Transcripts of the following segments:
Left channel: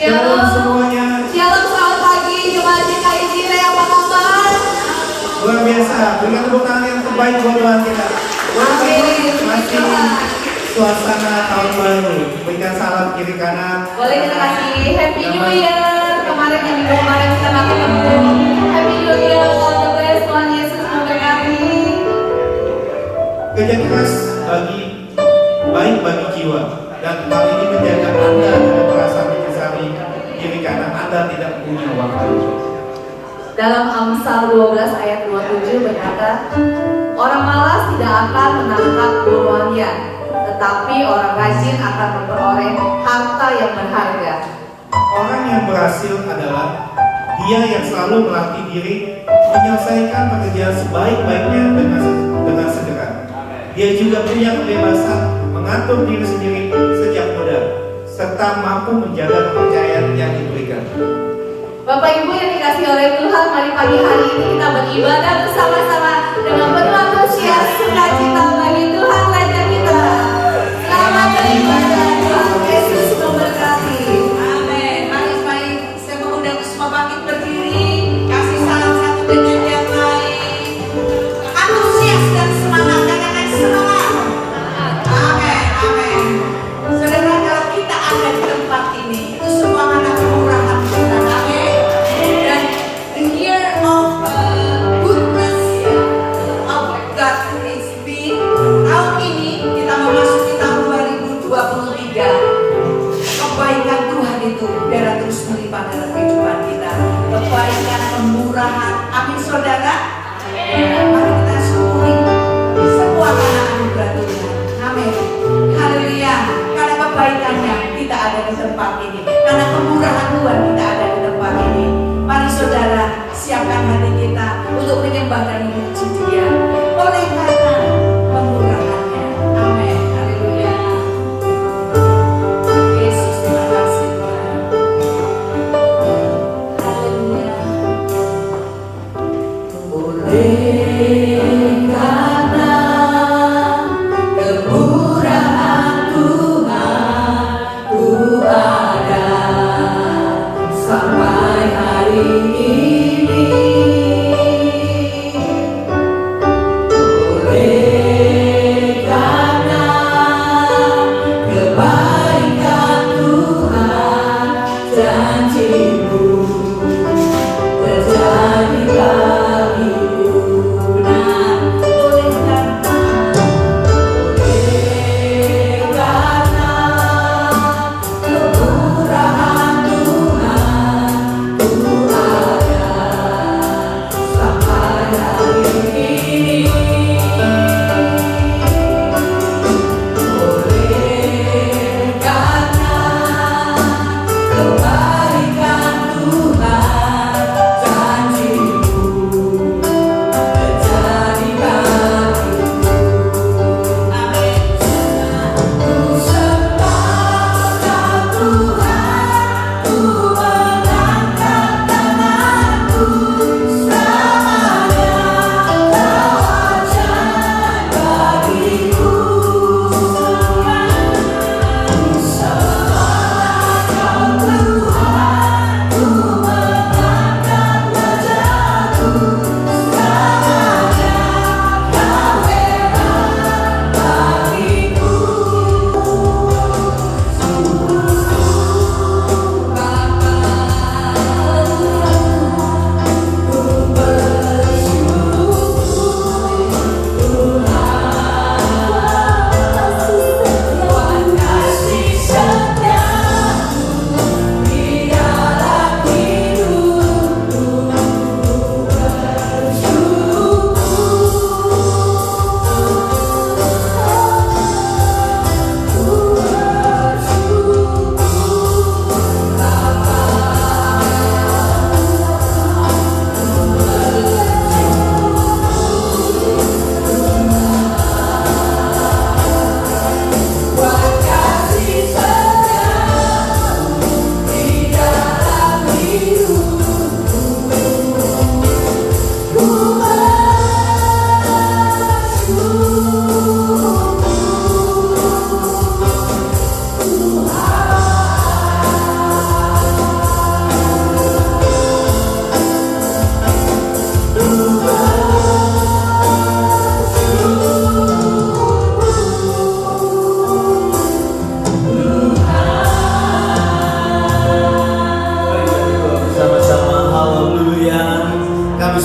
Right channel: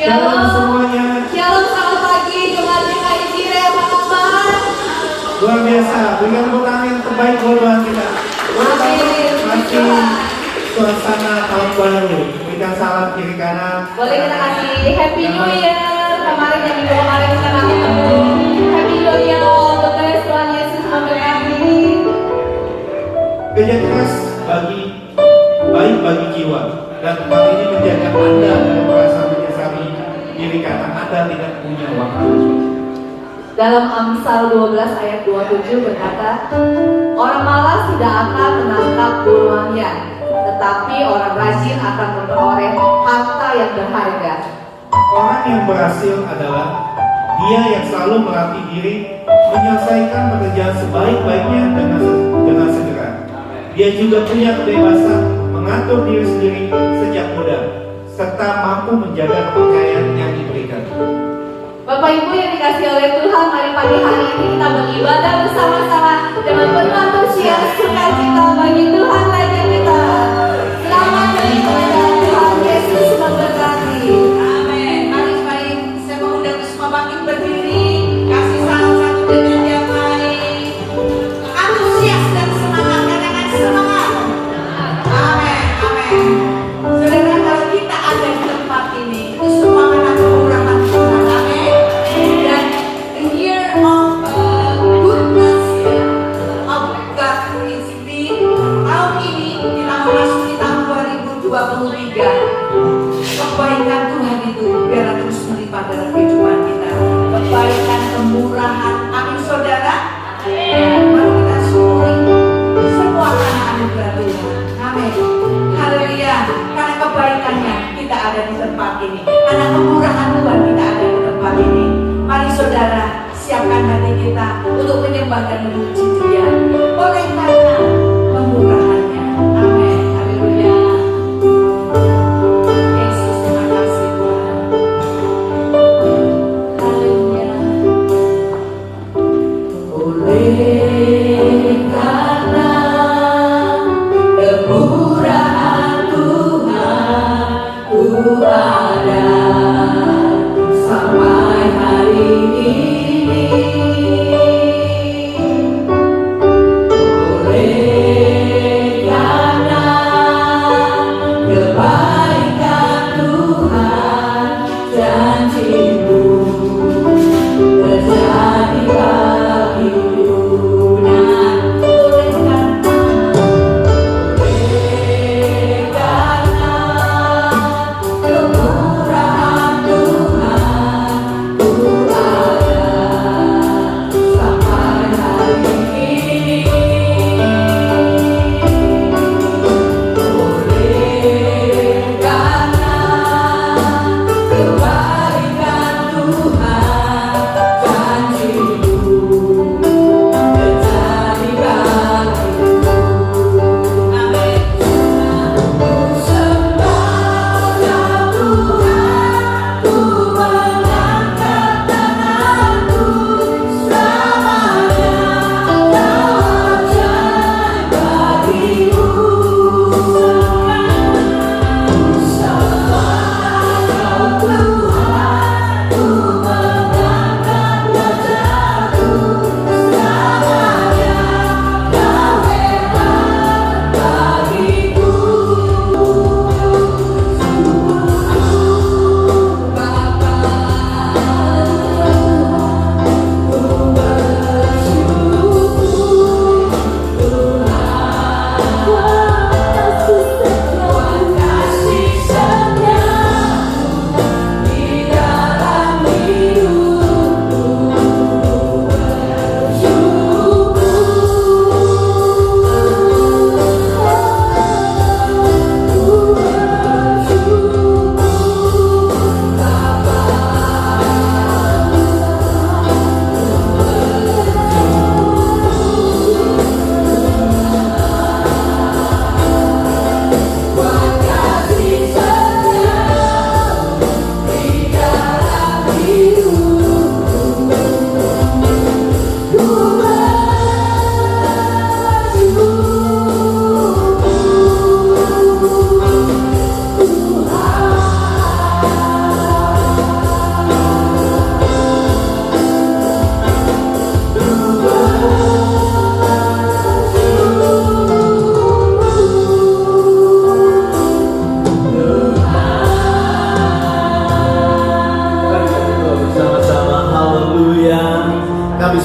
Shalom semuanya. Shalom, selamat pagi Jemaat GKI Cireh, apa kabar? Luar biasa, berikan tepuk tangan yang terbaik buat Tuhan kita. Amin. Masih suasana tahun baru. Berikan salam kiri kanan. Boleh kita kasih Happy New Year. Kemarin yang minggu kemarin kita ketemu. Happy New Year, all the best. Tuhan Yesus memberkati. Kerja keras baik bagi jiwa. Dan hal ini menjaga Anda dari merasa menyesali kiri kanan Anda tidak punya waktu. Dalam Amsal 12 ayat 27 berkata, orang malas tidak akan menangkap buruannya, tetapi orang rajin akan memperoleh harta yang berharga. Orang yang berhasil adalah dia yang selalu melatih diri menyelesaikan pekerjaan sebaik-baiknya dengan segera. Dia juga punya kebebasan mengatur diri sendiri sejak muda, serta mampu menjaga kepercayaan yang diberikan. Bapak Ibu yang dikasih oleh Tuhan, mari pagi hari ini kita beribadah bersama-sama dengan penuh antusias, sukacita bagi Tuhan Raja kita. Selamat beribadah, Tuhan Yesus memberkati. Amin. Mari saya mengundang semua bangkit berdiri, kasih salam satu dengan yang lain. Antusias dan semangat, katakan semangat. Amin, amin. Saudara, kalau kita ada di tempat ini, itu semua mana kemurahan Tuhan. Amin. Dan the year of goodness of God is been, tahun ini kita memasuki tahun 2023. Kebaikan Tuhan itu biar terus melipat dalam kehidupan kita. Kebaikan, kemurahan, amin saudara. Ya, mari kita syukuri semua karena anugerah Tuhan. Amin. Haleluya. Karena kebaikannya kita ada di tempat ini. Karena kemurahan Tuhan kita ada di tempat ini. Mari saudara, siapkan hati kita untuk menyembah dan memuji Dia. Oleh karena kemurahannya. Amin. Haleluya. Yesus, terima kasih Tuhan. Haleluya. Oleh karena kemurahan Tuhan, ku ada sampai hari ini.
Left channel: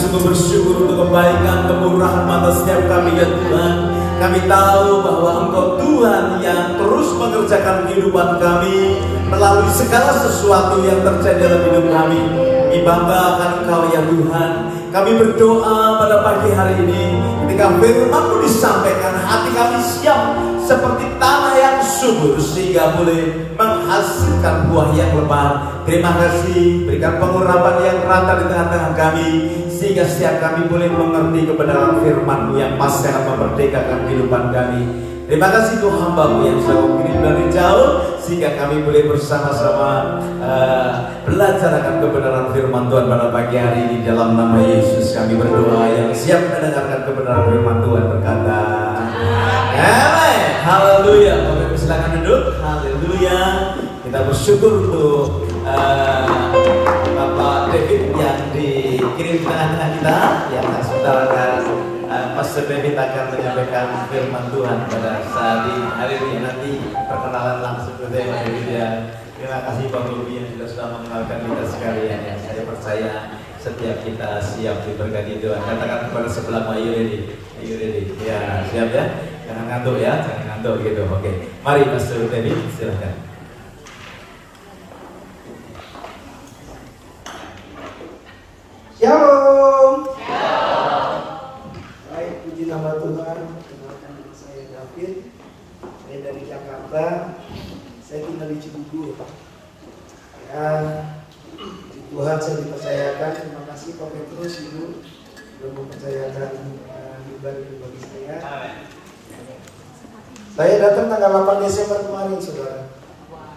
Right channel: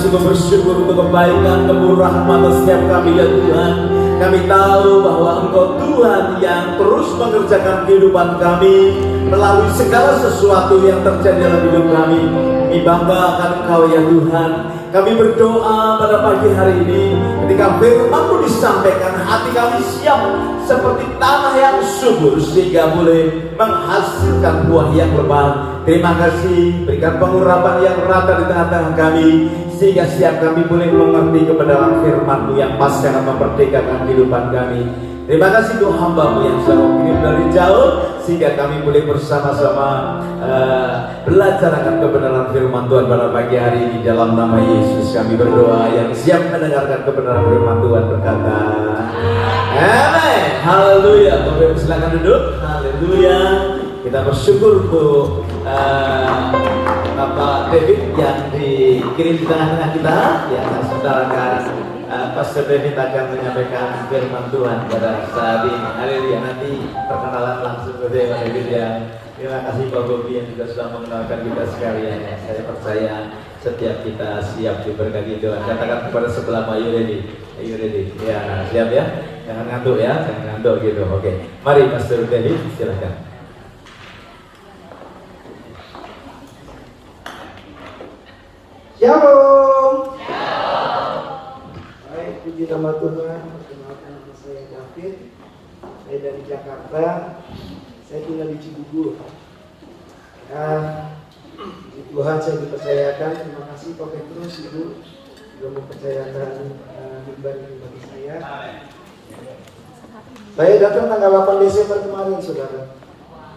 sungguh bersyukur untuk kebaikan, kemurahan atas setiap kami ya Tuhan. Kami tahu bahwa Engkau Tuhan yang terus mengerjakan kehidupan kami melalui segala sesuatu yang terjadi dalam hidup kami. Kami bangga akan Engkau ya Tuhan. Kami berdoa pada pagi hari ini ketika firman-Mu disampaikan, hati kami siap seperti tanah yang subur sehingga boleh menghasilkan buah yang lebat. Terima kasih, berikan pengurapan yang rata di tengah-tengah kami sehingga setiap kami boleh mengerti kebenaran firman-Mu yang pasti akan memerdekakan kehidupan kami. Terima kasih untuk hamba-Mu yang sudah Kau kirim dari jauh sehingga kami boleh bersama-sama belajar akan kebenaran firman Tuhan pada pagi hari ini. Dalam nama Yesus kami berdoa. Yang siap mendengarkan kebenaran firman Tuhan berkata amin. Haleluya. Bapak Ibu silakan duduk. Haleluya. Kita bersyukur untuk Bapak David yang dikirim di tengah-tengah kita. Ya, sebentar kan Pastor David akan menyampaikan firman Tuhan pada saat ini. Haleluya. Nanti perkenalan langsung ke David ya. Terima kasih Pak Bobi yang juga sudah mengenalkan kita sekalian. Saya percaya setiap kita siap diberkati Tuhan. Katakan kepada sebelah, are you ready? Are you ready? Ya, siap ya. Jangan ngantuk ya, jangan ngantuk gitu. Oke. Mari Pastor David, silakan. Shalom. Baik, puji nama Tuhan. Perkenalkan nama saya David. Saya dari Jakarta. Saya tinggal di Cibubur. Dan puji Tuhan saya dipercayakan. Terima kasih Pak Petrus Ibu sudah mempercayakan mimbar ini bagi saya. Saya datang tanggal 8 Desember kemarin, saudara.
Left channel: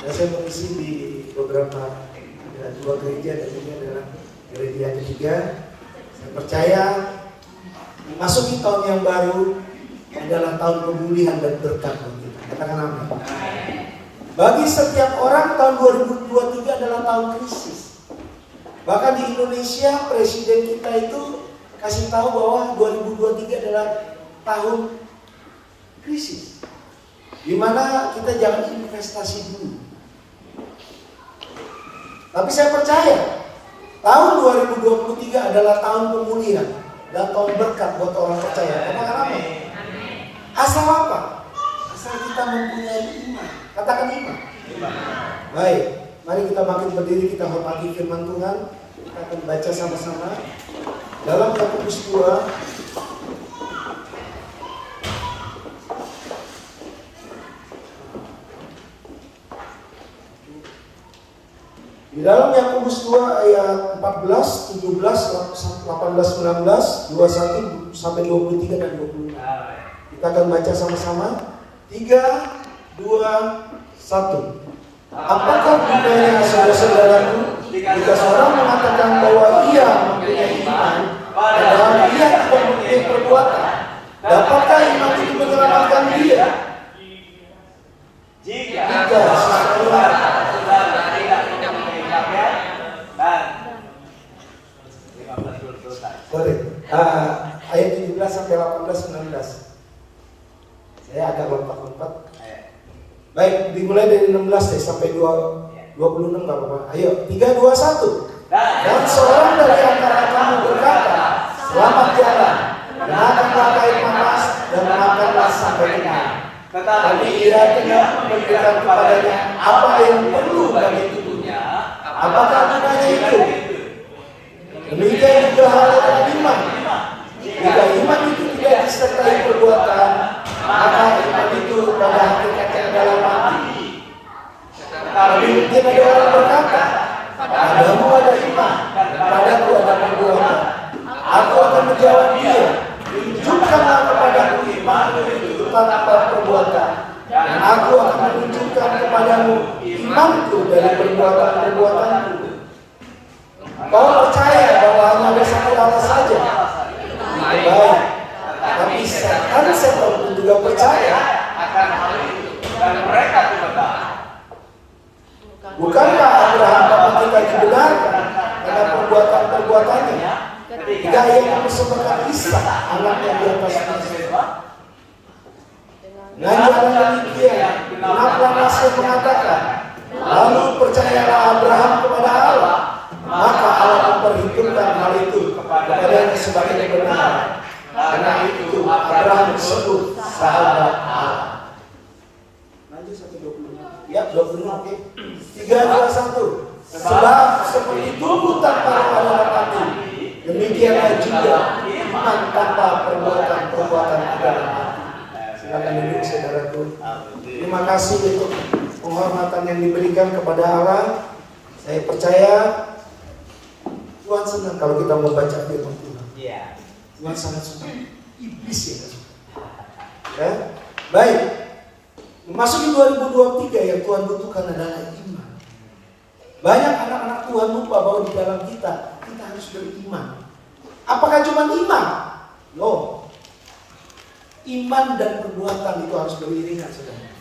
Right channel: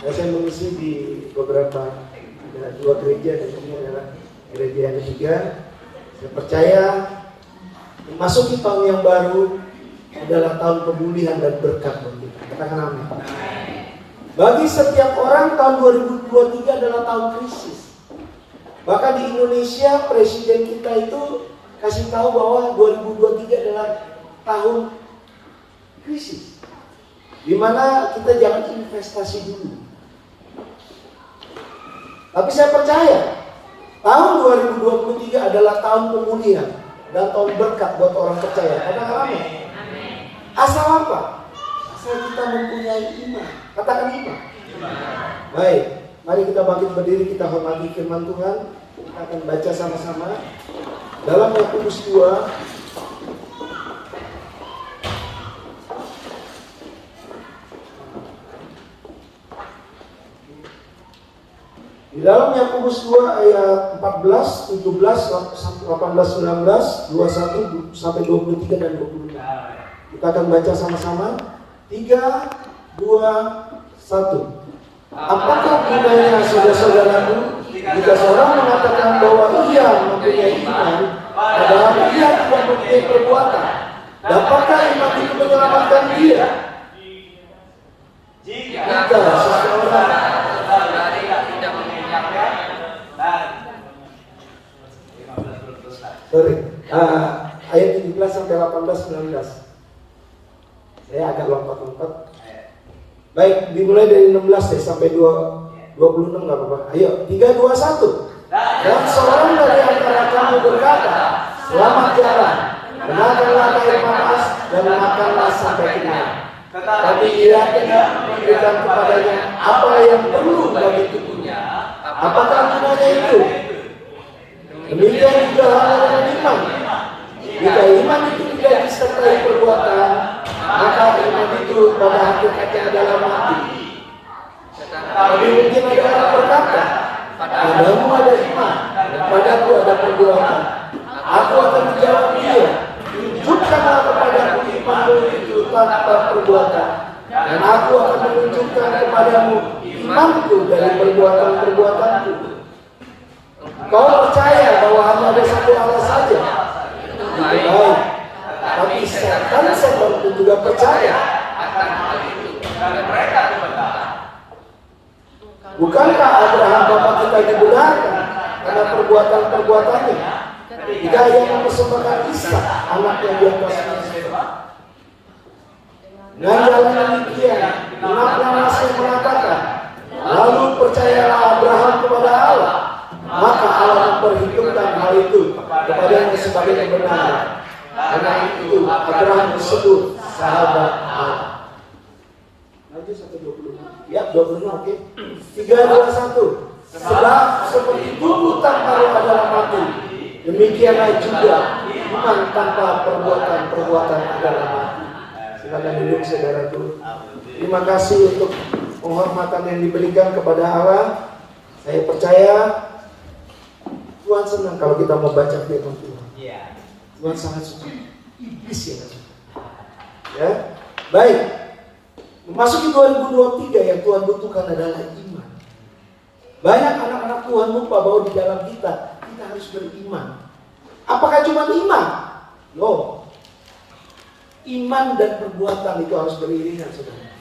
Dan saya mengisi di beberapa, ada 2 gereja dan ini adalah gereja yang ketiga. Saya percaya memasuki tahun yang baru adalah tahun pemulihan dan berkat bagi kita. Katakan amin. Bagi setiap orang tahun 2023 adalah tahun krisis. Bahkan di Indonesia presiden kita itu kasih tahu bahwa 2023 adalah tahun krisis, di mana kita jangan investasi dulu. Tapi saya percaya tahun 2023 adalah tahun pemulihan dan tahun berkat buat orang percaya. Katakan amin. Asal apa? Asal kita mempunyai iman. Katakan iman. Baik, mari kita bangkit berdiri, kita hormati firman Tuhan. Kita akan baca sama-sama dalam Yakobus 2. Di dalam Yakobus 2 ayat 14, 17, 18, 19, 21 sampai 23 dan 25. Kita akan baca sama-sama. 3, 2, 1. Apakah gunanya saudara-saudaraku jika seorang mengatakan bahwa ia mempunyai iman, padahal ia tidak mempunyai perbuatan? Dapatkah iman itu menyelamatkan dia? Jika seseorang ayat 17 sampai 18, 19. Saya agak lompat-lompat. Baik, dimulai dari 16 deh sampai 26 nggak apa-apa. Ayo, 3, 2, 1. Dan seorang dari antara kamu berkata, selamat jalan, kenakanlah air panas dan makanlah sampai kenyang. Tapi ia tidak memberikan kepadanya apa yang perlu bagi tubuhnya. Apakah gunanya itu? Demikian juga halnya dengan iman. Jika iman itu tidak disertai perbuatan, maka iman itu pada hakikatnya dalam hati. Tapi mungkin ada orang berkata, padamu ada iman, padaku ada perbuatan. Aku akan menjawab dia, tunjukkanlah kepadaku imanmu itu tanpa perbuatan, dan aku akan menunjukkan kepadamu imanku dari perbuatan-perbuatanku. Kau percaya bahwa hanya ada satu Allah saja? Itu baik. Tapi setan pun juga percaya. Bukankah Abraham bapak kita dibenarkan karena perbuatan-perbuatannya? Jika ia mempersembahkan Ishak anaknya di atas mesbah. Dengan jalan demikian, genaplah nas yang mengatakan, lalu percayalah Abraham kepada Allah, maka Allah memperhitungkan hal itu kepadanya sebagai kebenaran. Karena itu Abraham disebut sahabat Allah. Lanjut sampai 26. Ya, 26 oke. 3, 2, 1. Sebab seperti tubuh tanpa roh adalah mati, demikianlah juga iman tanpa perbuatan adalah mati. Silakan duduk saudaraku. Terima kasih untuk penghormatan yang diberikan kepada Allah. Saya percaya Tuhan senang kalau kita membaca firman Tuhan. Tuhan sangat suka. Iblis yang suka. Ya, baik. Memasuki 2023 yang Tuhan butuhkan adalah iman. Banyak anak-anak Tuhan lupa bahwa di dalam kita harus beriman. Apakah cuma iman? Loh. Iman dan perbuatan itu harus beriringan, saudara.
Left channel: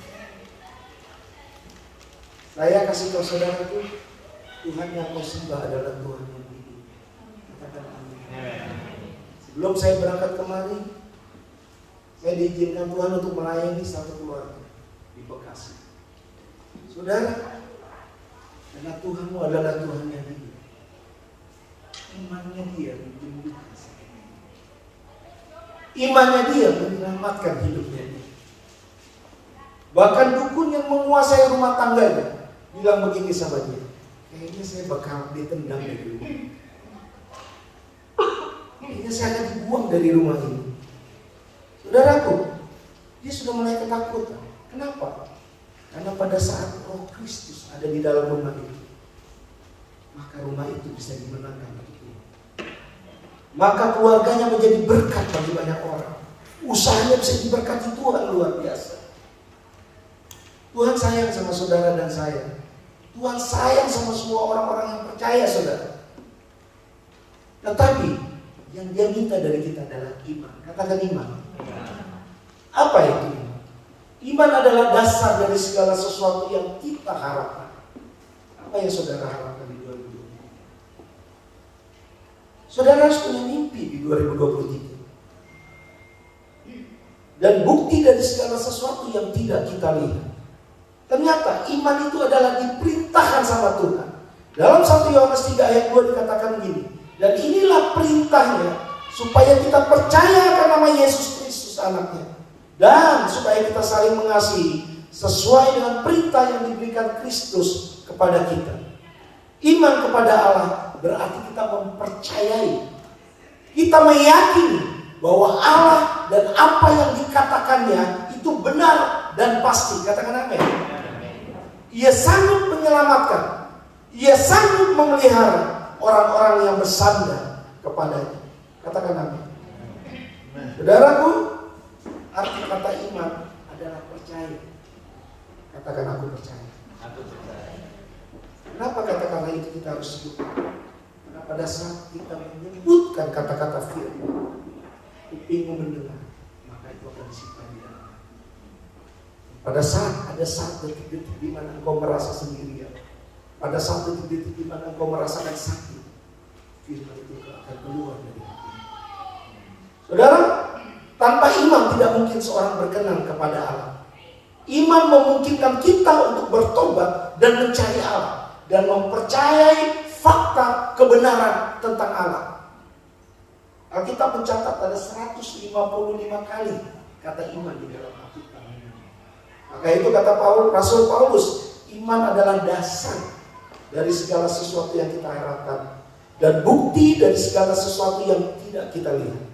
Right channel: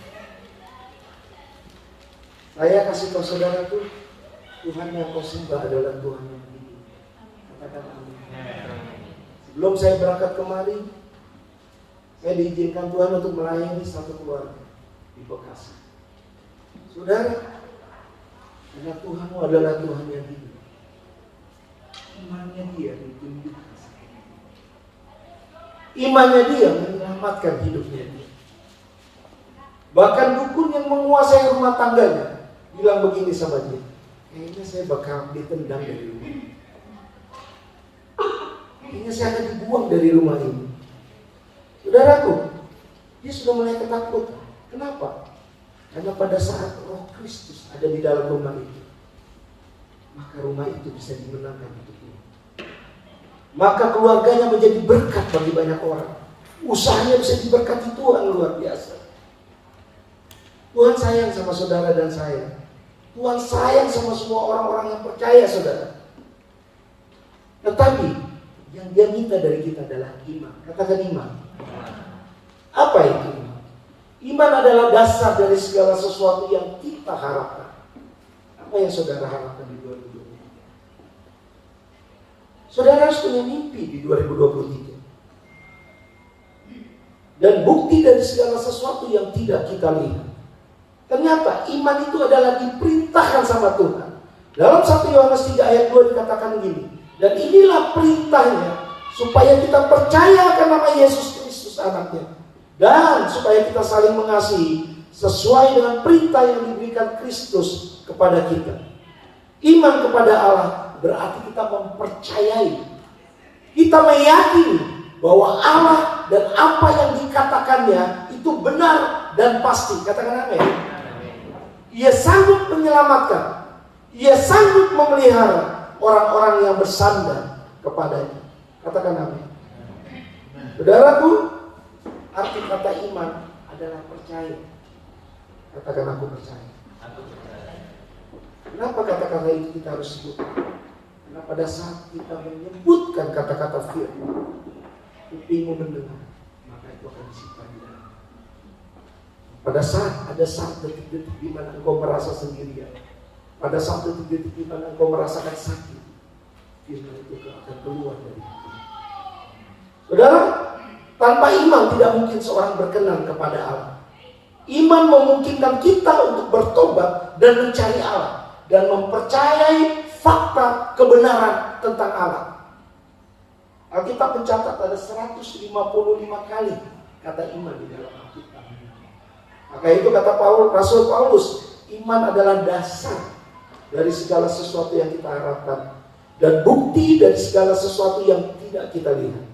Saya kasih tahu saudaraku, Tuhan yang kau sembah adalah Tuhan yang hidup. Katakan amin. Sebelum saya berangkat kemari, saya diizinkan Tuhan untuk melayani satu keluarga di Bekasi. Saudara, karena Tuhanmu adalah Tuhan yang hidup, imannya dia menyembuhkan sakit. Imannya dia menyelamatkan hidupnya dia. Bahkan dukun yang menguasai rumah tangganya bilang begini sama dia, kayaknya saya bakal ditendang dari rumah. Kayaknya saya akan dibuang dari rumah ini. Saudaraku, dia sudah mulai ketakutan. Kenapa? Karena pada saat Roh Kristus ada di dalam rumah itu, maka rumah itu bisa dimenangkan untuk Tuhan. Maka keluarganya menjadi berkat bagi banyak orang. Usahanya bisa diberkati Tuhan luar biasa. Tuhan sayang sama saudara dan saya. Tuhan sayang sama semua orang-orang yang percaya, saudara. Tetapi yang dia minta dari kita adalah iman. Katakan iman. Apa itu iman? Iman adalah dasar dari segala sesuatu yang kita harapkan. Apa yang saudara harapkan di 2023? Saudara harus punya mimpi di 2023. Dan bukti dari segala sesuatu yang tidak kita lihat. Ternyata iman itu adalah diperintahkan sama Tuhan. Dalam 1 Yohanes 3 ayat 2 dikatakan gini. Dan inilah perintahnya, supaya kita percaya akan nama Yesus Kristus anaknya. Dan supaya kita saling mengasihi sesuai dengan perintah yang diberikan Kristus kepada kita. Iman kepada Allah berarti kita mempercayai. Kita meyakini bahwa Allah dan apa yang dikatakannya itu benar dan pasti. Katakan amin. Ia sanggup menyelamatkan. Ia sanggup memelihara orang-orang yang bersandar kepadanya. Katakan amin. Saudaraku, arti kata iman adalah percaya. Katakan aku percaya. Kenapa kata-kata itu kita harus sebut? Karena pada saat kita menyebutkan kata-kata firman, kupingmu mendengar, maka itu akan disimpan di dalam hati. Pada saat ada satu detik-detik di mana engkau merasa sendirian, pada satu detik di mana engkau merasakan sakit, firman itu akan keluar dari hati. Saudara, tanpa iman tidak mungkin seorang berkenan kepada Allah. Iman memungkinkan kita untuk bertobat dan mencari Allah dan mempercayai fakta kebenaran tentang Allah. Alkitab mencatat ada 155 kali kata iman di dalam Alkitab. Maka itu kata Rasul Paulus, iman adalah dasar dari segala sesuatu yang kita harapkan dan bukti dari segala sesuatu yang tidak kita lihat.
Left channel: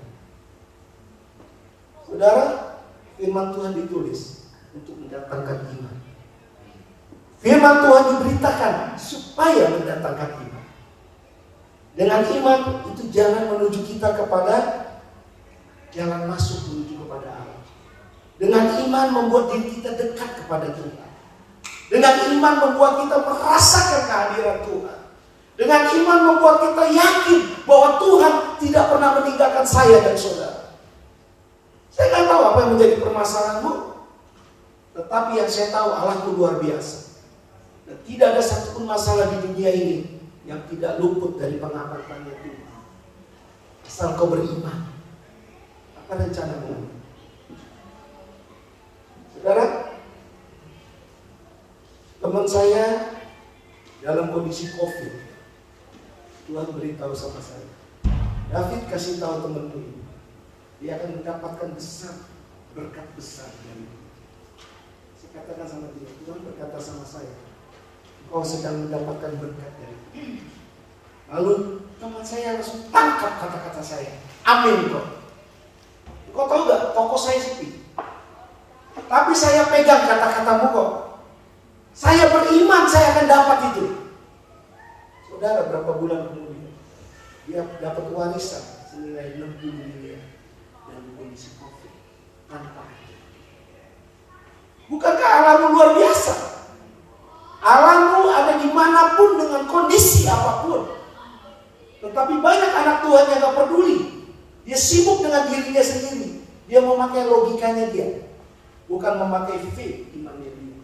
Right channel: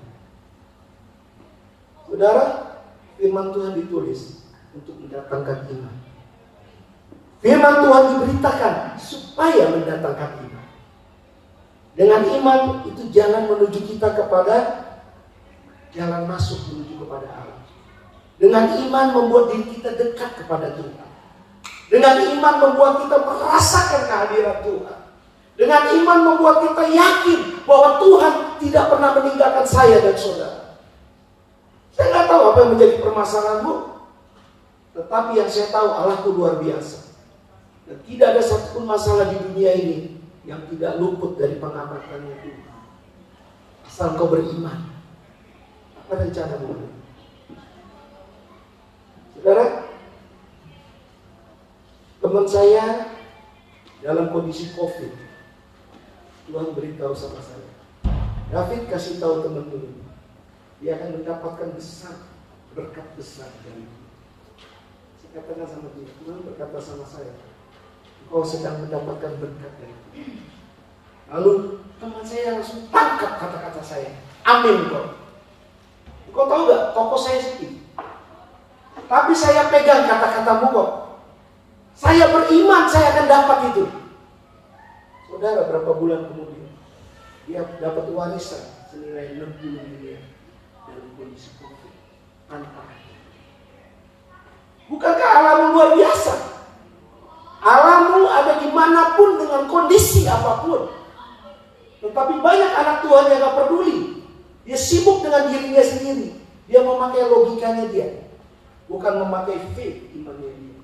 Saudara, firman Tuhan ditulis untuk mendatangkan iman. Firman Tuhan diberitakan supaya mendatangkan iman. Dengan iman itu jalan menuju kita kepada jalan masuk menuju kepada Allah. Dengan iman membuat diri kita dekat kepada Tuhan. Dengan iman membuat kita merasakan kehadiran Tuhan. Dengan iman membuat kita yakin bahwa Tuhan tidak pernah meninggalkan saya dan saudara. Saya tidak tahu apa yang menjadi permasalahanmu, tetapi yang saya tahu Allahku luar biasa. Dan tidak ada satupun masalah di dunia ini yang tidak luput dari pengamatan Tuhan. Asal kau beriman. Apa rencanamu? Saudara, teman saya dalam kondisi COVID, Tuhan beritahu sama saya, David kasih tahu temanmu ini, dia akan mendapatkan berkat besar dari itu. Saya katakan sama dia, Tuhan berkata sama saya, engkau sedang mendapatkan berkat dari itu. Lalu teman saya langsung tangkap kata-kata saya, amin kok. Engkau tahu gak, toko saya sepi, tapi saya pegang kata-katamu kok. Saya beriman saya akan dapat itu. Saudara, berapa bulan kemudian dia dapat warisan senilai 60 miliar dalam kondisi COVID tanpa hati. Bukankah Allahmu luar biasa? Allahmu ada dimanapun dengan kondisi apapun. Tetapi banyak anak Tuhan yang gak peduli. Dia sibuk dengan dirinya sendiri. Dia memakai logikanya dia, bukan memakai faith imannya dia.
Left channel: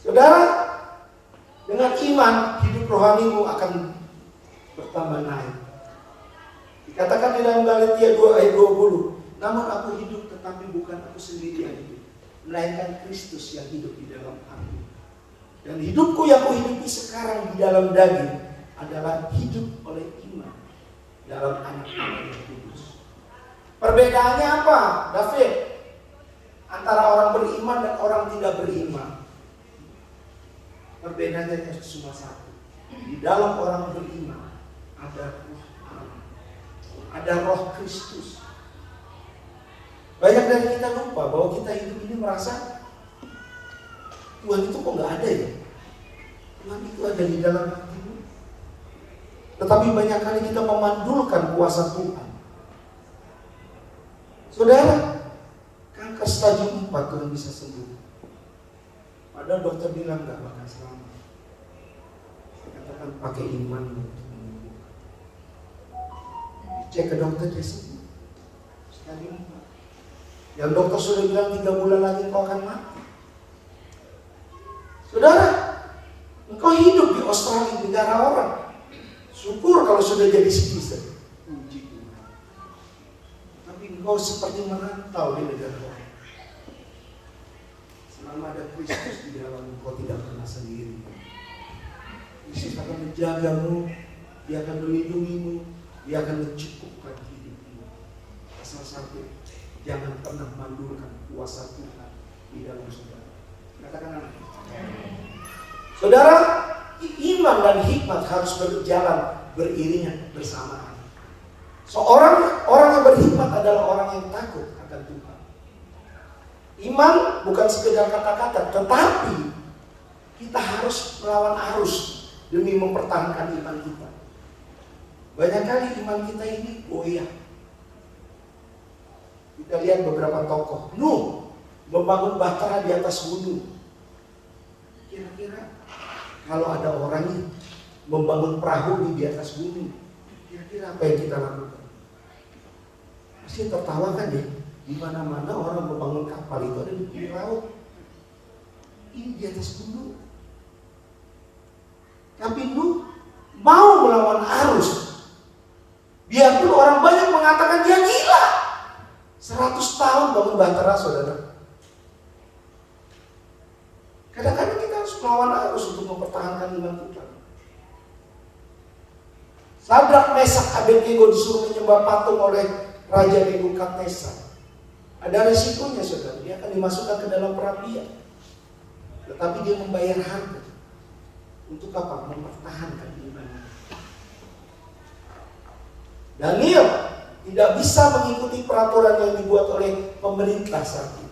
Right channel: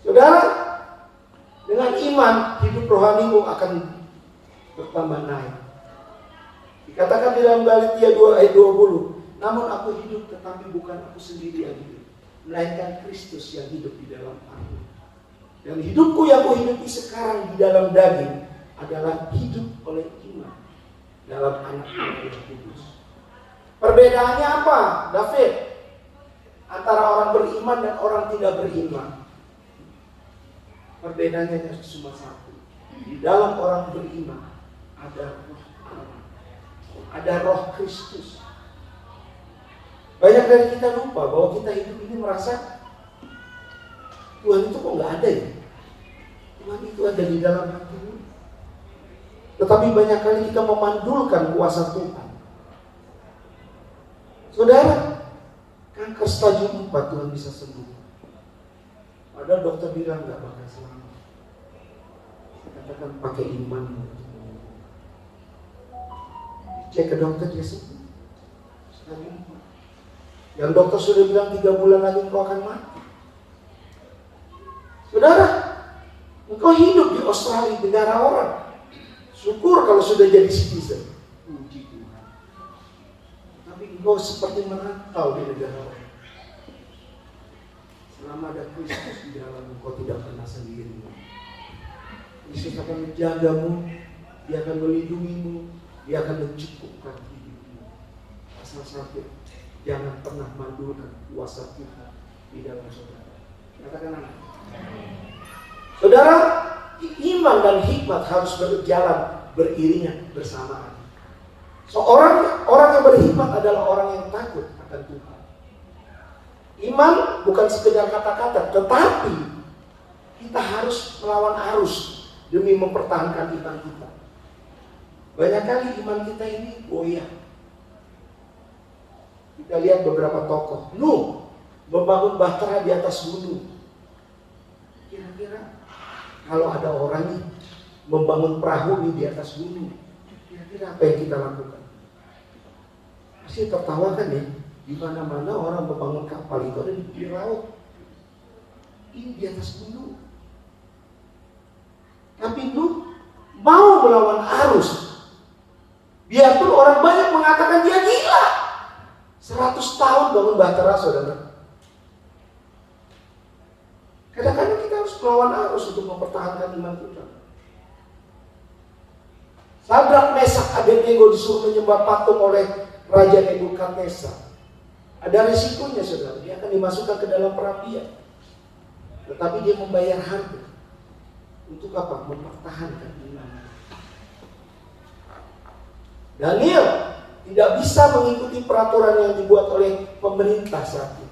Saudara, dengan iman hidup rohanimu akan bertambah naik. Dikatakan di dalam Galatia 2 ayat 20, namun aku hidup tetapi bukan aku sendiri yang hidup, melainkan Kristus yang hidup di dalam aku. Dan hidupku yang kuhidupi sekarang di dalam daging adalah hidup oleh iman dalam Anak Allah yang kudus. Perbedaannya apa, David? Antara orang beriman dan orang tidak beriman. Perbedaannya cuma satu. Di dalam orang beriman ada roh Allah, ada roh Kristus. Banyak dari kita lupa bahwa kita hidup ini merasa Tuhan itu kok nggak ada ya? Tuhan itu ada di dalam hati ini. Tetapi banyak kali kita memandulkan kuasa Tuhan. Saudara, kanker stadium 4 Tuhan bisa sembuh. Padahal dokter bilang nggak bakal selamat. Saya katakan pakai iman untuk menyembuhkan. Cek ke dokter dia sembuh. Stadium 4. Yang dokter sudah bilang 3 bulan lagi kau akan mati. Saudara, engkau hidup di Australia, negara orang. Syukur kalau sudah jadi citizen. Puji Tuhan. Tapi engkau seperti merantau di negara orang. Selama ada Kristus di dalam, engkau tidak pernah sendiri. Kristus akan menjagamu, dia akan melindungimu, dia akan mencukupkan hidupmu. Asal satu, jangan pernah mandulkan kuasa Tuhan di dalam saudara. Katakan amin. Saudara, iman dan hikmat harus berjalan beriringan bersamaan. Orang yang berhikmat adalah orang yang takut akan Tuhan. Iman bukan sekedar kata-kata, tetapi kita harus melawan arus demi mempertahankan iman kita. Banyak kali iman kita ini goyah. Kita lihat beberapa tokoh. Nuh membangun bahtera di atas gunung. Kira-kira kalau ada orang ini membangun perahu di atas gunung, kira-kira apa yang kita lakukan? Pasti tertawa kan ya? Di mana-mana orang membangun kapal itu ada di laut. Ini di atas gunung. Tapi Nuh mau melawan arus. Biarpun orang banyak mengatakan dia gila. 100 tahun bangun bahtera, saudara. Kadang-kadang kita harus melawan arus untuk mempertahankan iman kita. Sadrak, Mesak, Abednego disuruh menyembah patung oleh Raja Nebukadnezar. Ada risikonya, saudara. Dia akan dimasukkan ke dalam perapian. Tetapi dia membayar harga. Untuk apa? Mempertahankan imannya. Daniel tidak bisa mengikuti peraturan yang dibuat oleh pemerintah saat itu.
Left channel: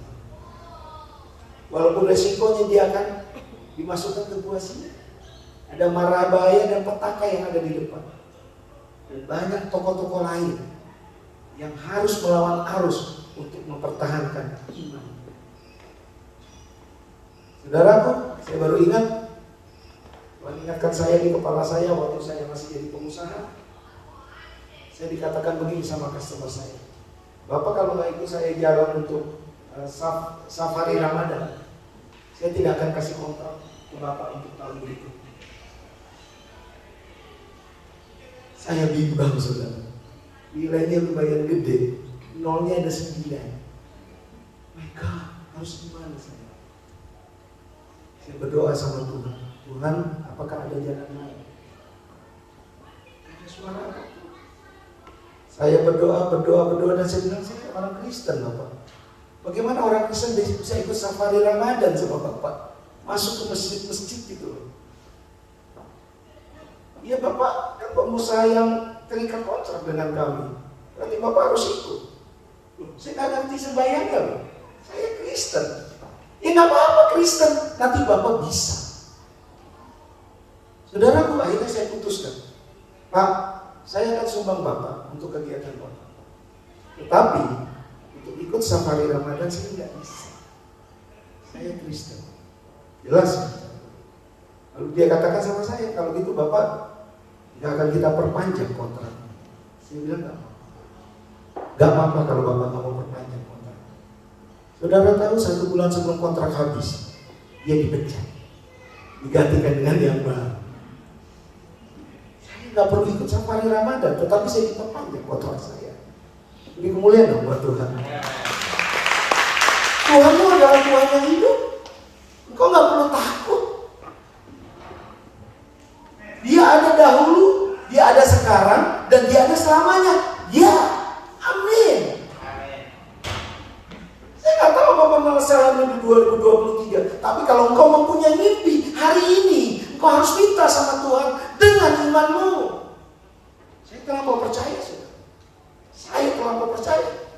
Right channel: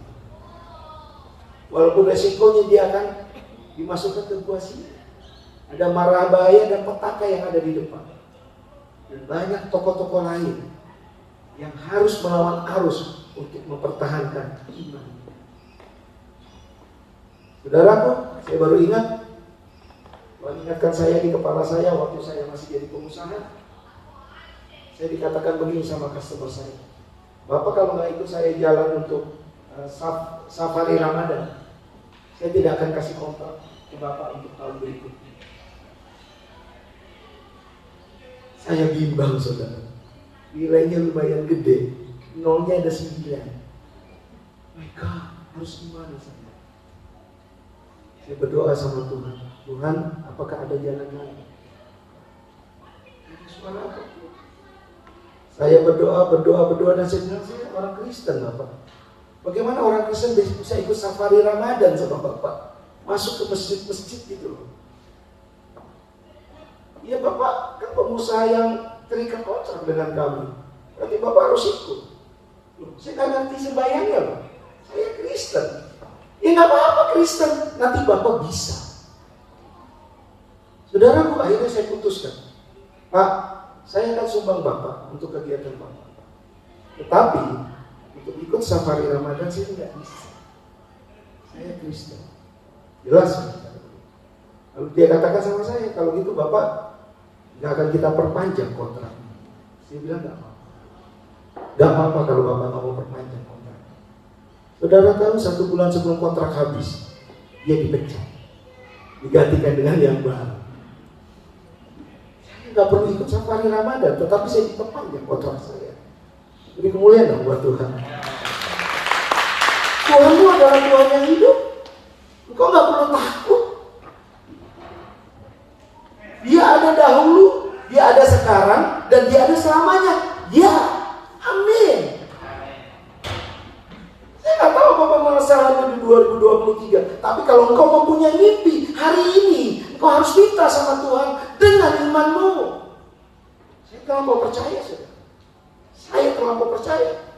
Walaupun resikonya dia akan dimasukkan ke gua singa. Ada mara bahaya dan petaka yang ada di depan. Dan banyak tokoh-tokoh lain yang harus melawan arus untuk mempertahankan iman. Saudaraku, saya baru ingat, Tuhan ingatkan saya di kepala saya waktu saya masih jadi pengusaha. Saya dikatakan begini sama customer saya, Bapak kalau nggak ikut saya jalan untuk safari Ramadan, saya tidak akan kasih kontrak ke Bapak untuk tahun berikutnya. Saya bimbang, saudara. Nilainya lumayan gede, nolnya ada 9. My God, harus gimana saya? Saya berdoa sama Tuhan. Tuhan, apakah ada jalan lain? Gak ada suara apapun. Saya berdoa dan saya bilang saya orang Kristen Bapak. Bagaimana orang Kristen bisa ikut safari Ramadan sama Bapak? Masuk ke masjid-masjid gitu loh. Iya Bapak, kan pengusaha yang terikat kontrak dengan kami. Berarti Bapak harus ikut. Saya nggak ngerti sembahyangnya loh. Saya Kristen. Ya nggak apa-apa Kristen, nanti Bapak bisa. Saudaraku, akhirnya saya putuskan, Pak, saya akan sumbang Bapak untuk kegiatan Bapak. Tetapi untuk ikut safari Ramadan saya tidak bisa. Saya Kristen. Jelas kan? Lalu dia katakan sama saya, kalau gitu Bapak nggak akan kita perpanjang kontraknya. Saya bilang nggak apa-apa. Nggak apa-apa kalau Bapak nggak mau perpanjang kontrak. Saudara tahu 1 bulan sebelum kontrak habis, dia dipecat, digantikan dengan yang baru. Saya nggak perlu ikut safari Ramadan, tetapi saya diperpanjang kontrak saya. Ini kemuliaan buat Tuhan. Tuhanmu adalah Tuhan yang hidup. Engkau nggak perlu takut. Dia ada dahulu, dia ada sekarang, dan dia ada selamanya. Ya, amin. Saya nggak tahu Bapak merasakan di 2023. Tapi kalau engkau mempunyai mimpi hari ini, engkau harus minta sama Tuhan dengan imanmu. Saya terlampau percaya, saudara. Saya terlampau percaya.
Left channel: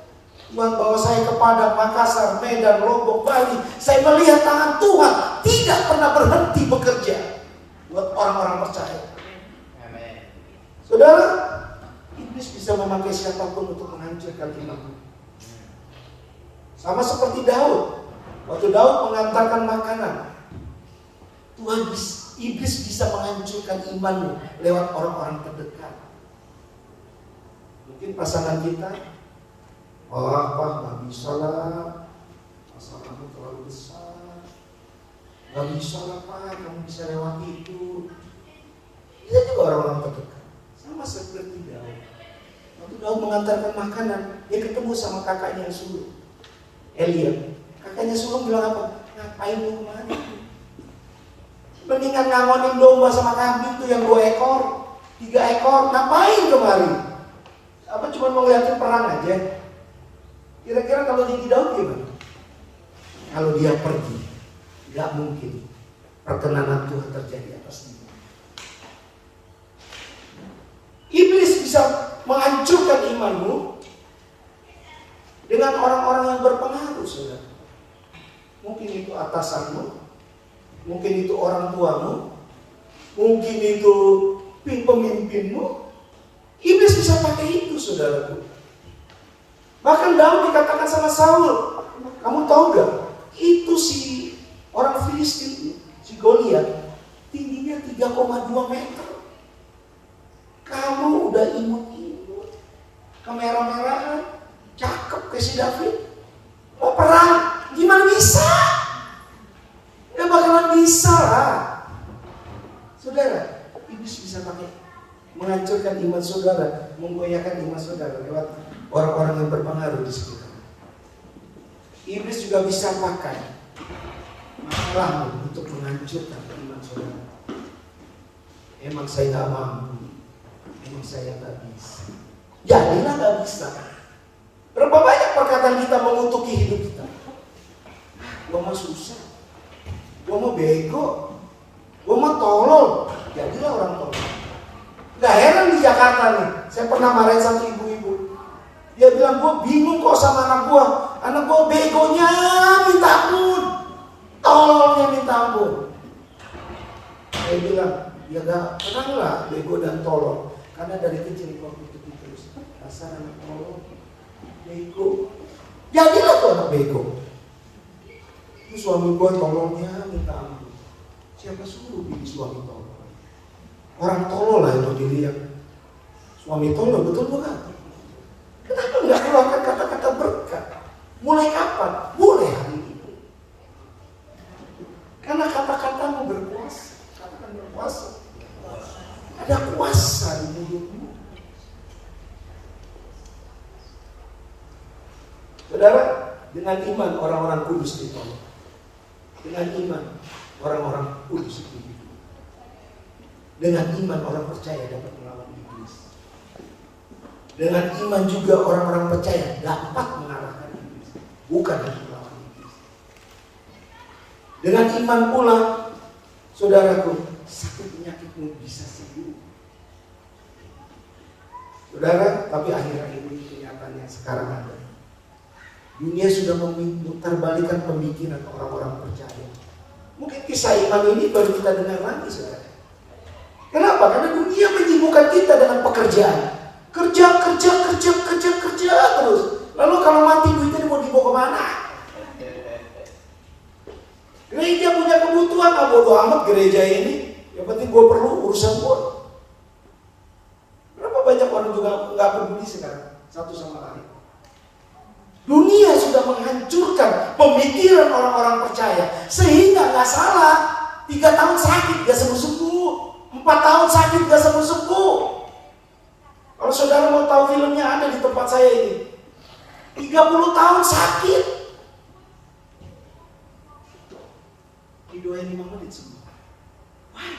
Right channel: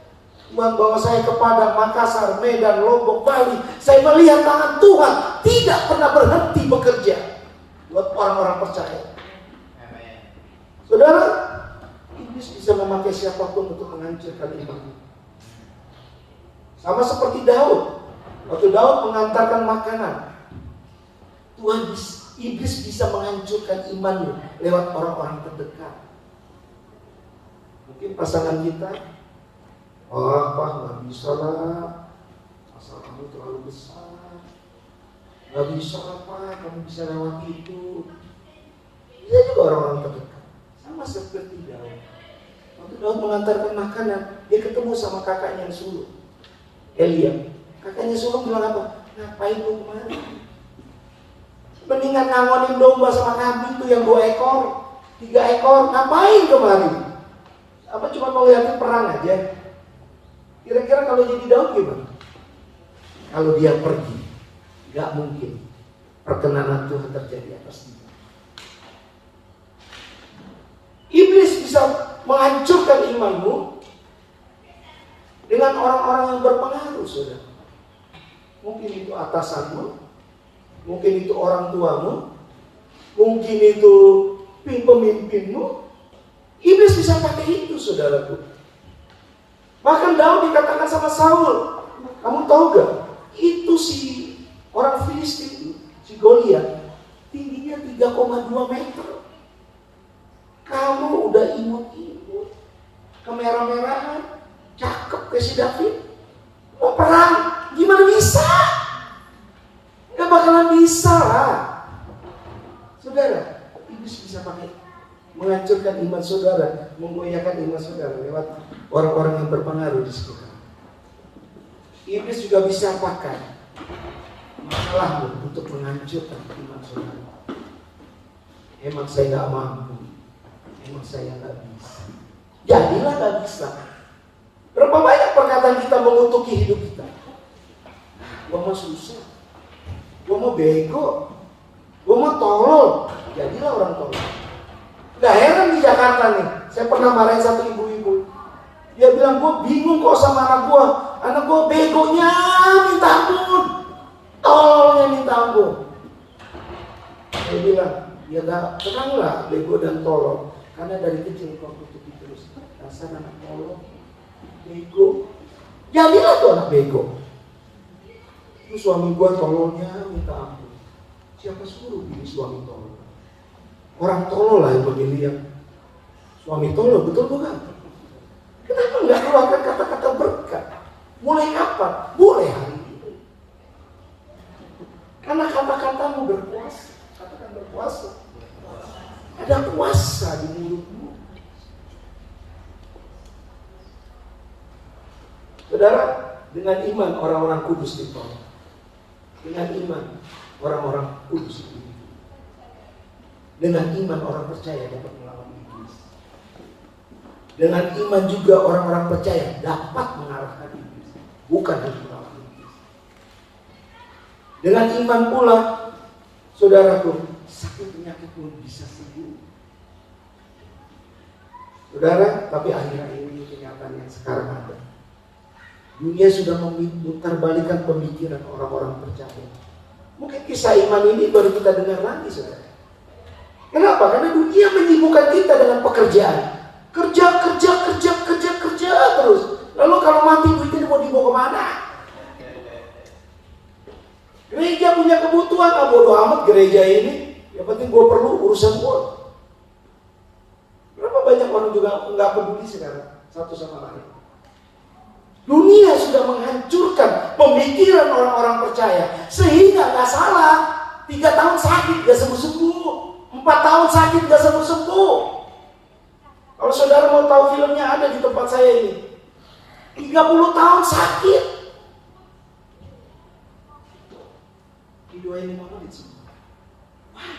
Tuhan bawa saya ke Padang, Makassar, Medan, Lombok, Bali. Saya melihat tangan Tuhan tidak pernah berhenti bekerja buat orang-orang percaya. Saudara, iblis bisa memakai siapapun untuk menghancurkan imanmu. Sama seperti Daud. Waktu Daud mengantarkan makanan, iblis bisa menghancurkan imanmu lewat orang-orang terdekat. Mungkin pasangan kita, wah Pak, nggak bisa lah, asal kamu terlalu besar, nggak bisa lah Pak, kamu bisa lewati itu. Dia juga orang-orang terdekat, sama seperti Daud. Waktu Daud mengantarkan makanan, dia ketemu sama kakaknya yang sulung, Elia. Kakaknya sulung bilang apa? Ngapain lu kemari? Mendingan ngangonin domba sama kambing tuh yang 2 ekor, 3 ekor, ngapain kemari? Apa cuma mau lihatin perang aja? Kira-kira kalau jadi Daud gimana? Kalau dia pergi, gak mungkin perkenanan Tuhan terjadi atas dia. Iblis bisa menghancurkan imanmu dengan orang-orang yang berpengaruh, saudara. Mungkin itu atasanmu, mungkin itu orang tuamu, mungkin itu pemimpinmu. Iblis bisa pakai itu, saudaraku. Bahkan Daud dikatakan sama Saul, kamu tahu gak? Itu si orang Filistin itu, si Goliat, tingginya 3,2 meter. Kamu udah imut-imut, kemerah-merahan, cakep kayak si David, mau perang, gimana bisa? Gak bakalan bisa lah. Saudara, iblis bisa pakai menghancurkan iman saudara, menggoyahkan iman saudara lewat orang-orang yang berpengaruh di sekitar. Iblis juga bisa pakai masalahmu untuk menghancurkan iman saudara. Emang saya gak mampu, emang saya gak bisa. Jadilah gak bisa. Berapa banyak perkataan kita mengutuki hidup kita? Gua mau susah, gua mau bego, gua mau tolol. Jadilah orang tolol. Gak heran di Jakarta nih, saya pernah marahin satu ibu-ibu. Dia bilang, gue bingung kok sama anak gue. Anak gue begonya minta ampun, tololnya minta ampun. Saya bilang, ya gak kenal bego dan tolol. Karena dari kecil kok kutuki terus. Dasar anak tolol, bego. Jadilah tuh anak bego. Itu suami gue tololnya minta ampun. Siapa suruh pilih suami tolol? Orang tolol lah yang memilih yang suami tolol, betul bukan? Kenapa nggak keluarkan kata-kata berkat? Mulai kapan? Mulai hari ini. Karena kata-katamu berkuasa. Katakan berkuasa. Ada kuasa di mulutmu. Saudara, dengan iman orang-orang kudus ditolong. Dengan iman orang-orang kudus itu. Dengan iman orang percaya dapat melawan iblis. Dengan iman juga orang-orang percaya dapat mengalahkan iblis, bukan hanya melawan iblis. Dengan iman pula, saudaraku, sakit penyakitmu bisa sembuh. Saudara, tapi akhir-akhir ini kenyataan yang sekarang ada. Dunia sudah memutarbalikkan pemikiran orang-orang percaya. Mungkin kisah iman ini baru kita dengar lagi, saudara. Kenapa? Karena dunia menyibukkan kita dengan pekerjaan. Kerja terus. Lalu kalau mati duitnya mau dibawa kemana? Gereja punya kebutuhan, bodo amat gereja ini. Yang penting gue perlu urusan gue. Berapa banyak orang juga nggak peduli sekarang satu sama lain. Dunia sudah menghancurkan pemikiran orang-orang percaya, sehingga nggak salah 3 tahun sakit gak sembuh-sembuh, 4 tahun sakit gak sembuh-sembuh. Kalau saudara mau tahu filmnya ada di tempat saya ini, 30 tahun sakit, didoain 5 menit sembuh. Why?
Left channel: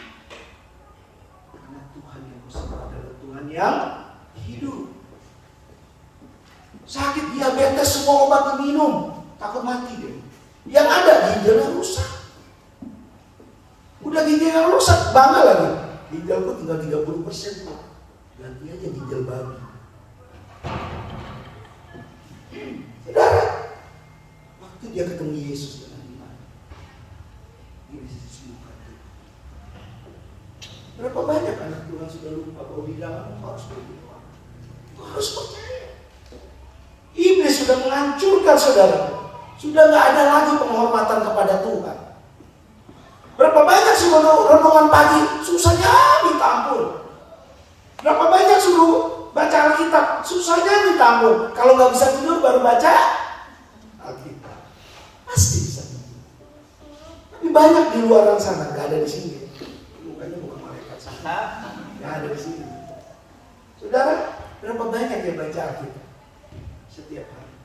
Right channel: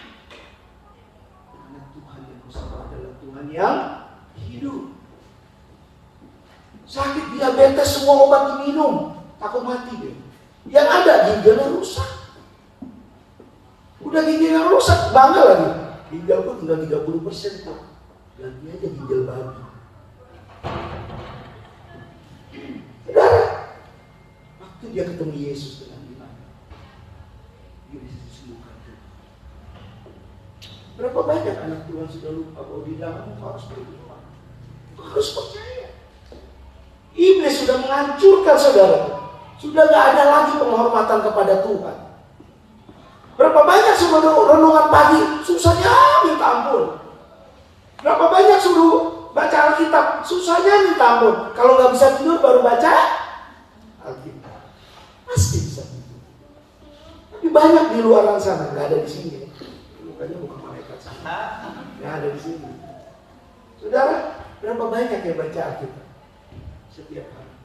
Karena Tuhan yang kau sembah adalah Tuhan yang hidup. Sakit diabetes semua obat diminum, takut mati deh. Yang ada ginjalnya rusak. Udah ginjalnya rusak, bangga lagi. Ginjal gua tinggal 30% kok. Ganti aja ginjal babi. Saudara, waktu dia ketemu Yesus dengan iman, dia bisa disembuhkan. Berapa banyak anak Tuhan sudah lupa bahwa di dalam kau harus beriman, kau harus percaya. Iblis sudah menghancurkan saudara. Sudah gak ada lagi penghormatan kepada Tuhan. Berapa banyak suruh renungan pagi, susahnya minta ampun. Berapa banyak suruh baca Alkitab, susahnya minta ampun. Kalau gak bisa tidur baru baca Alkitab, pasti bisa tidur. Tapi banyak di luar sana, gak ada di sini. Mukanya bukan malaikat sana, gak ada di sini. Saudara, berapa banyak yang baca Alkitab setiap hari?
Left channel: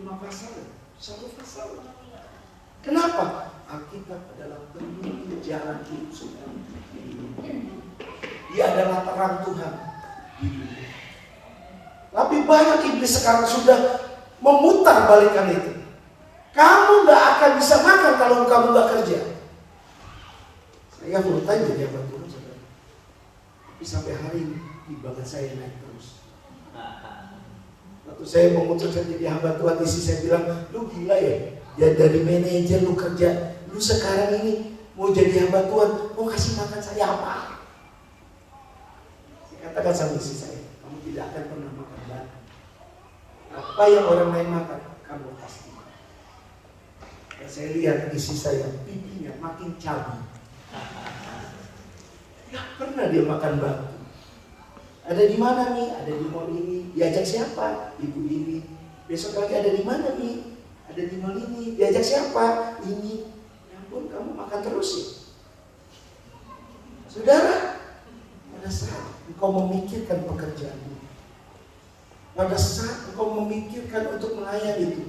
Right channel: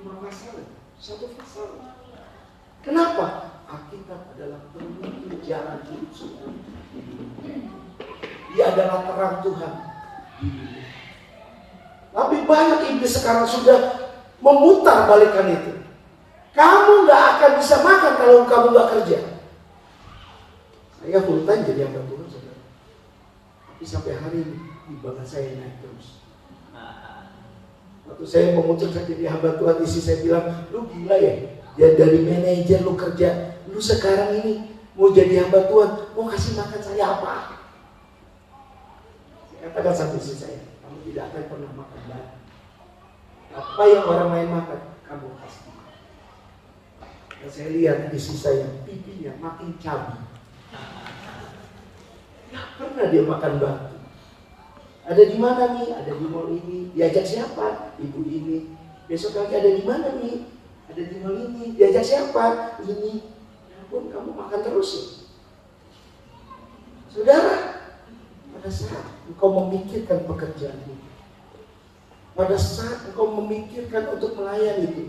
5 pasal, 1 pasal. Kenapa? Alkitab adalah penuntun jalan hidup saudara. Dia adalah terang Tuhan di dunia. Tapi banyak iblis sekarang sudah memutar balikan itu. Kamu gak akan bisa makan kalau kamu gak kerja. Saya full time jadi hamba Tuhan, saudara. Tapi sampai hari ini ibadah saya naik terus. Waktu saya memutuskan jadi hamba Tuhan, isi saya bilang, lu gila ya? Ya dari manajer lu kerja, lu sekarang ini mau jadi hamba Tuhan, mau kasih makan saya apa? Saya katakan sama isi saya, kamu tidak akan pernah makan batu. Apa yang orang lain makan, kamu pasti makan. Dan saya lihat isi saya, pipinya makin cabi. Gak pernah dia makan batu. Ada di mana nih? Ada di mall ini. Diajak siapa? Ibu ini. Besok lagi ada di mana nih? Ada di mall ini. Diajak siapa? Ini. Ya ampun, kamu makan terus ya. Saudara, pada saat engkau memikirkan pekerjaanmu, pada saat engkau memikirkan untuk melayani itu,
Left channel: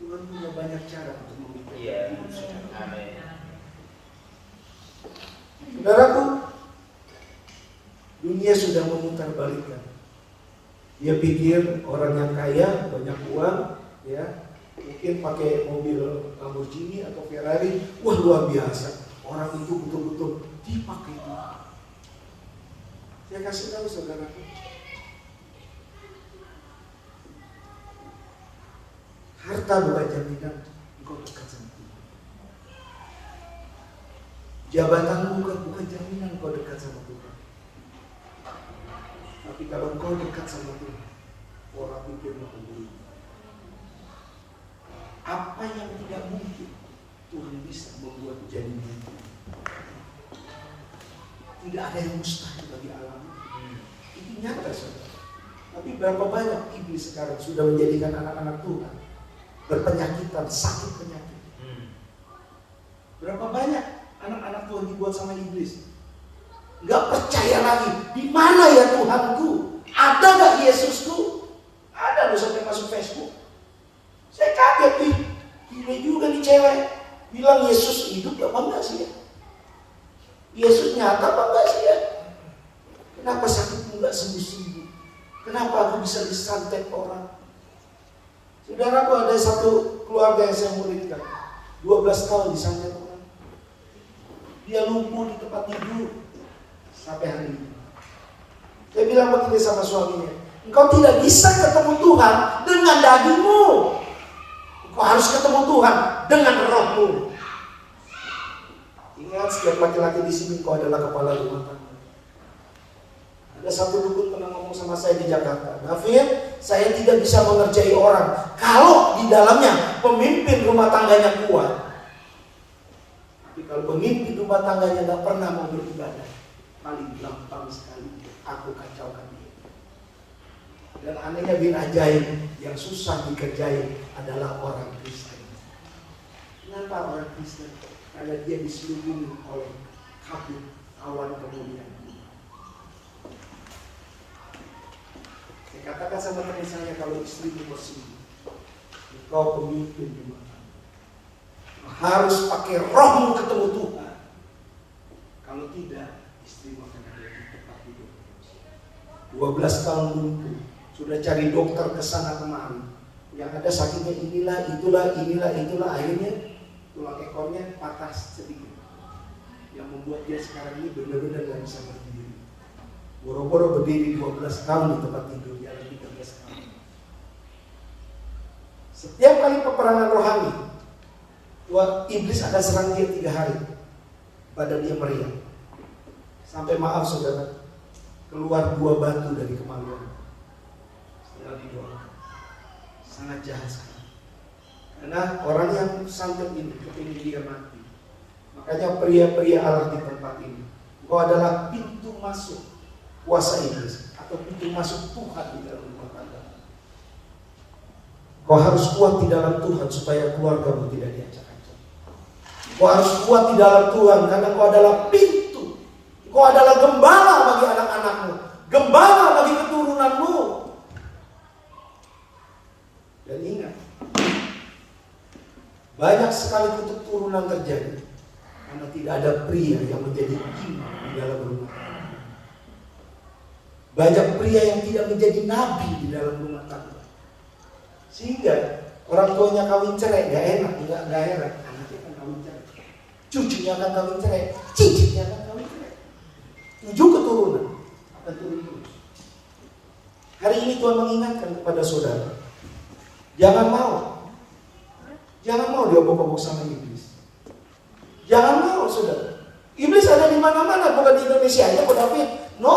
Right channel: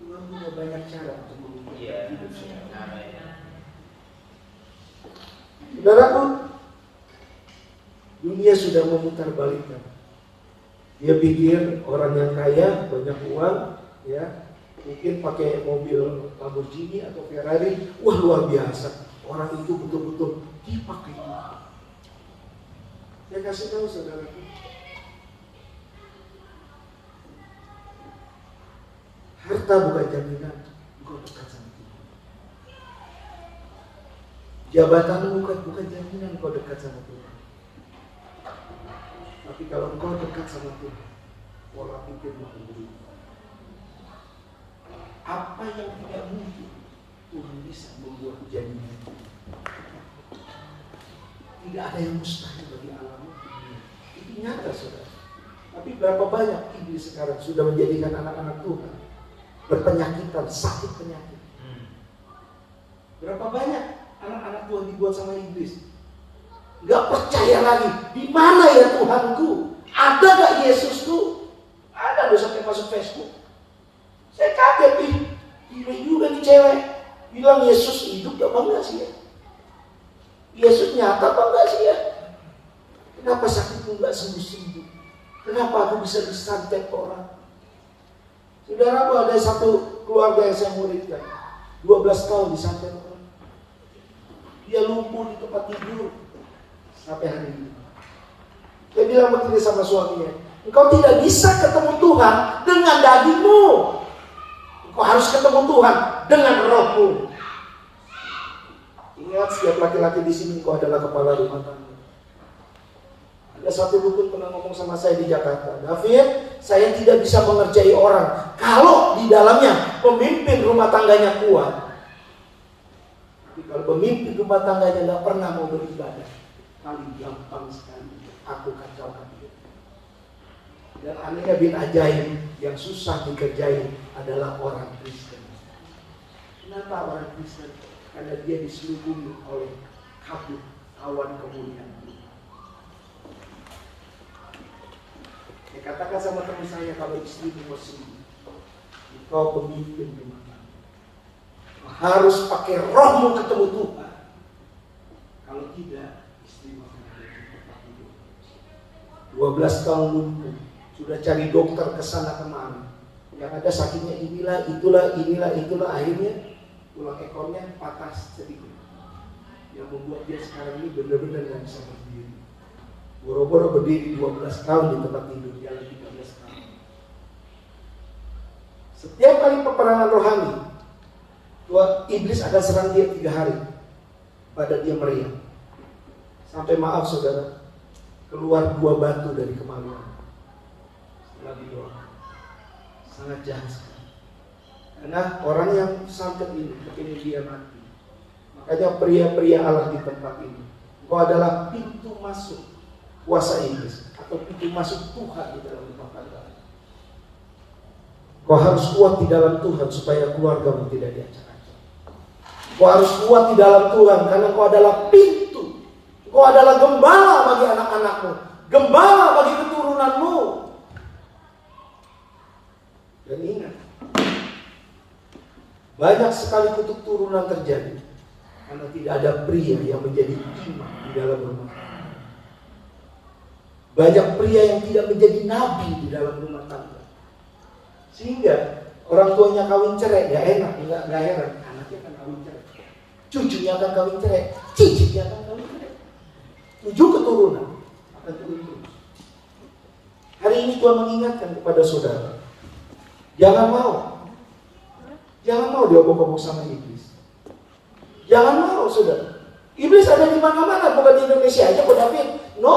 Tuhan punya banyak cara untuk memikirkan hidup saudara. Saudaraku, dunia sudah memutarbalikkan. Dia pikir orang yang kaya, banyak uang, ya, mungkin pakai mobil Lamborghini atau Ferrari, wah luar biasa. Orang itu betul-betul dipakai Tuhan. Saya kasih tahu saudaraku, harta bukan jaminan engkau dekat sama Tuhan. Jabatanmu bukan jaminan engkau dekat sama Tuhan. Tapi kalau engkau dekat sama Tuhan, pola pikirmu akan berubah. Apa yang tidak mungkin, Tuhan bisa membuat jadi mungkin. Tidak ada yang mustahil bagi alamnya. Itu nyata saudara. Tapi berapa banyak iblis sekarang sudah menjadikan anak-anak Tuhan berpenyakitan, sakit penyakit. Berapa banyak anak-anak Tuhan dibuat sama iblis? Gak percaya lagi. Di mana ya Tuhanku? Ada gak Yesusku? Ada loh sampai masuk Facebook. Saya kaget gila juga nih cewek. Bilang Yesus hidup apa enggak sih ya? Yesus nyata apa enggak sih ya? Kenapa sakitmu enggak sembuh-sembuh? Kenapa aku bisa disantet orang? Saudaraku, ada satu keluarga yang saya muridkan, 12 tahun disantet orang. Dia lumpuh di tempat tidur sampai hari ini. Saya bilang begini sama suaminya, engkau tidak bisa ketemu Tuhan dengan dagingmu. Engkau harus ketemu Tuhan dengan rohmu. Ingat, setiap laki-laki di sini engkau adalah kepala rumah tangga. Ada satu dukun pernah ngomong sama saya di Jakarta, David, saya tidak bisa mengerjai orang kalau di dalamnya pemimpin rumah tangganya kuat. Tapi kalau pemimpin rumah tangganya tidak pernah mau beribadah, paling gampang sekali aku kacaukan dia. Dan anehnya bin ajaib, yang susah dikerjain adalah orang Kristen. Kenapa orang Kristen? Karena dia diselubungi oleh kabut awan kemuliaan. Saya katakan sama teman saya, kalau istrimu mau sembuh, engkau pemimpin rumah tangga, harus pakai rohmu ketemu Tuhan. Kalau tidak, istrimu akan ada di tempat tidur. 12 tahun lumpuh, sudah cari dokter ke sana kemari. Yang ada sakitnya inilah, itulah, akhirnya tulang ekornya patah sedikit. Yang membuat dia sekarang ini benar-benar gak bisa berdiri. Boro-boro berdiri 12 tahun di tempat tidur, jalan 13 tahun. Setiap kali peperangan rohani, Tuhan iblis akan serang dia 3 hari. Pada dia meriang. Sampai maaf saudara, keluar 2 batu dari kemaluan. Setelah didoakan. Sangat jahat sekali. Karena orang yang santet ini kepingin dia mati. Makanya pria-pria Allah di tempat ini, engkau adalah pintu masuk kuasa iblis atau pintu masuk Tuhan di dalam rumah tangga. Kau harus kuat di dalam Tuhan supaya keluargamu tidak diacak-acak. Kau harus kuat di dalam Tuhan karena kau adalah pintu. Kau adalah gembala bagi anak-anakmu, gembala bagi keturunanmu. Dan ingat, banyak sekali kutuk turunan terjadi karena tidak ada pria yang menjadi imam di dalam rumah tangga. Banyak pria yang tidak menjadi nabi di dalam rumah tangga. Sehingga orang tuanya kawin cerai, gak enak, gak heran. Anaknya akan kawin cerai, cucunya akan kawin cerai, cicitnya akan kawin cerai. 7 keturunan akan turun terus. Hari ini Tuhan mengingatkan kepada saudara, jangan mau diobok-obok sama iblis. Jangan mau saudara. Iblis ada di mana-mana, bukan di Indonesia aja, David. No.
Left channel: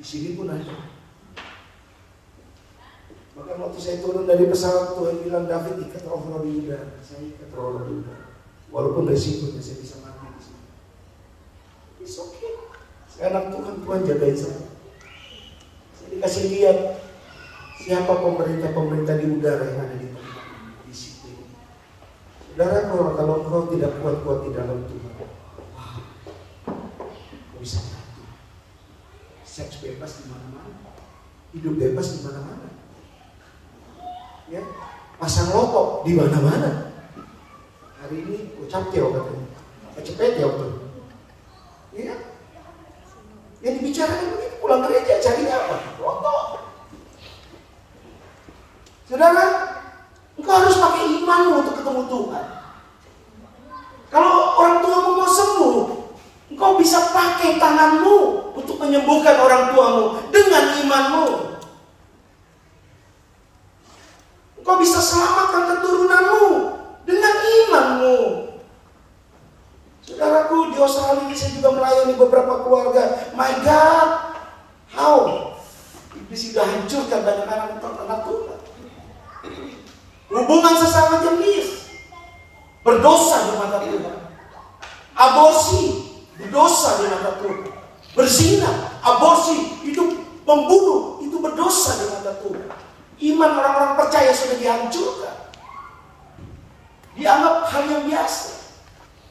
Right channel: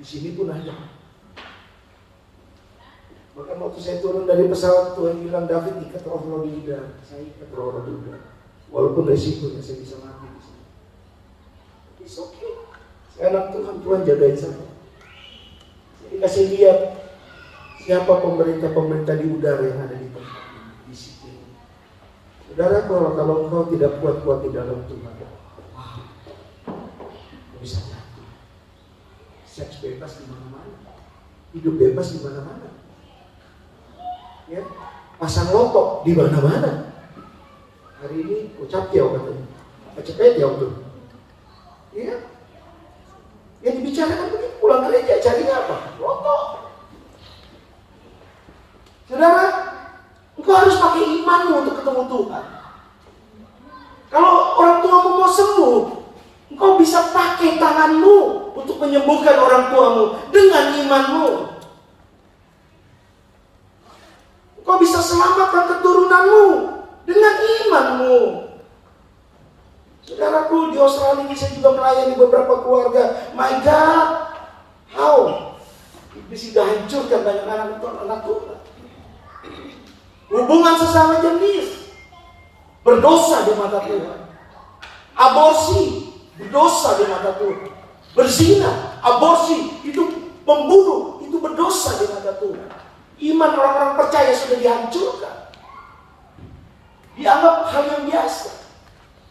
Di sini pun ada. Bahkan waktu saya turun dari pesawat, Tuhan bilang, David ikat roh di udara. Saya ikat roh di udara. Walaupun resikonya saya bisa mati di sini. It's okay. Saya anak Tuhan, Tuhan jagain saya. Saya dikasih lihat siapa pemerintah di udara yang ada di tempat ini, di situ. Saudara, kalau engkau tidak kuat di dalam Tuhan, wah, kau bisa jatuh. Seks bebas di mana-mana, hidup bebas di mana-mana, ya, pasang lotok di mana-mana. Hari ini ucap tiaw katanya, cepet tiaw tuh, iya. Yang dibicarakan begitu, pulang gereja cari apa? Lotok. Saudara, engkau harus pakai imanmu untuk ketemu Tuhan. Kalau orang tuamu mau sembuh, engkau bisa pakai tanganmu untuk menyembuhkan orang tuamu dengan imanmu. Engkau bisa selamatkan keturunanmu dengan imanmu. Saudaraku, di Australia ini saya juga melayani beberapa keluarga. My God, how iblis sudah hancurkan banyak anak Tuhan. Hubungan sesama jenis berdosa di mata Tuhan. Aborsi berdosa di mata Tuhan. Berzina, aborsi, itu pembunuh, itu berdosa di mata Tuhan. Iman orang-orang percaya sudah dihancurkan. Dianggap hal yang biasa.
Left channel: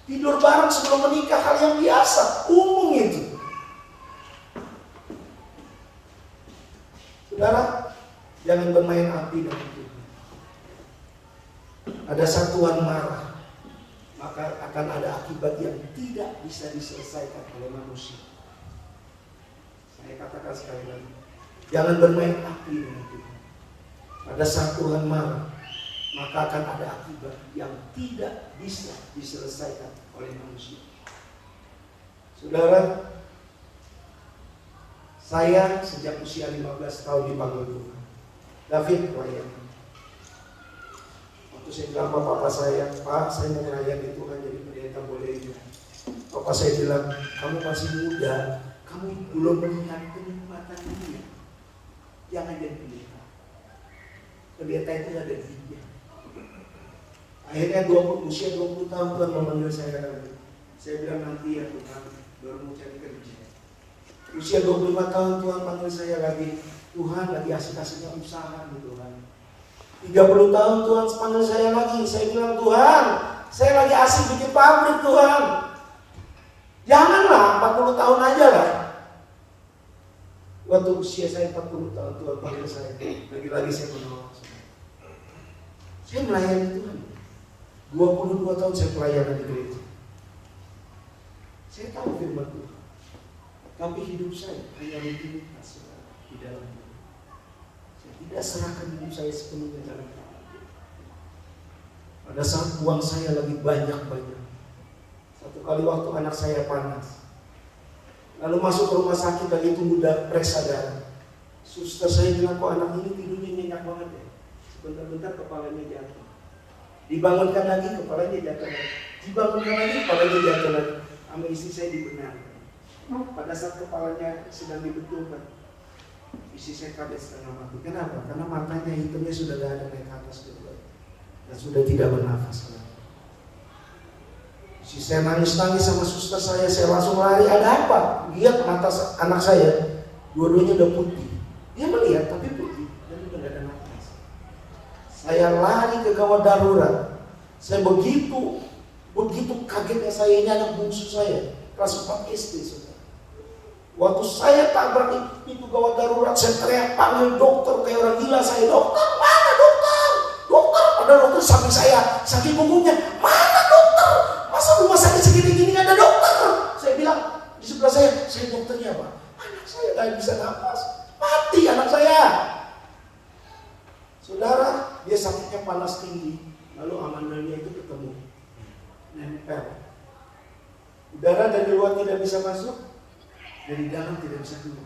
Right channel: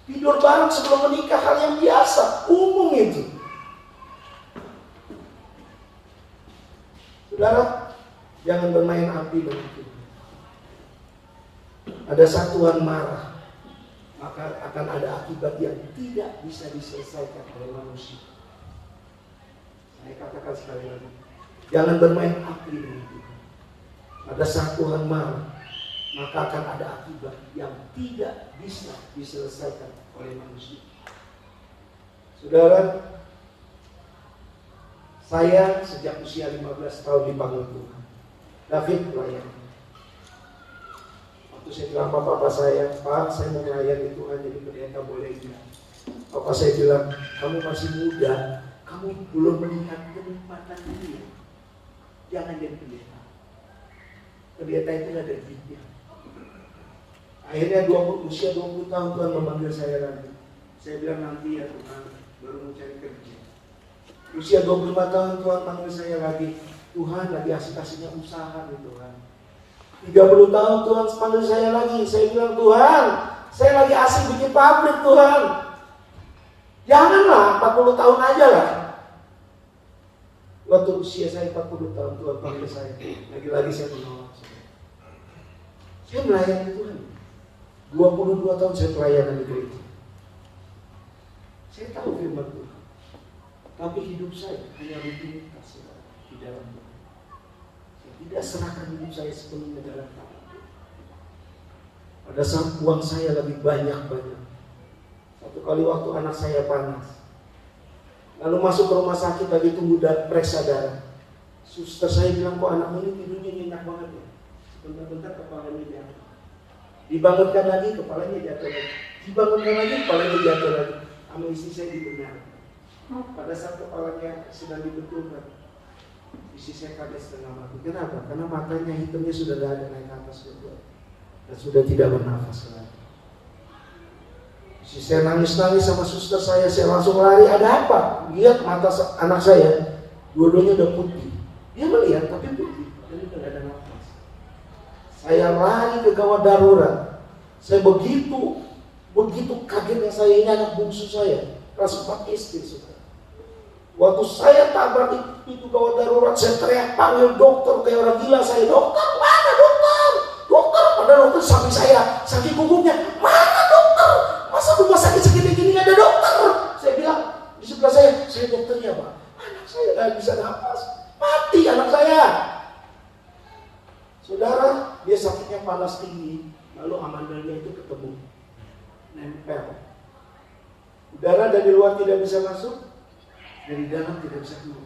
Tidur bareng sebelum menikah hal yang biasa, umum itu. Saudara, jangan bermain api dengan Tuhan. Ada satuan marah, maka akan ada akibat yang tidak bisa diselesaikan oleh manusia. Saya katakan sekali lagi, Jangan bermain api dengan Tuhan. Pada saat Tuhan marah, maka akan ada akibat yang tidak bisa diselesaikan oleh manusia. Saudara, saya sejak usia 15 tahun dipanggil Tuhan. David pelayan. Waktu saya bilang bapak saya, Pak, saya mau melayani Tuhan jadi pendeta, boleh enggak? Bapak saya bilang, kamu masih muda, kamu belum melihat kenikmatan dunia. Jangan jadi pendeta. Pendeta itu ada duitnya. Akhirnya usia 20 tahun Tuhan memanggil saya lagi. Saya bilang nanti ya Tuhan, baru mau cari kerja. Usia 25 tahun Tuhan panggil saya lagi. Tuhan lagi asik-asiknya usaha nih Tuhan. 30 tahun Tuhan panggil saya lagi. Saya bilang, Tuhan, saya lagi asik bikin pabrik Tuhan. Janganlah 40 tahun aja lah. Waktu usia saya 40 tahun Tuhan panggil saya. Lagi-lagi saya menolak. Saya melayani Tuhan. 22 tahun saya pelayanan di gereja. Saya tahu firman Tuhan. Tapi hidup saya hanya rutinitas, saudara, di dalam Tuhan. Saya tidak serahkan hidup saya sepenuhnya dalam tangan Tuhan. Pada saat uang saya lagi banyak-banyak. Satu kali waktu anak saya panas. Lalu masuk ke rumah sakit lagi tunggu periksa darah. Suster saya bilang, kok anak ini tidurnya nyenyak banget ya. Sebentar-bentar kepalanya jatuh. Dibangunkan lagi, kepalanya jatuh lagi. Dibangunkan lagi, kepalanya jatuh lagi. Sama istri saya dibenarkan. Pada saat kepalanya sedang dibetulkan, istri saya kaget setengah mati. Kenapa? Karena matanya hitamnya sudah tidak ada naik ke atas kedua dan sudah tidak bernafas lagi. Istri saya nangis-nangis sama suster saya langsung lari. Ada apa? Lihat mata anak saya, dua-duanya udah putih. Dia melihat tapi putih dan sudah tidak ada nafas. Saya lari ke gawat darurat. Saya begitu kagetnya saya, ini anak bungsu saya, kelas 4 SD. Waktu saya tabrak itu gawat darurat, saya teriak panggil dokter kayak orang gila. Saya, dokter mana dokter? Dokter, padahal dokter samping saya, sakit punggungnya. Mana dokter? Masa rumah sakit segini gini nggak ada dokter? Saya bilang di sebelah saya dokternya Pak. Anak saya nggak bisa nafas, mati anak saya. Saudara, dia sakitnya panas tinggi, lalu amandalnya itu ketemu, nempel. Udara dari luar tidak bisa masuk, dari dalam tidak bisa keluar,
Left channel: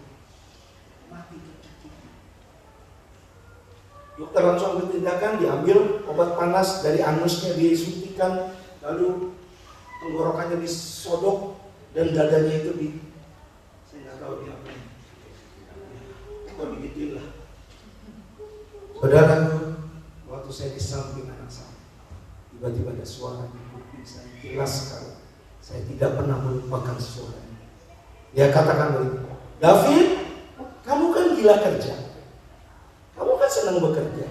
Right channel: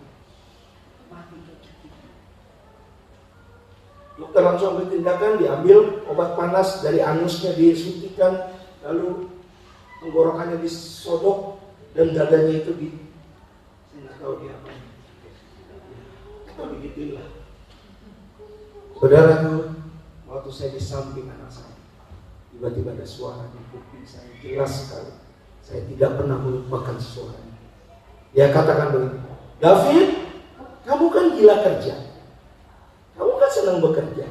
mati tercekik. Dokter langsung ambil tindakan, diambil obat panas dari anusnya disuntikan, lalu tenggorokannya disodok dan dadanya itu saya nggak tahu dia apa. Atau begitulah. Saudara, waktu saya di samping anak saya, tiba-tiba ada suara di kuping saya jelas sekali. Saya tidak pernah melupakan suaranya. Dia katakan begini, David, kamu kan gila kerja, kamu kan senang bekerja.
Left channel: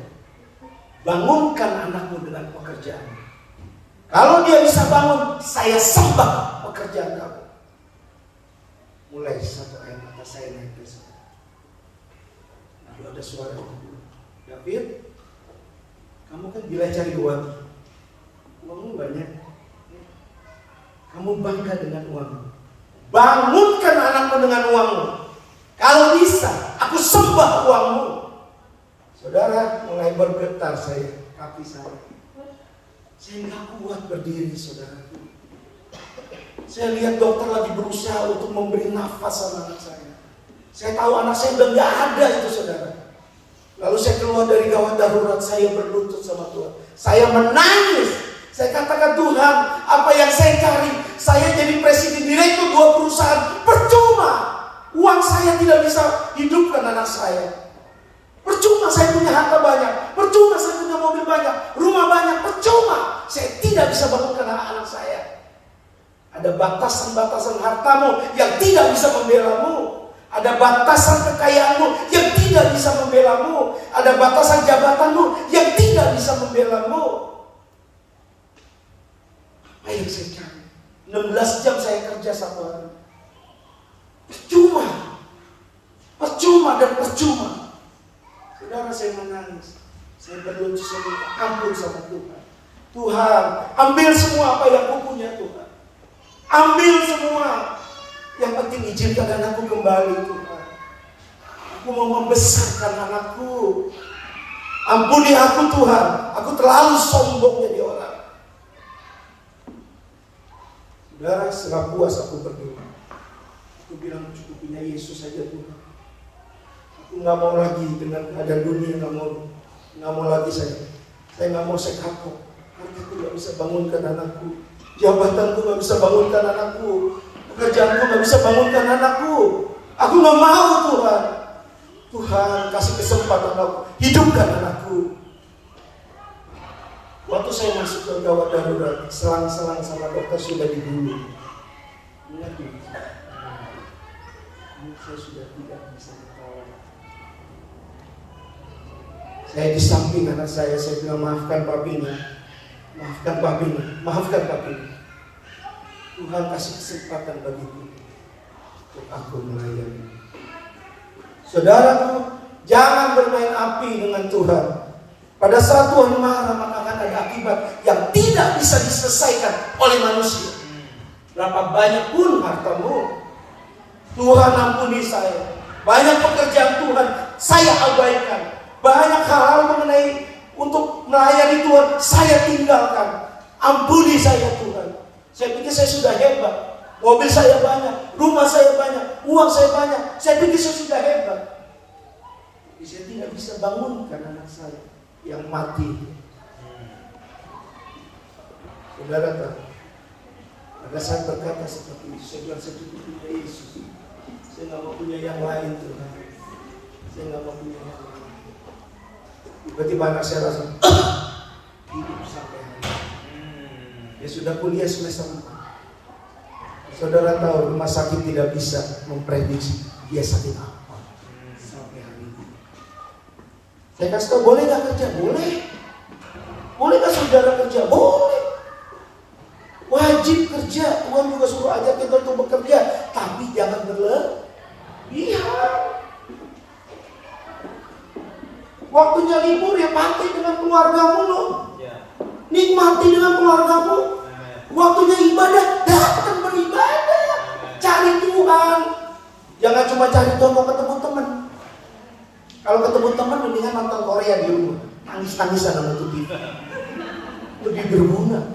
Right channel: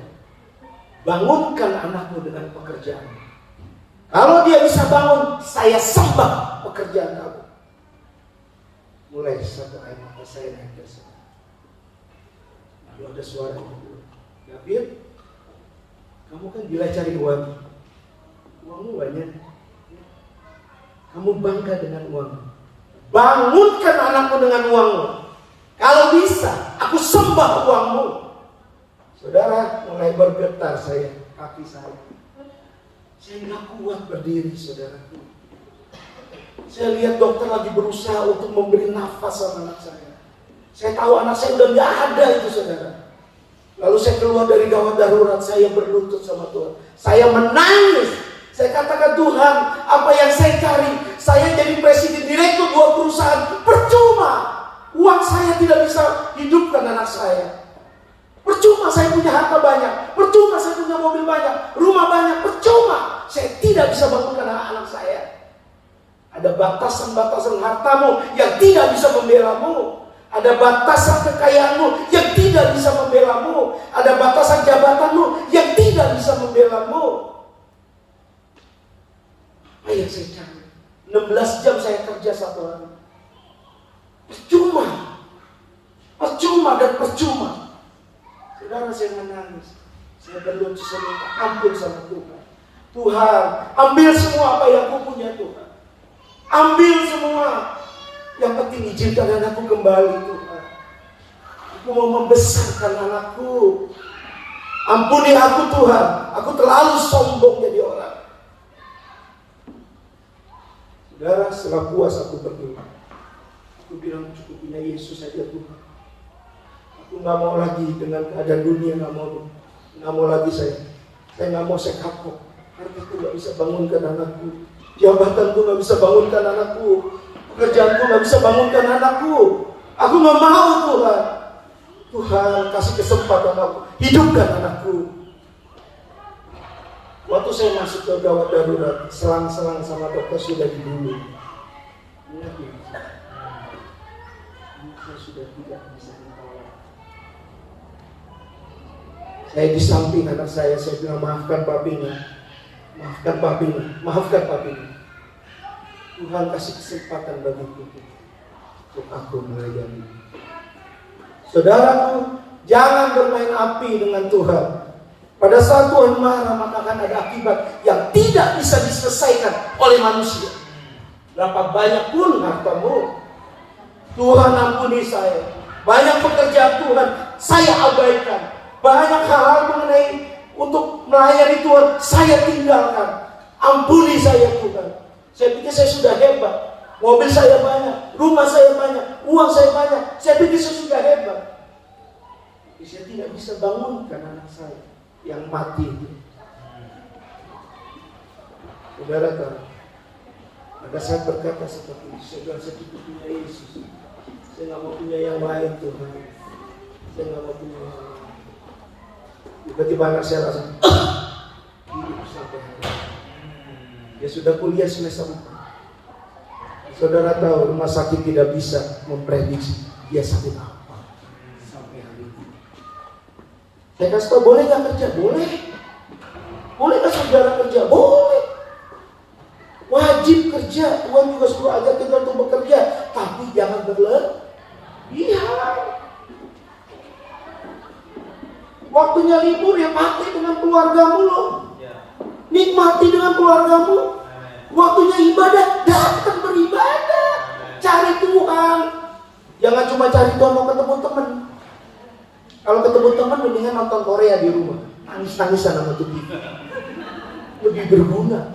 Bangunkan anakmu dengan pekerjaan. Kalau dia bisa bangun, saya sembah pekerjaan kamu. Mulai satu air mata saya netes. Lalu ada suara yang bilang, David, kamu kan gila cari uang. Uangmu banyak. Kamu bangga dengan uangmu. Bangunkan anakmu dengan uangmu. Kalau bisa, aku sembah uangmu. Saudara, mulai bergetar saya, kaki saya. Saya nggak kuat berdiri, saudaraku. Saya lihat dokter lagi berusaha untuk memberi nafas sama anak saya. Saya tahu anak saya udah nggak ada itu, saudara. Lalu saya keluar dari gawat darurat, saya berlutut sama Tuhan. Saya menangis. Saya katakan, Tuhan, apa yang saya cari? Saya jadi presiden direktur 2 perusahaan, percuma. Uang saya tidak bisa hidupkan anak saya. Percuma saya punya harta banyak, percuma saya punya mobil banyak, rumah banyak, percuma saya tidak bisa bangunkan anak-anak saya. Ada batasan-batasan hartamu yang tidak bisa membelamu. Ada batasan kekayaanmu yang tidak bisa membelamu. Ada batasan jabatanmu yang tidak bisa membelamu. Apa yang saya cari? 16 jam saya kerja satu hari. Percuma dan percuma. Saudara, saya menangis. Saya berlutut, saya minta ampun sama Tuhan. Tuhan, ambil semua apa yang aku punya, Tuhan. Ambil semua. Yang penting izinkan aku kembali, Tuhan. Aku mau membesarkan anakku. Ampuni aku Tuhan, aku terlalu sombong jadi orang. Saudara, setelah puas aku berdoa, aku bilang cukup punya Yesus saja Tuhan. Aku nggak mau lagi dengan keadaan dunia, nggak mau lagi saya nggak mau saya kapok. Karena aku nggak bisa bangunkan anakku, jabatanku nggak bisa bangunkan anakku, pekerjaanku nggak bisa bangunkan anakku. Aku nggak mau Tuhan. Tuhan kasih kesempatan aku, hidupkan anakku. Waktu saya masuk ke gawat darurat, selang-selang sama dokter sudah dibully. Anak saya sudah tidak bisa ditolong. Saya di samping anak saya bilang maafkan papinya, maafkan papinya, maafkan papinya. Tuhan kasih kesempatan bagiku untuk aku melayani. Saudaraku, jangan bermain api dengan Tuhan. Pada saat Tuhan marah, maka akan ada akibat yang tidak bisa diselesaikan oleh manusia. Berapa banyak pun hartamu, Tuhan ampuni saya. Banyak pekerjaan Tuhan saya abaikan. Banyak hal-hal mengenai untuk melayani Tuhan saya tinggalkan. Ampuni saya Tuhan. Saya pikir saya sudah hebat. Mobil saya banyak, rumah saya banyak, uang saya banyak. Saya pikir saya sudah hebat. Tapi saya tidak bisa bangunkan anak saya yang mati. Saudara tahu, pada saat berkata seperti itu, saya bilang saya cukup punya Yesus. Saya nggak mau punya yang lain Tuhan. Saya nggak mau punya yang lain. Tiba-tiba anak saya rasa hidup sampai hari ini. Dia sudah kuliah semester 4. Saudara tahu, rumah sakit tidak bisa memprediksi dia sakit apa sampai hari ini. Saya kasih tahu, boleh gak kerja? Boleh. Boleh gak saudara kerja? Boleh. Wajib kerja. Tuhan juga suruh ajar kita untuk bekerja, tapi jangan berlebihan. Waktunya libur ya pakai dengan keluargamu loh. Nikmati dengan keluargamu. Waktunya ibadah, datang beribadah. Cari Tuhan. Jangan cuma cari Tuhan mau ketemu teman. Kalau ketemu teman mendingan nonton Korea di rumah. Nangis-nangisan sama TV. Lebih berguna.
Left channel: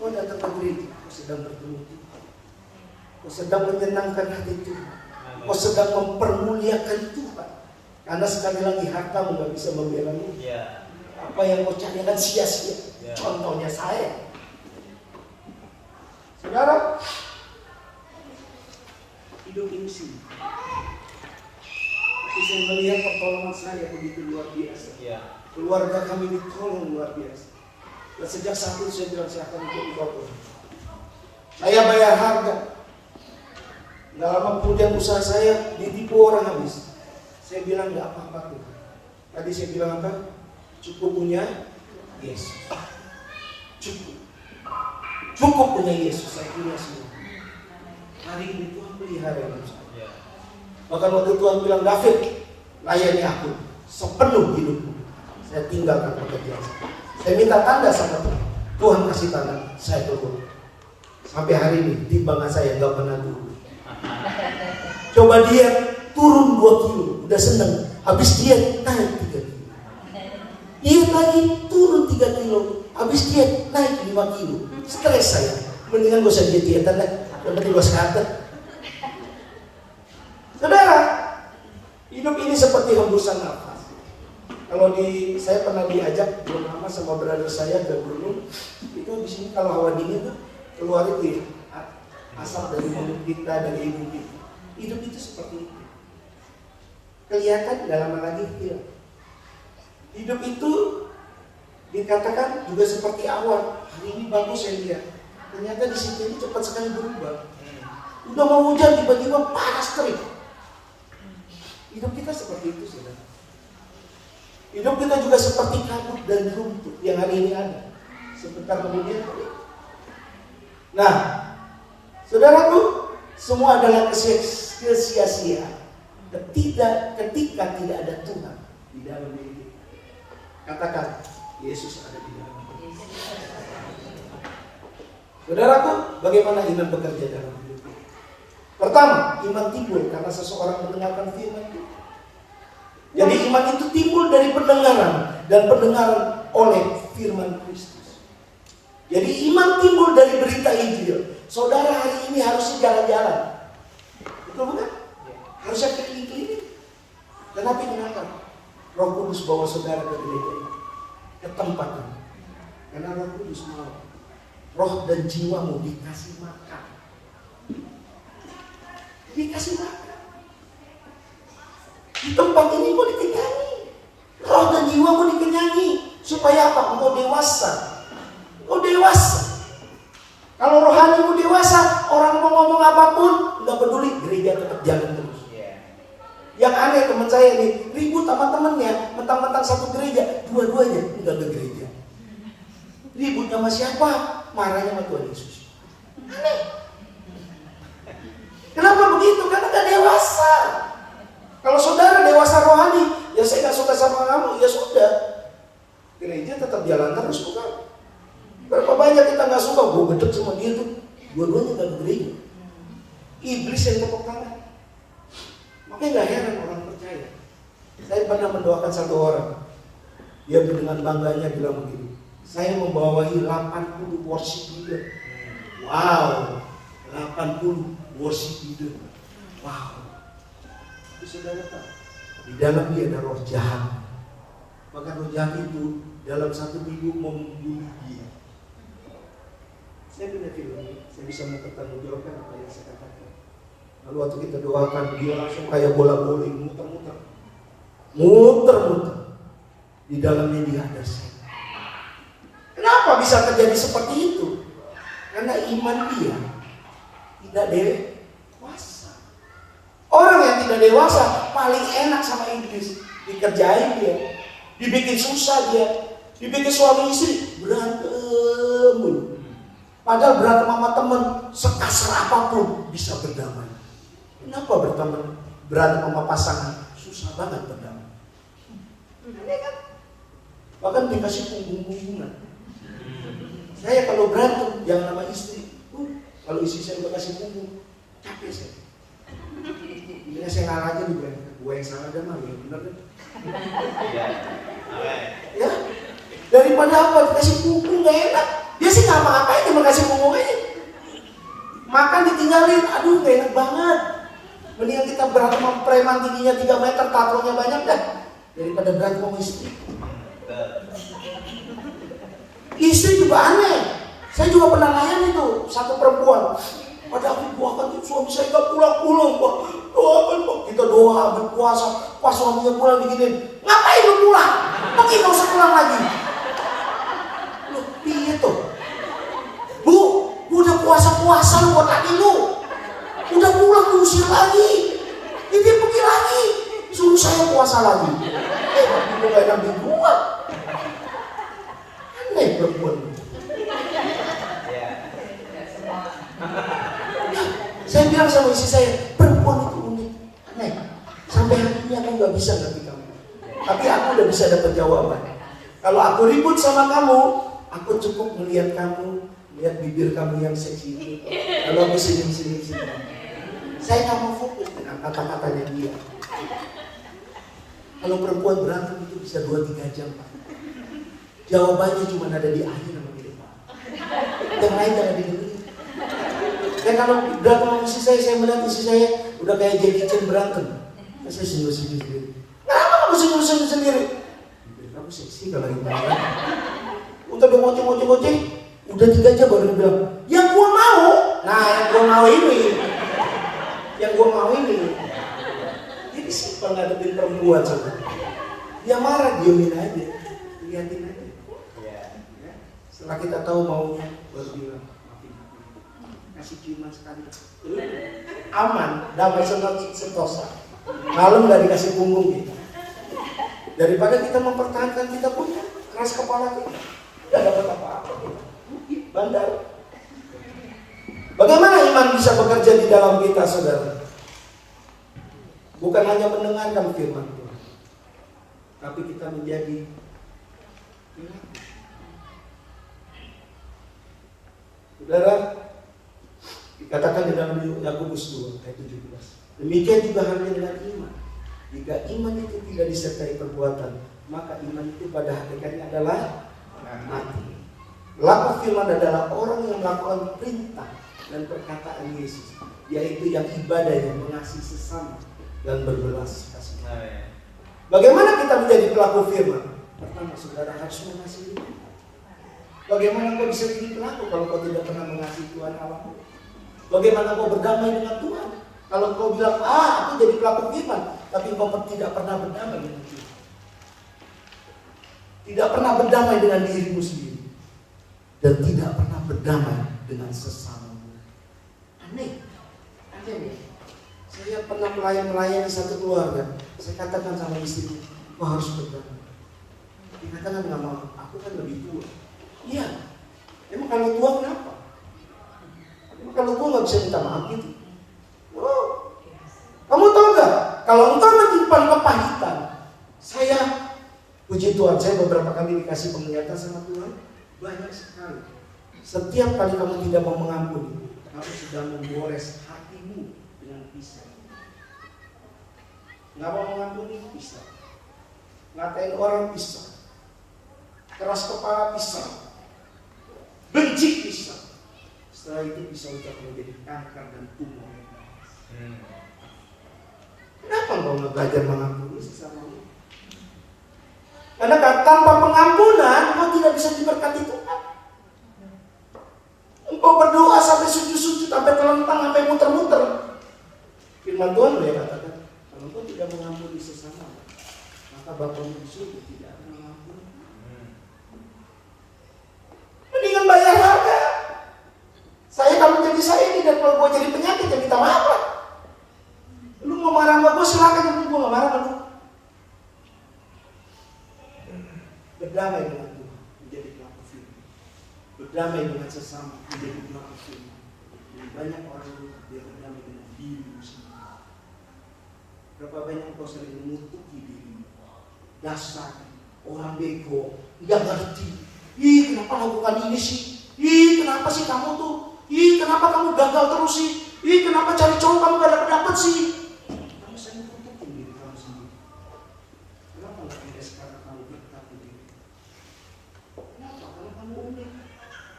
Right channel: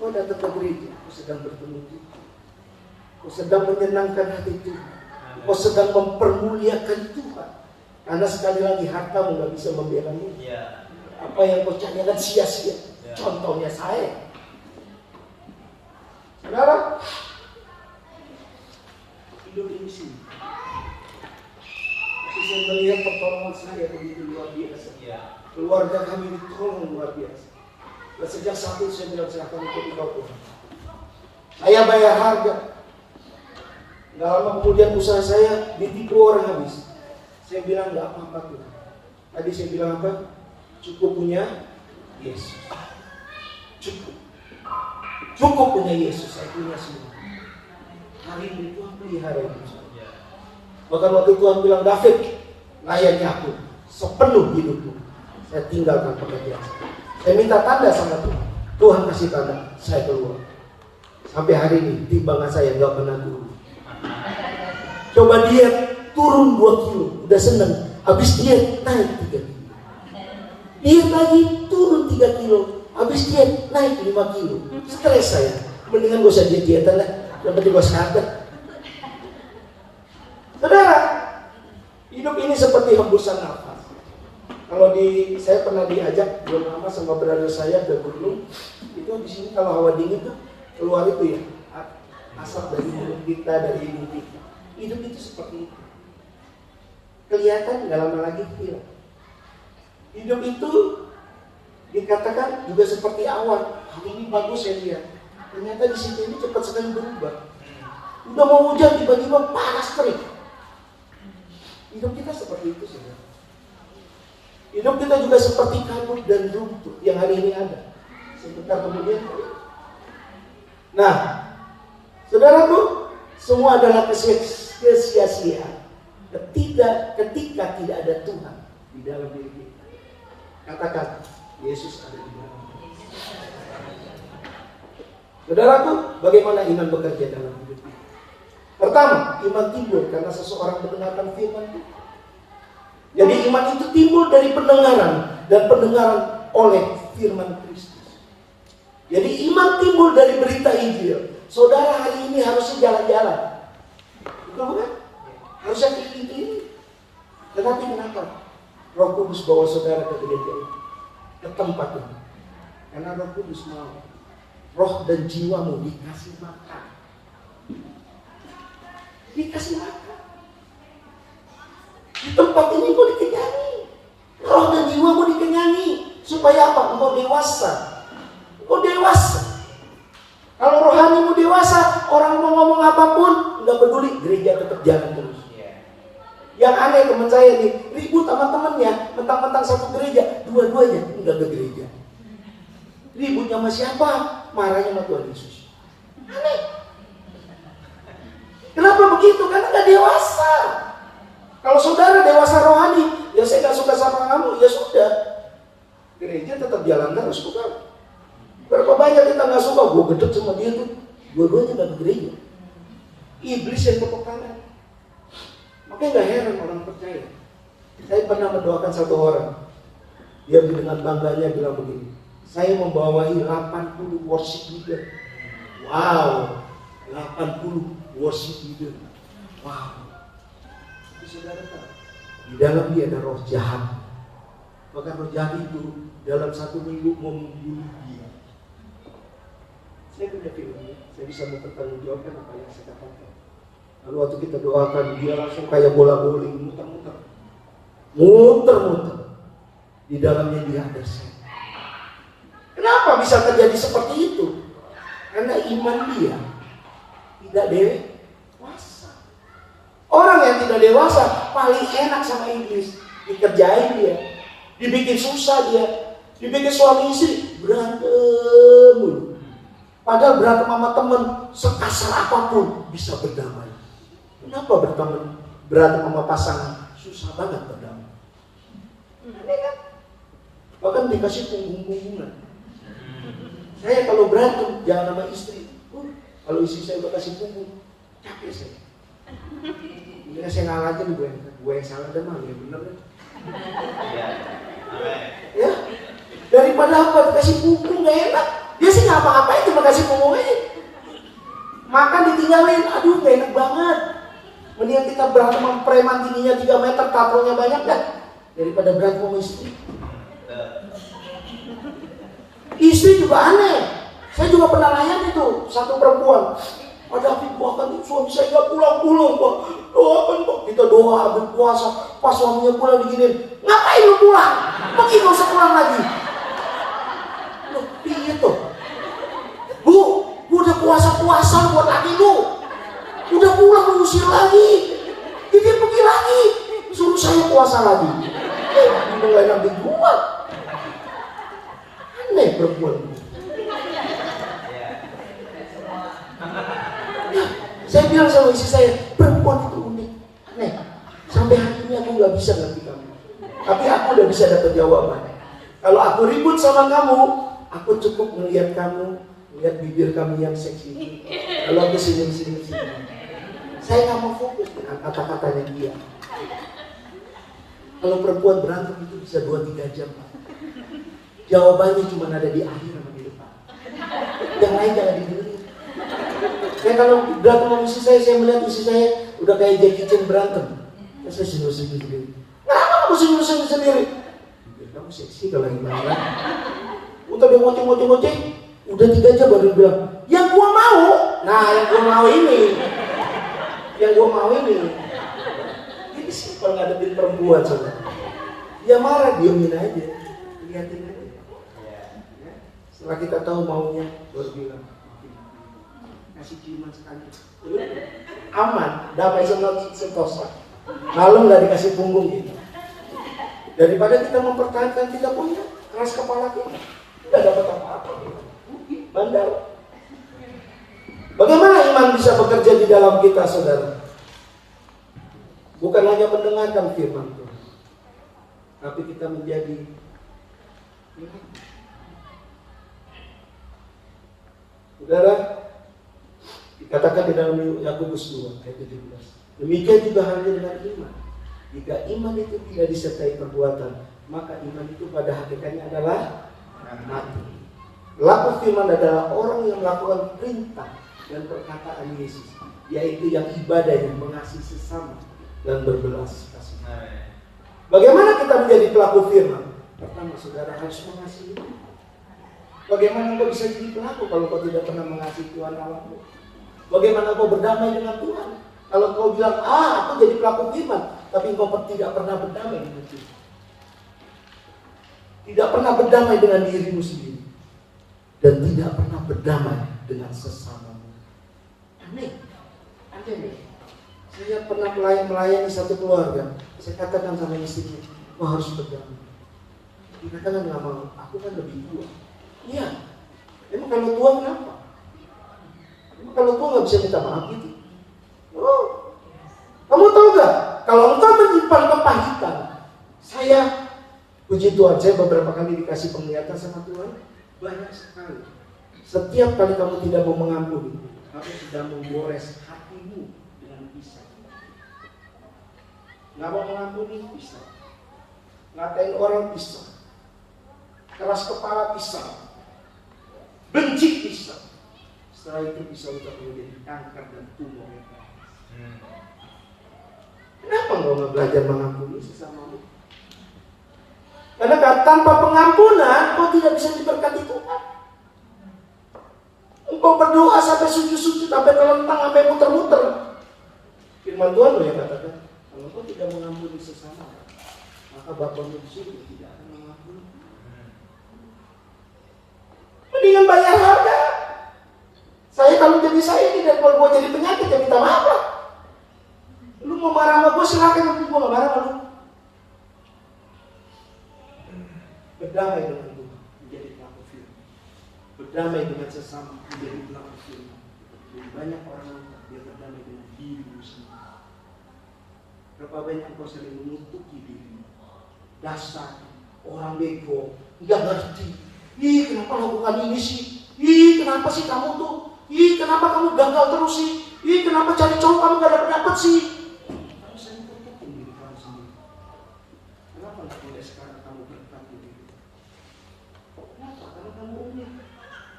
Kau datang ke gereja, kau sedang bertemu Tuhan. Kau sedang menyenangkan hati Tuhan. Kau sedang mempermuliakan Tuhan. Karena sekali lagi hartamu gak bisa membelamu. Apa yang kau cari akan sia-sia. Contohnya saya. Saudara, hidup ini sih. Tapi saya melihat pertolongan saya begitu luar biasa. Keluarga kami ditolong luar biasa. Dan sejak saat itu saya bilang saya akan ikut kau pun. Saya bayar harga. Nggak lama kemudian usaha saya ditipu orang habis. Saya bilang nggak apa-apa tuh. Tadi saya bilang apa? Cukup punya Yesus. Cukup punya Yesus, saya punya semua. Hari ini Tuhan pelihara hidup saya. Bahkan waktu Tuhan bilang, David, layani aku sepenuh hidupmu. Saya tinggalkan pekerjaan saya. Saya minta tanda sama Tuhan. Tuhan kasih tanda, saya keluar. Sampai hari ini timbangan saya nggak pernah turun. Coba diet, turun 2 kilo, udah seneng. Habis diet naik 3 kilo. Diet lagi turun 3 kilo. Habis diet naik 5 kilo. Stres saya. Mendingan gak usah diet-dietan lah. Yang penting gue sehat. Saudara, hidup ini seperti hembusan nafas. Kalau saya pernah diajak belum lama sama brother saya ke gunung. Itu di sini kalau hawa dingin tuh keluar itu ya asap dari mulut kita, dari hidung kita. Hidup itu seperti itu. Kelihatan nggak lama lagi hilang. Hidup itu dikatakan juga seperti awan. Hari ini bagus saya lihat. Ternyata di sini ini cepat sekali berubah. Udah mau hujan tiba-tiba panas terik. Hidup kita seperti itu, saudara. Hidup kita juga seperti kabut dan rumput yang hari ini ada. Sebentar kemudian. Nah, saudaraku, semua adalah kesia-siaan. Ketika tidak ada Tuhan di dalam diri kita. Katakan, Yesus ada di dalam diri. Saudaraku, bagaimana iman bekerja dalam hidup kita? Pertama, Pertama, iman timbul karena seseorang mendengarkan firman Tuhan. Jadi iman itu timbul dari pendengaran, dan pendengaran oleh firman Kristus. Jadi iman timbul dari berita Injil. Saudara hari ini harusnya jalan-jalan, betul bukan? Harusnya keliling-keliling. Tetapi kenapa? Roh Kudus bawa saudara ke gereja ini, ke tempat ini. Karena Roh Kudus mau roh dan jiwamu dikasih makan. Dikasih makan. Di tempat ini mau dikenyangi. Roh dan jiwamu dikenyangi. Supaya apa? Engkau dewasa. Engkau dewasa. Kalau rohanimu dewasa, orang mau ngomong apapun, nggak peduli, gereja tetap jalan terus. Yang aneh teman saya nih, ribut sama temannya, mentang-mentang satu gereja, dua-duanya nggak bergereja. Ributnya sama siapa? Marahnya sama Tuhan Yesus. Aneh. Kenapa begitu? Karena nggak dewasa. Kalau saudara dewasa rohani, ya saya nggak suka sama kamu, ya sudah. Gereja tetap jalan terus, bukan? Berapa banyak kita nggak suka, gue gedek sama dia tuh, dua-duanya nggak bergereja. Iblis yang tepuk tangan. Makanya nggak heran orang percaya. Saya pernah mendoakan satu orang, dia dengan bangganya bilang begini, saya membawahi 80 worship leader. Wow, 80 worship leader. Wow. Tapi saudara tahu, di dalam dia ada roh jahat. Maka roh jahat itu dalam 1 minggu mau membunuh dia. Saya punya filmnya, saya bisa mempertanggungjawabkan apa yang saya katakan. Lalu waktu kita doakan, dia langsung kayak bola bowling, muter-muter. Muter-muter. Di dalamnya dia ada setan. Kenapa bisa terjadi seperti itu? Karena iman dia tidak dewasa. Orang yang tidak dewasa paling enak sama iblis. Dikerjain dia, dibikin susah dia, dibikin suami istri berantem mulu. Padahal berantem sama teman sekasar apapun bisa berdamai. Kenapa berantem sama pasangan susah banget berdamai? Aneh kan? Bahkan dikasih punggung-punggungan. Saya kalau berantem jangan sama istri. Kalau istri saya udah kasih punggung, capek saya. Ini saya ngalah aja gue yang salah dan malu yang benar. Ya, daripada apa dikasih punggung gak enak. Dia sih nggak apa-apa, cuma kasih punggung aja. Makan ditinggalin, aduh gak enak banget. Mendingan kita berantem sama preman tingginya 3 meter, tatonya banyak dah, daripada berantem sama istri. Istri juga aneh. Saya juga pernah layani itu satu perempuan. Ada aku doakan suami saya gak pulang-pulang, Pak. Doakan, Pak. Kita doa, berpuasa. Pas suaminya pulang diginiin, ngapain lu pulang? Mungkin gak usah pulang lagi. Loh, iya tuh. Bu, udah puasa-puasa buat laki lu. Udah pulang lu usir lagi. Dia pergi lagi. Suruh saya puasa lagi. Mulai nabi gua. Aneh perempuan. Saya bilang sama istri saya, perempuan itu unik, aneh. Sampai hari ini aku nggak bisa ngerti kamu. Tapi aku udah bisa dapat jawaban. Kalau aku ribut sama kamu, aku cukup melihat kamu, melihat bibir kamu yang seksi. Kalau aku senyum. Saya nggak mau fokus dengan kata-katanya dia. Kalau perempuan berantem itu bisa 2-3 jam. Jawabannya cuma ada di akhir sama di depan. Yang lain jangan didengar. Ya kalau berantem sama istri saya melihat istri saya udah kayak Jackie Chan berantem. Ya, saya senyum sendiri. Kenapa kamu senyum sendiri? Biar kamu seksi kalau lagi berantem. Udah ngoceh-ngoceh, udah 3 jam baru bilang, yang gua mau. Nah, yang gua mau ini. Jadi simpel ngadepin perempuan saudara. Dia marah, diemin aja, liatin aja. Ya. Setelah kita tahu maunya, baru bilang. Kasih ciuman sekali, aman, damai sentosa. Lalu nggak dikasih punggung kita. Daripada kita mempertahankan kita punya keras kepala kita, nggak dapat apa-apa kita. Bandel. Bagaimana iman bisa bekerja di dalam kita, saudara? Bukan hanya mendengarkan firman Tuhan, tapi kita menjadi saudara. Dikatakan di dalam Yakobus 2 ayat 17. Demikian juga halnya dengan iman. Jika iman itu tidak disertai perbuatan, maka iman itu pada hakikatnya adalah mati. Pelaku firman adalah orang yang melakukan perintah dan perkataan Yesus, yaitu yang ibadahnya mengasihi sesama dan berbelas kasihan. Bagaimana kita menjadi pelaku firman? Pertama, saudara harus mengasihi Tuhan. Bagaimana kau bisa jadi pelaku kalau kau tidak pernah mengasihi Tuhan Allahmu? Bagaimana kau berdamai dengan Tuhan kalau kau bilang, aku jadi pelaku firman, tapi kau tidak pernah berdamai dengan Tuhan? Tidak pernah berdamai dengan dirimu sendiri, dan tidak pernah berdamai dengan sesamamu. Aneh ya? Saya pernah melayani satu keluarga. Saya katakan sama istriku, kau harus berdamai. Dikatakan nggak mau, aku kan lebih tua. Iya, emang kalau tua kenapa? Emang kalau tua nggak bisa minta maaf gitu? Oh, kamu tahu nggak? Kalau engkau menyimpan kepahitan, saya puji Tuhan, saya beberapa kali dikasih penglihatan sama Tuhan, banyak sekali. Setiap kali kamu tidak mau mengampuni, kamu sedang menggores hatimu dengan pisau. Nggak mau mengampuni, pisau. Ngatain orang, pisau. Keras kepala, pisau. Benci, pisau. Setelah itu pisau bisa menjadi kanker dan tumor yang keras. Kenapa engkau nggak belajar mengampuni sesamamu? Karena tanpa pengampunan engkau tidak bisa diberkati Tuhan. Engkau berdoa sampai sujud-sujud, sampai telentang, sampai muter-muter. Firman Tuhan loh yang katakan, kalau engkau tidak mengampuni sesamamu, maka Bapamu di surga tidak akan mengampuni. Mendingan bayar harga. Saya kalau jadi saya tidak perlu gue jadi penyakit, ya minta maaf lah. Lu mau marah sama gue silakan, tapi gue gak marah sama lu. Berdamai dengan Tuhan menjadi pelaku firman. Berdamai dengan sesama menjadi pelaku firman. Dan banyak orang dia berdamai dengan dirimu sendiri. Berapa banyak kau sering menutupi dirimu? Dasar orang bego, nggak ngerti. Ih, kenapa lakukan ini sih? Ih, kenapa sih kamu tuh? Ih, kenapa kamu gagal terus sih? Ih, kenapa cari cowok kamu gak dapet sih? Kamu sering tutupin diri kamu sendiri. Kenapa nggak mulai sekarang kamu berkati diri? Kenapa? Karena kamu unik.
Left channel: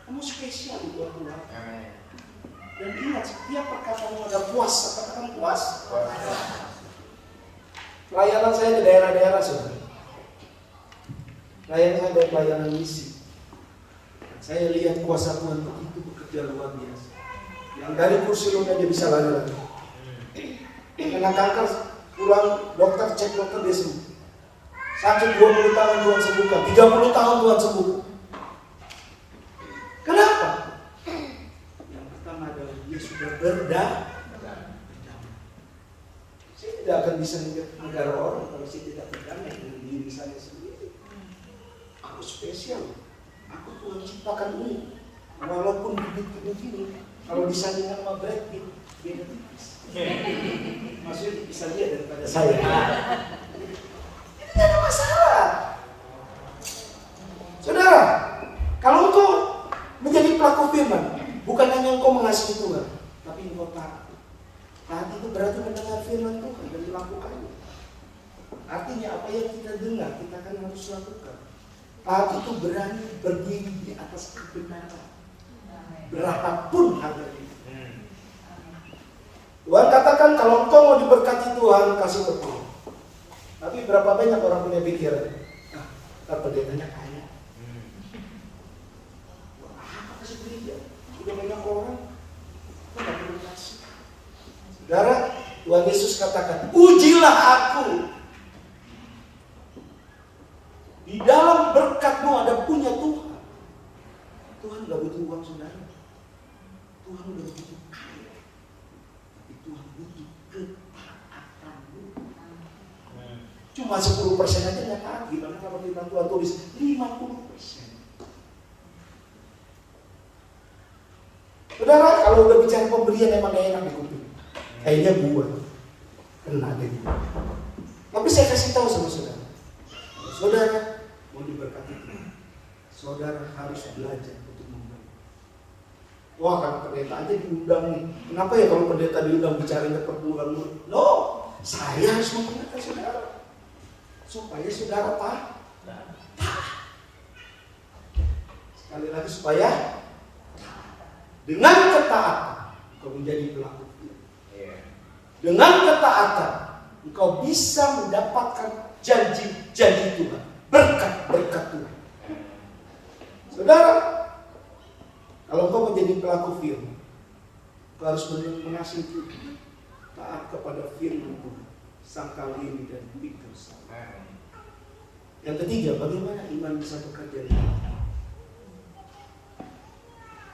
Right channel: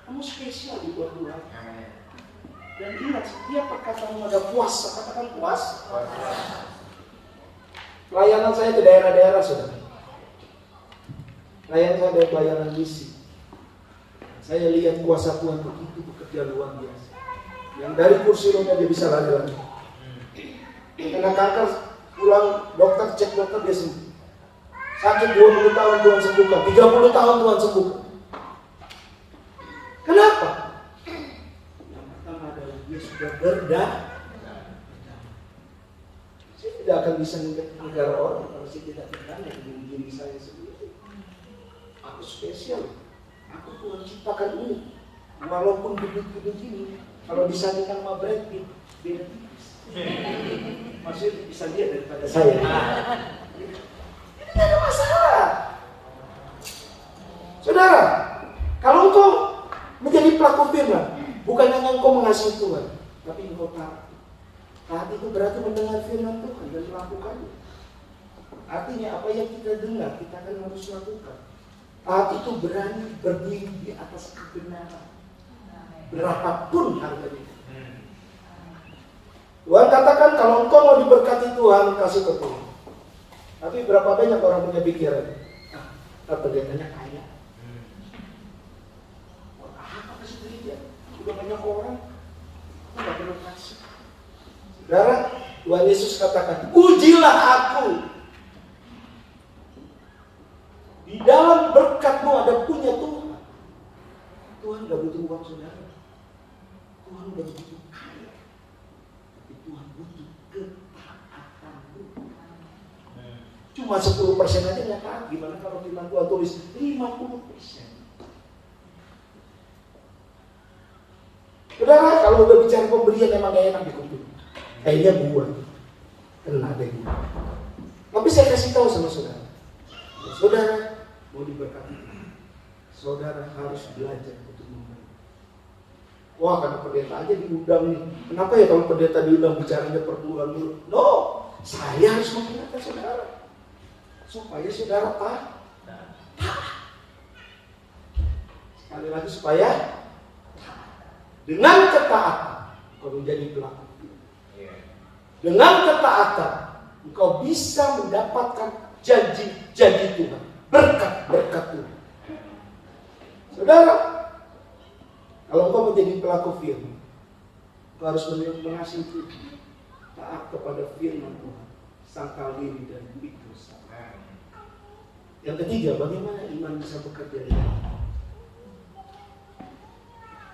Kamu spesial buat Tuhan. Dan ingat, setiap perkataanmu ada kuasa. Katakan kuasa. Pelayanan saya di daerah-daerah, saudara. Pelayanan saya dari pelayanan misi. Saya lihat kuasa Tuhan begitu bekerja luar biasa. Yang dari kursi roda dia bisa lari-lari. Yang kena kanker pulang dokter cek dokter dia sembuh. Sakit 20 tahun Tuhan sembuhkan, 30 tahun Tuhan sembuhkan. Kenapa? Yang pertama adalah dia sudah berdamai. Saya tidak akan bisa negara orang kalau saya tidak berdamai dengan diri saya sendiri. Aku spesial. Aku Tuhan ciptakan ini. Walaupun bibit-bibit ini, kalau disandingkan sama Brad Pitt, beda tipis. Maksudnya bisa lihat daripada saya. Ini tidak ada masalah. Saudara, kalau engkau menjadi pelaku firman, bukan hanya engkau mengasihi Tuhan, tapi engkau taat. Taat itu berarti mendengar firman Tuhan dan melakukannya. Artinya apa yang kita dengar, kita akan harus lakukan. Taat itu berani berdiri di atas kebenaran, berapapun harganya. Tuhan katakan kalau engkau mau diberkati Tuhan, kasih ke Tuhan. Tapi berapa banyak orang punya pikiran? Kita pendetanya kaya. Apa kasih duit ya? Sudah banyak orang, aku gak perlu kasih. Saudara, Tuhan Yesus katakan, ujilah aku. Di dalam berkatmu ada punya Tuhan. Tuhan gak butuh uang saudara. Tuhan udah begitu kaya. Tapi Tuhan butuh ketaatanmu. Cuma 10% aja yang taat. Gimana kalau firman Tuhan tulis 50%? Saudara, kalau udah bicara pemberian emang gak enak di kuping. Kayaknya gua kena deh gua. Tapi saya kasih tahu sama saudara. Saudara mau diberkati Tuhan, saudara harus belajar untuk memberi. Wah, kan pendeta aja diundang nih. Kenapa ya kalau pendeta diundang bicaranya per bulan mulu? No, saya harus mengingatkan saudara supaya saudara taat. Sekali lagi supaya dengan ketaatan kau menjadi pelaku. Dengan ketaatan engkau bisa mendapatkan janji-janji Tuhan, berkat-berkat Tuhan. Saudara, kalau engkau menjadi pelaku firman, engkau harus mengasihi Tuhan, taat kepada firman Tuhan, sangkal diri dan pikir sabar. Yang ketiga, bagaimana iman bisa bekerja dengan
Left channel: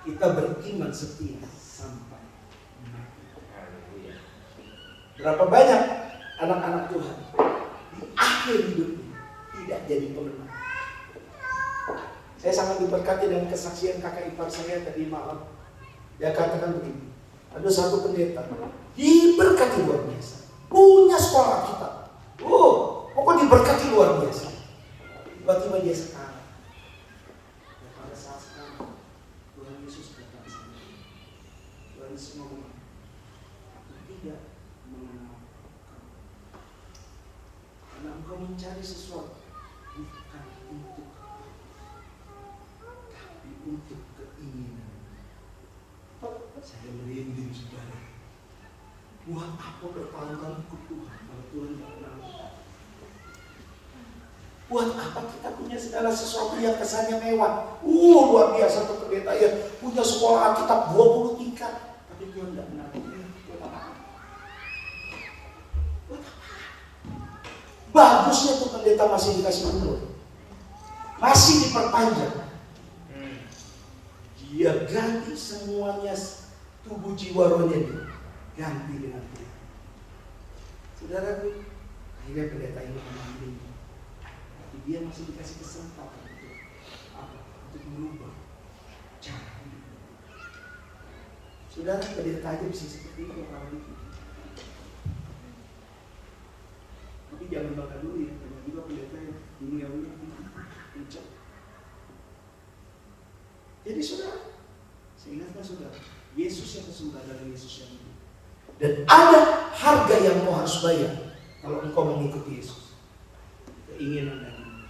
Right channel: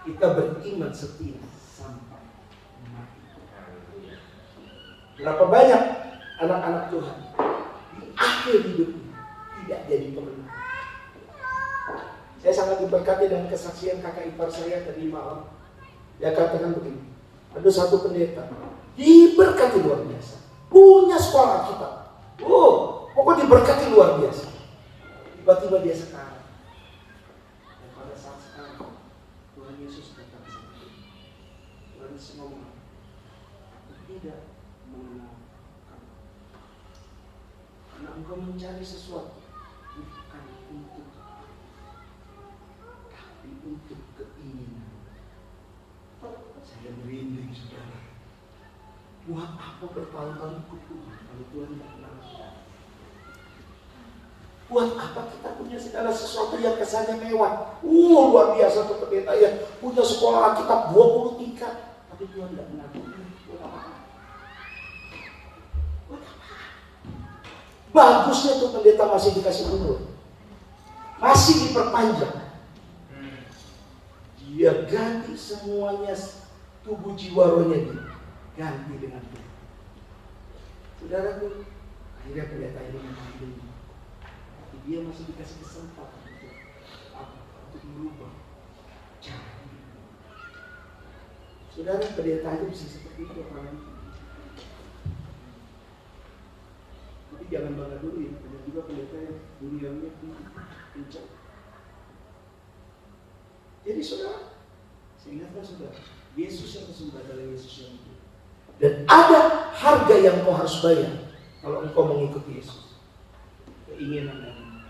kita beriman setia sampai mati. Berapa banyak anak-anak Tuhan di akhir hidupnya tidak jadi pemenang. Saya sangat diberkati dengan kesaksian kakak ipar saya tadi malam. Dia katakan begini, ada satu pendeta diberkati luar biasa, punya sekolah kita. Pokoknya diberkati luar biasa. Tiba-tiba dia sekarang. Dan pada saat sekarang Tuhan Yesus datang sama dia. Tuhan Yesus ngomong, aku tidak mengenal kamu. Karena engkau mencari sesuatu bukan untuk aku, tapi untuk keinginan. Saya merinding saudara. Buat apa bertahun-tahun ikut Tuhan kalau Tuhan tidak kenal kita? Buat apa kita punya segala sesuatu yang kesannya mewah? Luar biasa tuh pendeta ya, punya sekolah Alkitab 20 tingkat, tapi Tuhan tidak kenal kita. Buat apa? Buat apa? Bagusnya tuh pendeta masih dikasih umur, masih diperpanjang. Dia ganti semuanya, tubuh jiwa rohnya dia ganti dengan Tuhan. Saudaraku, akhirnya pendeta ini memang belum, tapi dia masih dikasih kesempatan untuk apa? Untuk merubah cara hidup. Saudara, pendeta aja bisa seperti itu apalagi. Tapi jangan bangga dulu ya, banyak juga pendeta yang duniawinya kencang. Jadi saudara, saya ingatkan saudara, Yesus yang kesembah adalah Yesus yang hidup. Dan ada harga yang kau harus bayar kalau engkau mengikuti Yesus. Keinginan dan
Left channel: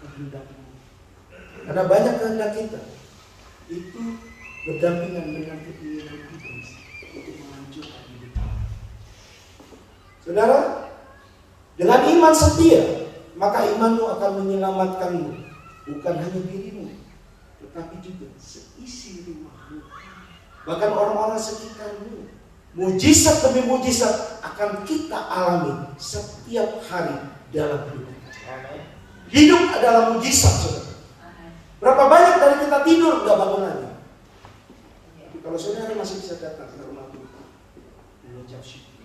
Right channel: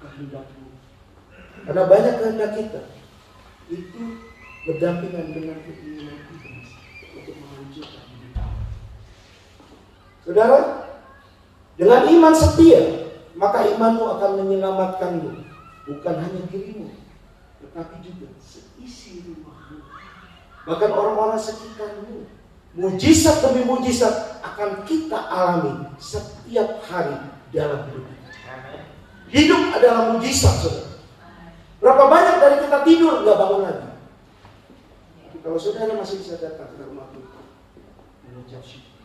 kehendakmu. Karena banyak kehendak kita itu berdampingan dengan keinginan iblis untuk menghancurkan hidup. Saudara, dengan iman setia, maka imanmu akan menyelamatkanmu, bukan hanya dirimu, tetapi juga seisi rumahmu, bahkan orang-orang sekitarmu. Mujizat demi mujizat akan kita alami setiap hari dalam hidup kita. Hidup adalah mujizat, saudara. Berapa banyak dari kita tidur nggak bangun lagi. Tapi kalau saudara masih bisa datang ke rumah Tuhan, mengucap syukur.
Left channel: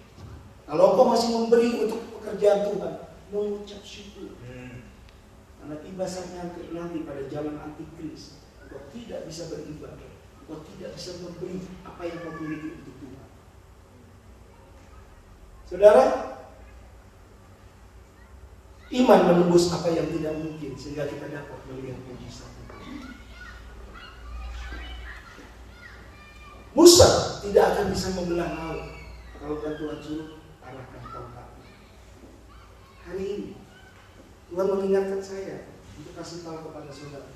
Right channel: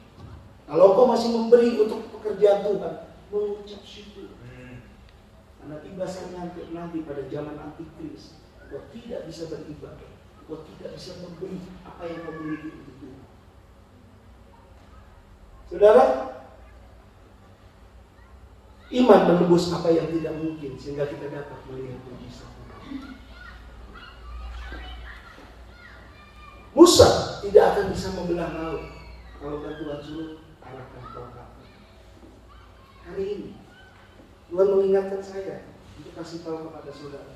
Kalau kau masih memberi untuk pekerjaan Tuhan, mengucap syukur. Karena tiba saatnya nanti pada zaman antikris, kau tidak bisa beribadah, kau tidak bisa memberi apa yang kau miliki untuk Tuhan. Saudara, iman menembus apa yang tidak mungkin sehingga kita dapat melihat mujizat Tuhan. Musa tidak akan bisa membelah laut kalau Tuhan suruh arahkan tongkatnya. Hari ini Tuhan mengingatkan saya untuk kasih tahu kepada saudara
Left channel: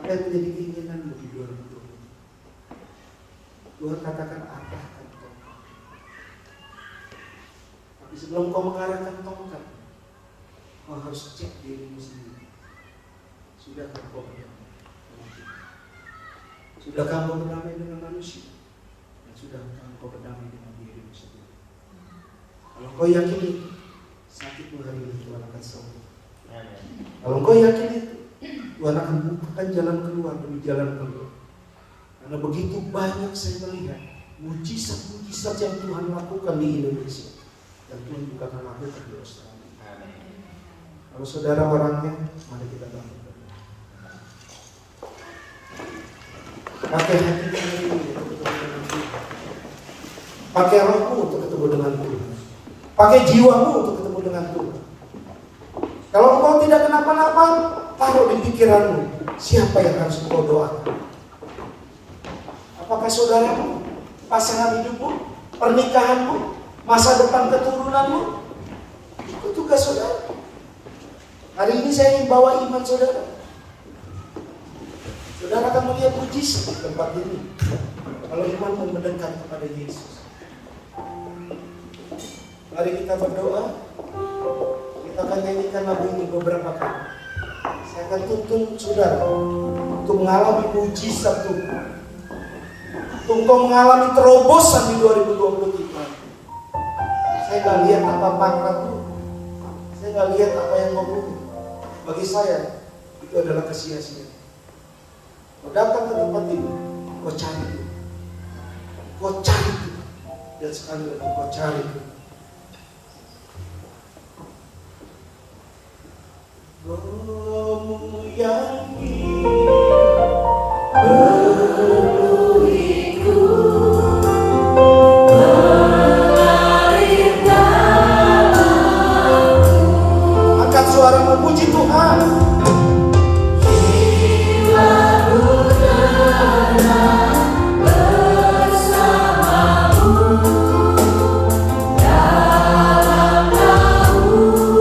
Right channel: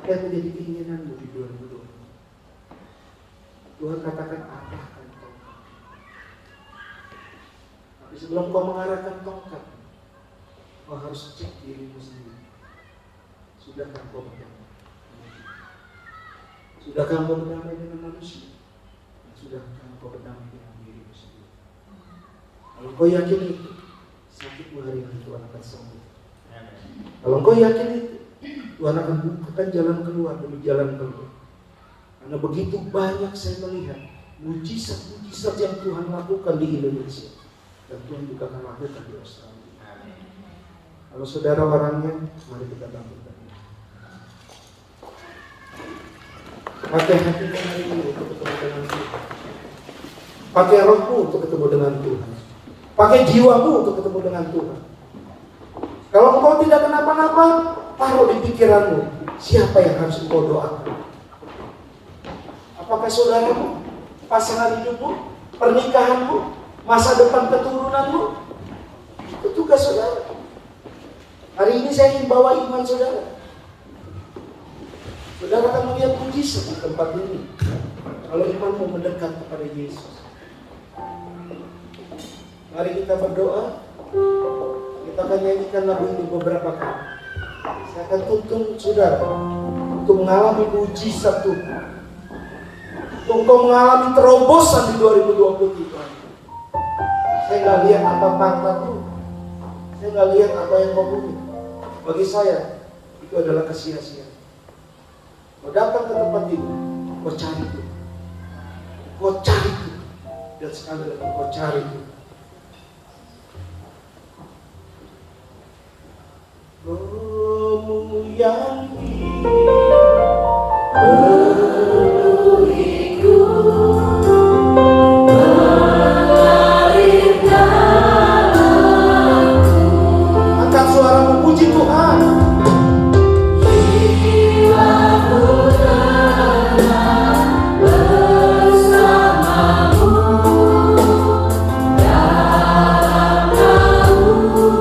apa yang menjadi keinginanmu di 2020. Tuhan katakan arahkan. Tapi sebelum kau mengarahkan tongkat, kau harus cek dirimu sendiri. Sudahkah kau berdamai dengan Tuhan? Sudahkah kau berdamai dengan manusia? Dan sudahkah kau berdamai dengan dirimu sendiri? Kalau kau yakin itu, sakitmu hari ini Tuhan akan sembuh. Kalau kau yakin itu, Tuhan akan bukakan jalan keluar demi jalan keluar. Karena begitu banyak saya melihat mujizat-mujizat yang Tuhan lakukan di Indonesia. Dan Tuhan juga akan lakukan di Australia. Kalau saudara orangnya, mari kita lakukan. Pakai hatimu hari ini untuk ketemu dengan Tuhan. Pakai rohmu untuk ketemu dengan Tuhan. Pakai jiwamu untuk ketemu dengan Tuhan. Kalau engkau tidak kenapa-napa, taruh di pikiranmu siapa yang harus engkau doakan. Apakah saudaramu, pasangan hidupmu, pernikahanmu, masa depan keturunanmu? Itu tugas saudara. Hari ini saya ingin bawa iman saudara. Saudara akan melihat mujizat di tempat ini kalau imanmu mendekat kepada Yesus. Mari kita berdoa. Kita akan nyanyikan lagu ini beberapa kali. Saya akan tuntun saudara untuk mengalami mujizat Tuhan, untuk engkau mengalami terobosan di 2023. Saya nggak lihat apa pangkatmu, saya nggak lihat apa yang kau punya. Bagi saya itu adalah kesia-siaan. Kau datang ke tempat ini, kau cari Tuhan, kau cari Tuhan, dan sekali lagi kau cari Tuhan. Rohmu yang Penuhiku, mengalir dalamku. angkat suara memuji Tuhan. Jiwaku tenang bersamamu dalam naunganmu.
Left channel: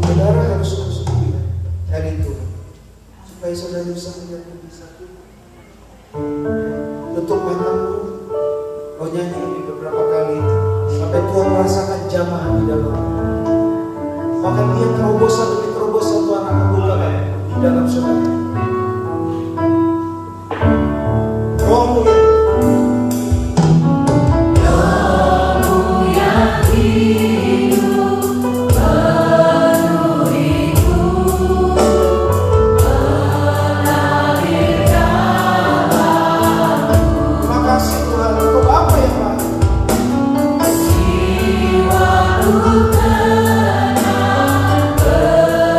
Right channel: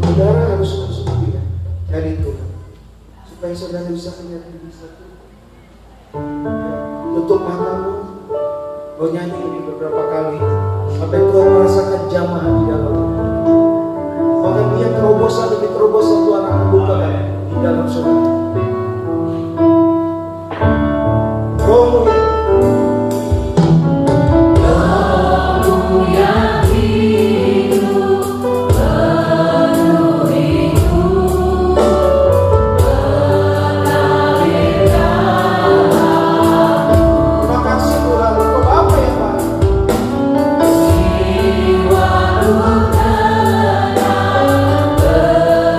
Saudara harus sungguh-sungguh cari Tuhan supaya saudara bisa melihat mujizat Tuhan. Tutup matamu, kau nyanyi ini beberapa kali sampai Tuhan merasakan jamaah di dalam. Maka dia terobosan demi terobosan Tuhan akan bukakan di dalam saudara. Rohmu Rohmu yang hidup penuhiku, mengalir dalamku. terima kasih Tuhan untuk apa yang baik. Jiwaku tenang bersamamu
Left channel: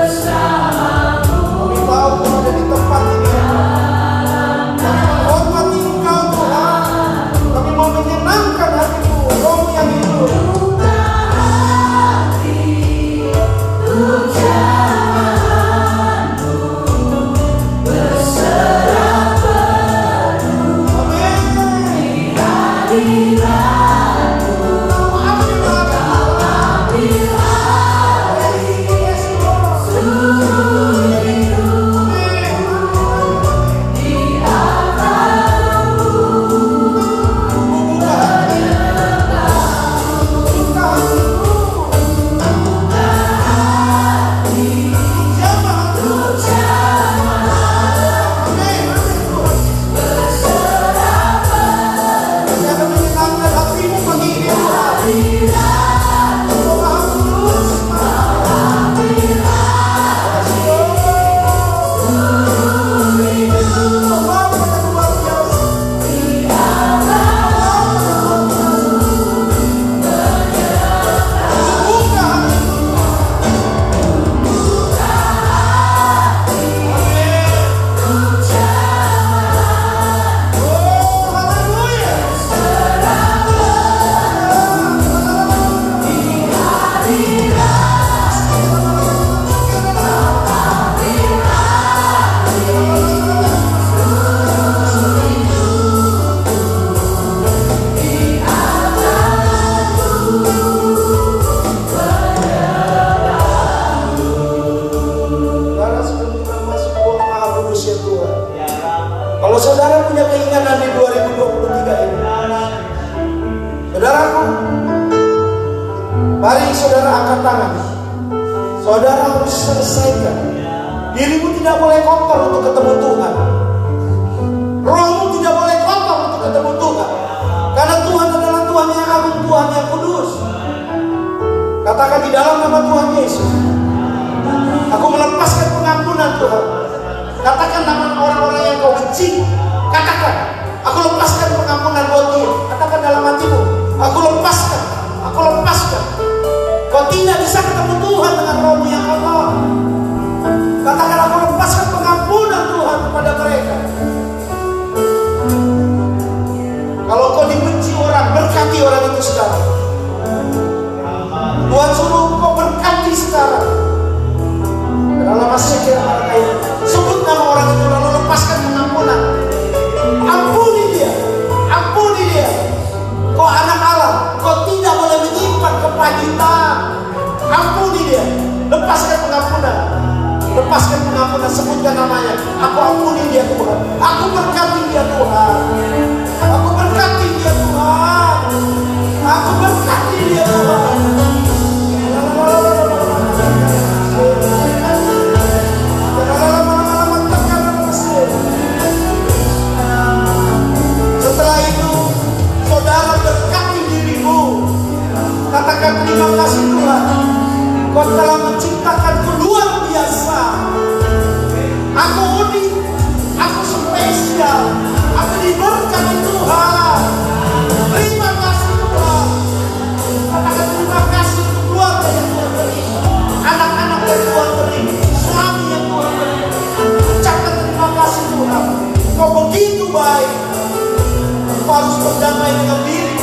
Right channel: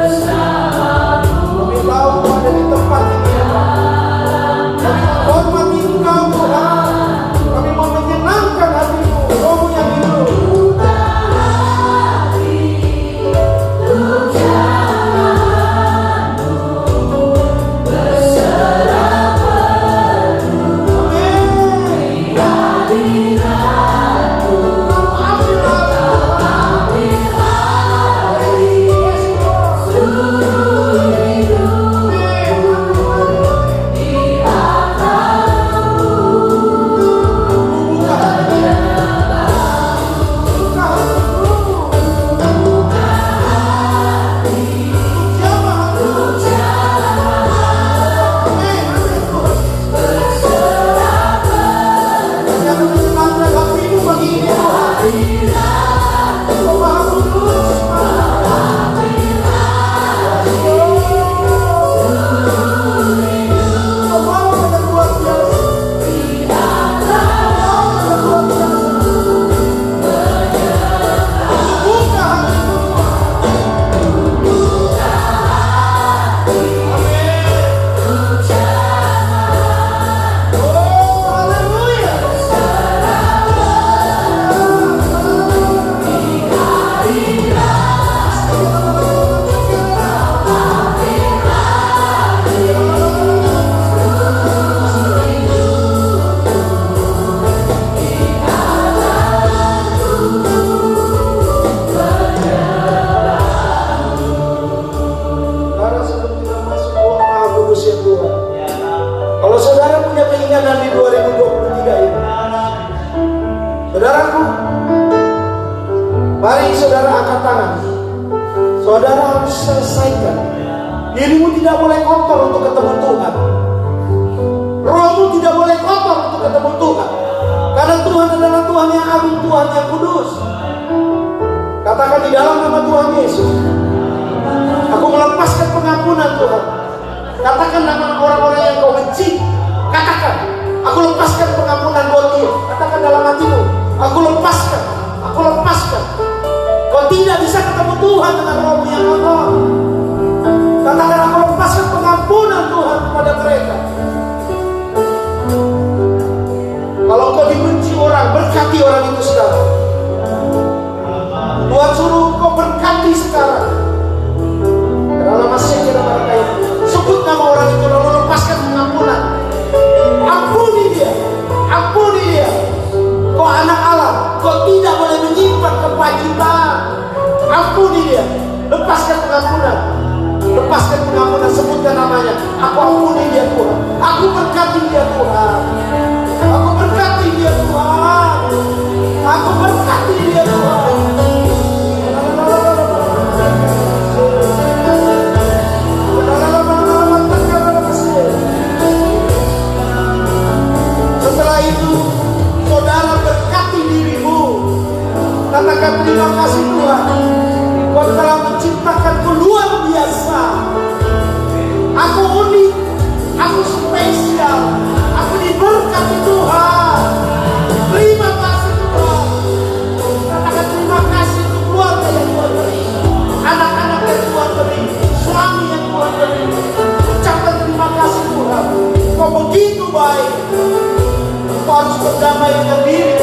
berdamai dengan diri.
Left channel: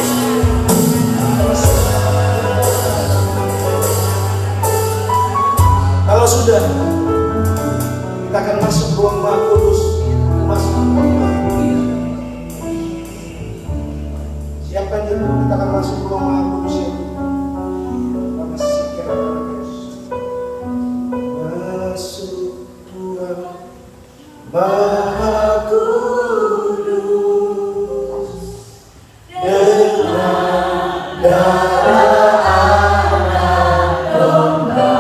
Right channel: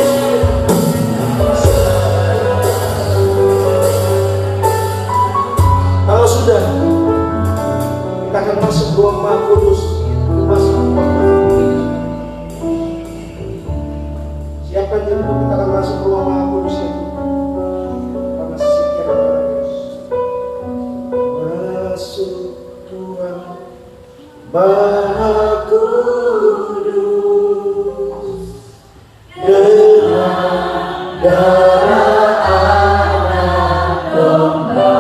Kalau sudah, kita akan masuk ruang Maha Kudus. Siapkan diri, kita akan masuk ruang Maha Kudus ya. Kita masih sikir. Masuk Tuhan Maha Kudus dengan darah anak domba.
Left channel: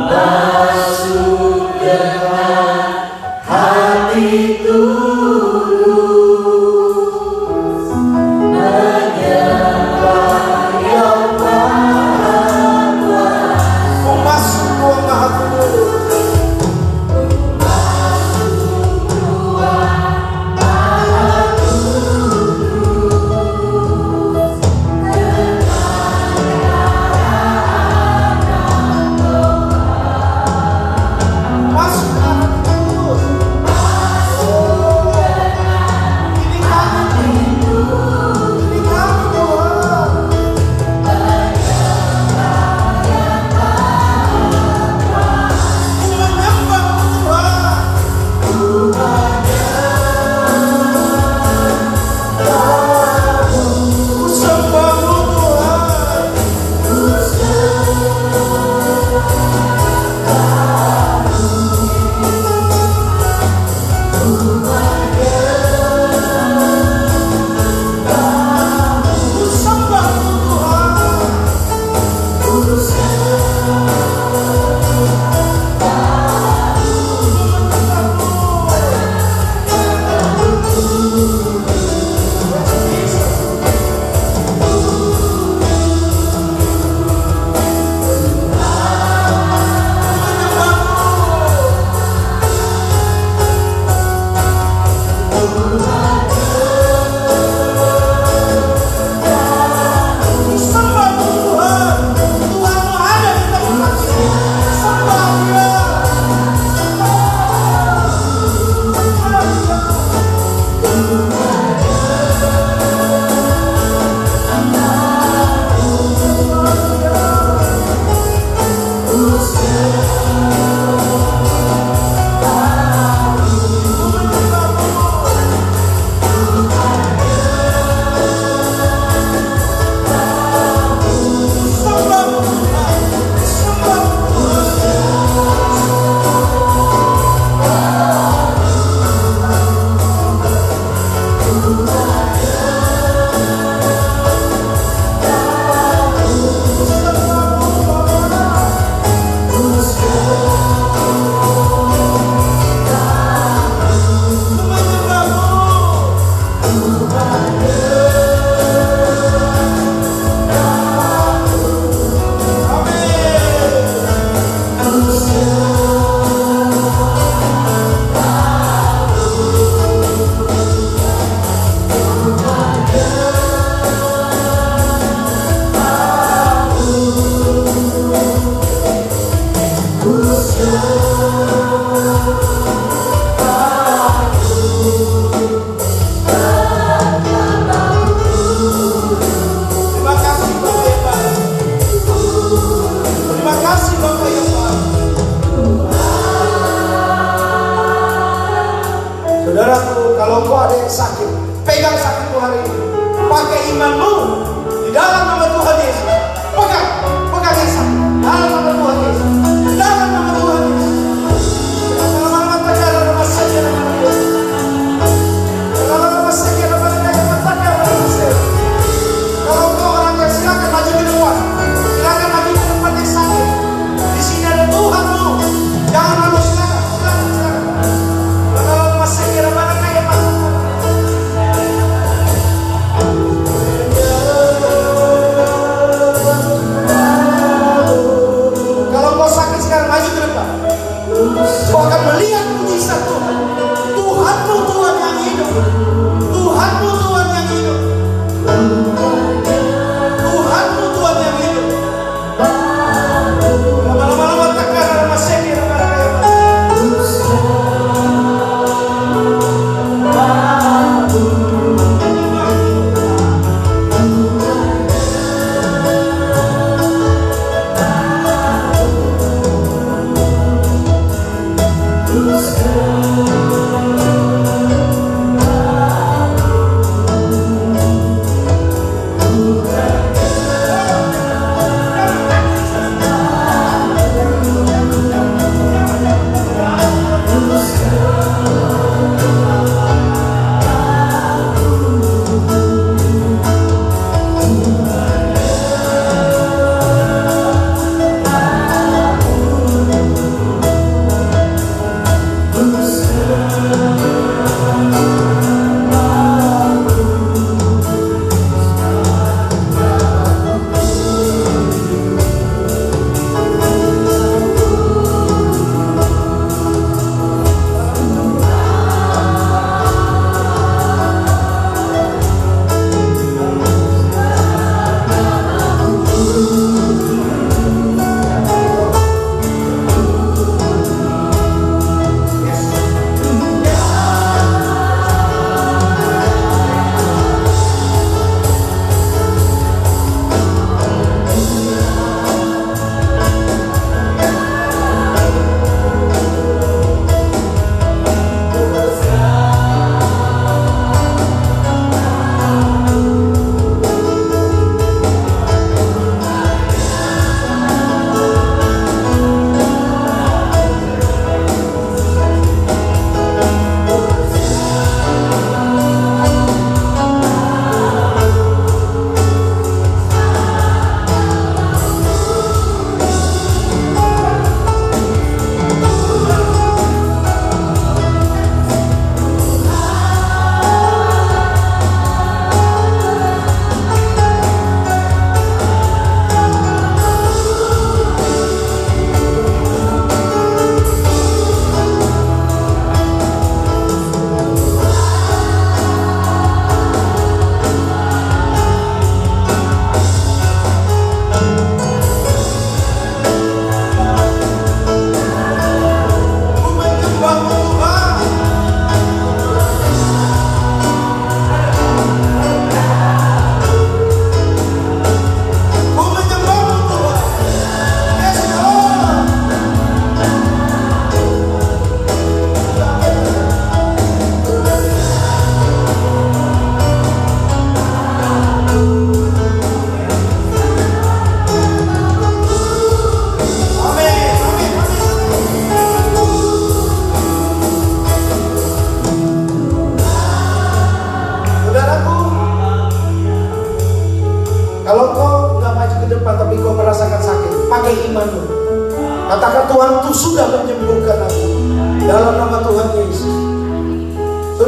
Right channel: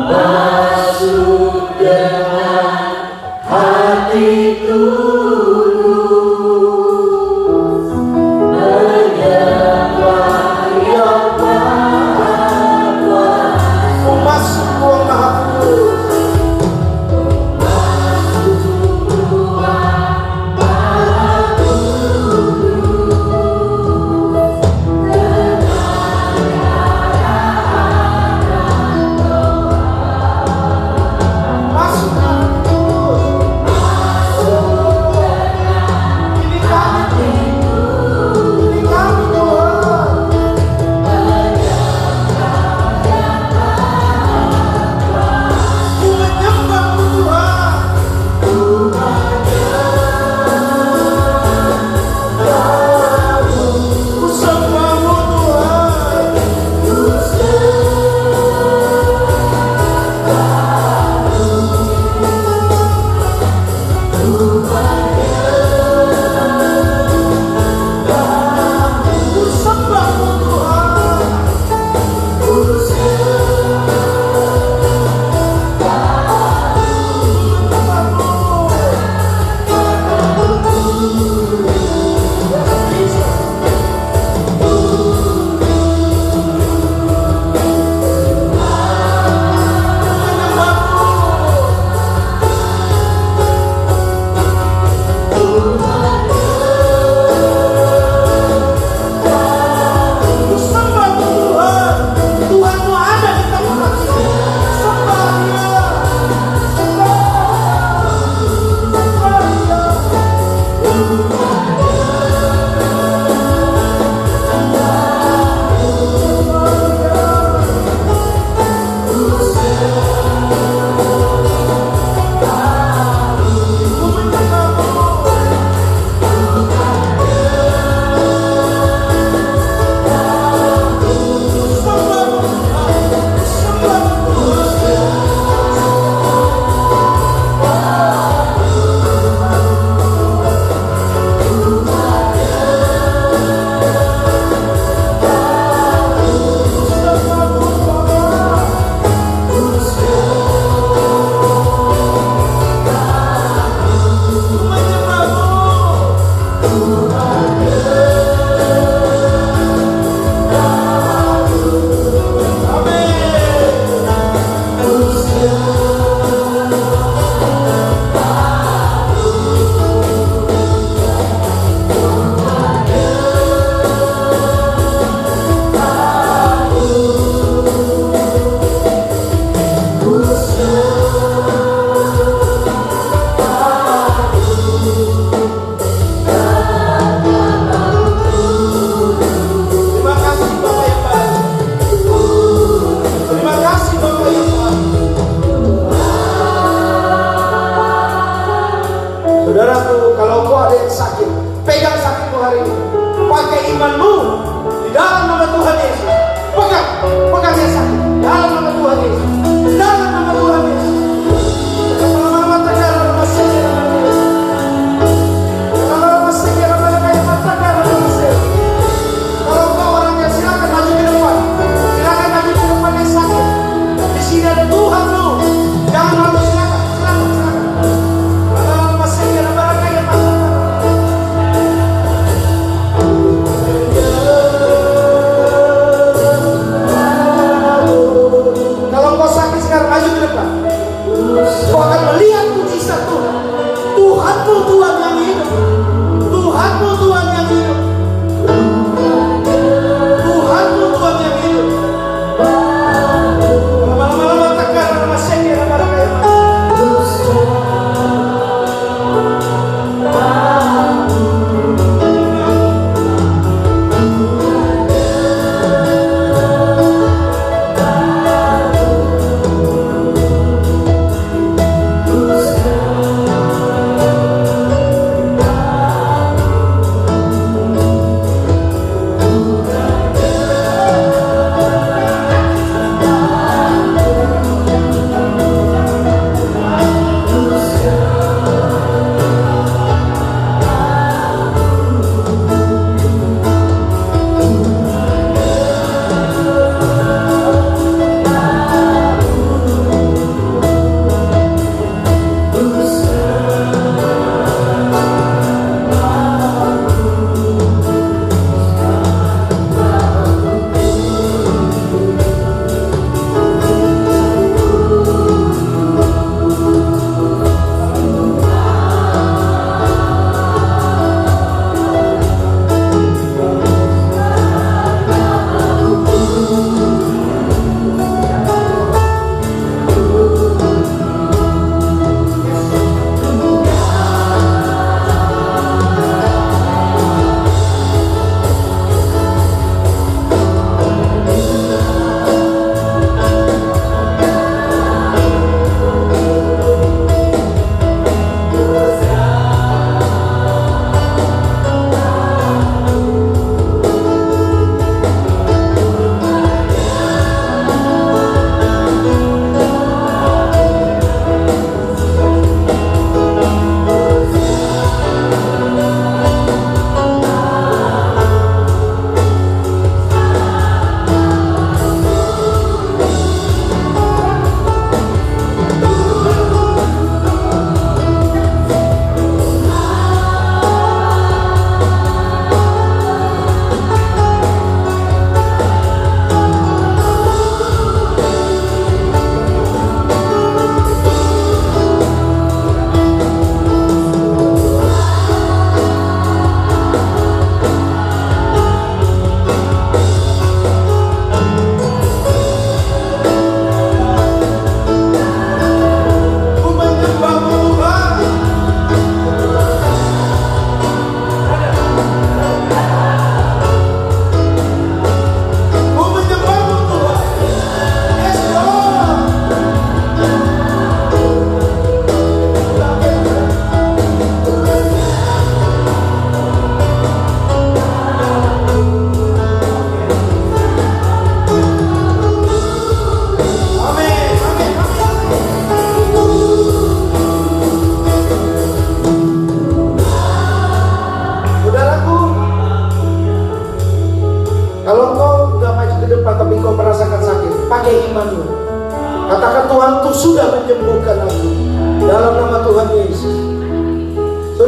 Masuk dengan hati tulus menyembah yang Maha Kuasa. Masuk ruang Maha Kudus.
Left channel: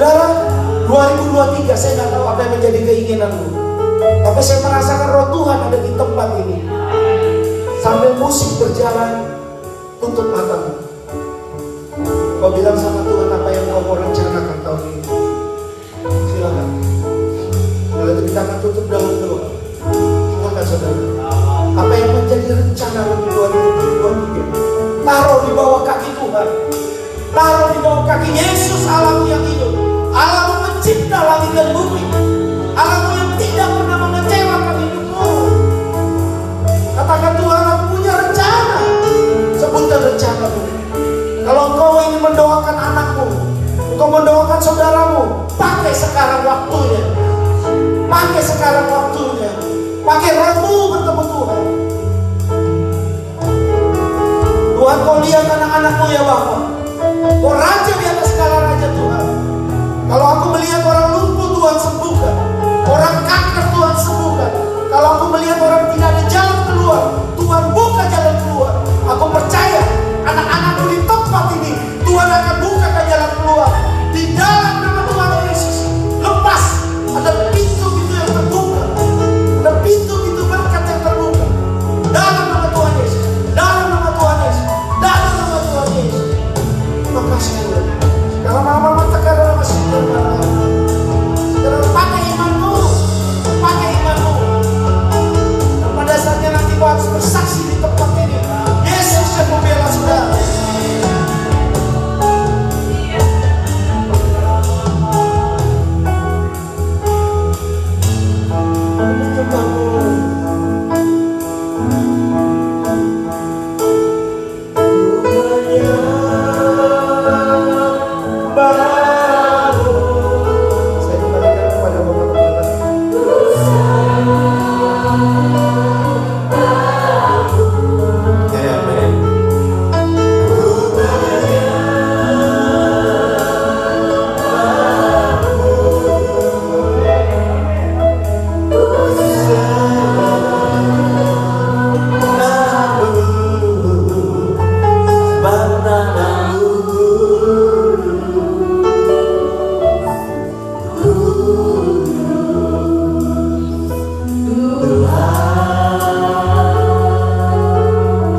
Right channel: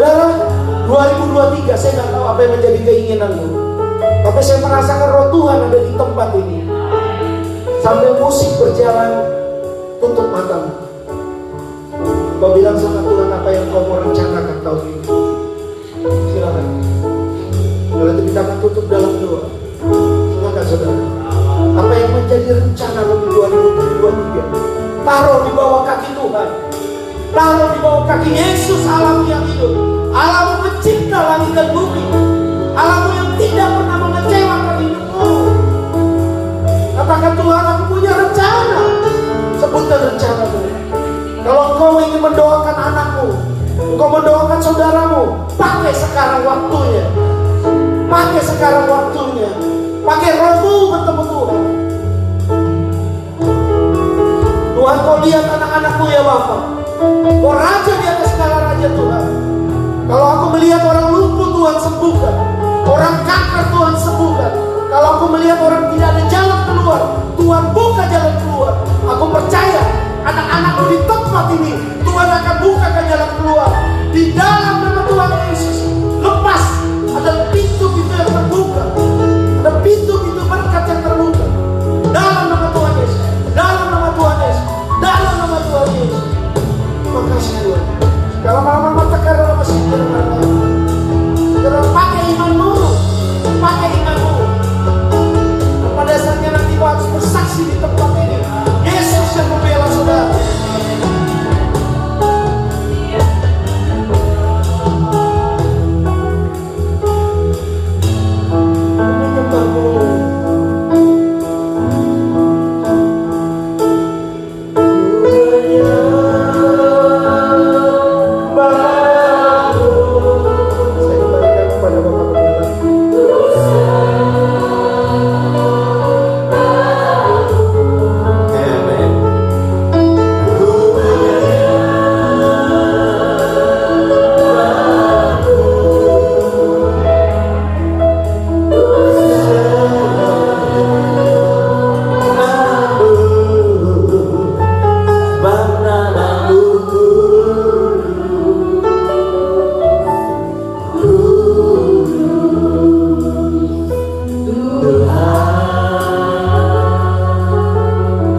Saudara, 2023 saya nggak tahu apa yang menjadi keinginanmu, tapi saya merasakan roh Tuhan ada di tempat ini. Sambil musik berjalan, tutup matamu. Kau bilang sama Tuhan apa yang kau mau rencanakan tahun ini. Silakan. Kalau kita akan tutup dalam doa. Silakan saudara. Apa yang menjadi rencana di 2023? Taruh di bawah kaki Tuhan. Taruh di bawah kaki Yesus, Allah yang hidup, Allah pencipta langit dan bumi, Allah yang tidak pernah mengecewakan hidupmu. Katakan, Tuhan, aku punya rencana. Sebutkan rencanamu. Kalau engkau ingin mendoakan anakmu, engkau mendoakan saudaramu, pakai sekarang waktunya. Pakai sekarang waktunya. Pakai rohmu bertemu Tuhan. Tuhan, kau lihat anak-anakmu ya Bapak. Oh raja di atas segala raja Tuhan. Kalau aku melihat orang lumpuh, Tuhan sembuhkan. Orang kanker, Tuhan sembuhkan. Kalau aku melihat orang tidak ada jalan keluar, Tuhan buka jalan keluar. Aku percaya anak-anakku di tempat ini, Tuhan akan buka jalan keluar. Di dalam nama Tuhan Yesus, lepas ada pintu-pintu yang terbuka, ada pintu-pintu berkat yang terbuka. Dalam nama Tuhan Yesus, dalam nama Tuhan Yesus, dalam nama Tuhan Yesus. Terima kasih Tuhan. Kalau malam-malam tekan dalam masjid Tuhan, pakai imanmu, pakai imanmu. Pada saatnya nanti kau harus bersaksi di tempat ini. Yesus yang membela saudara.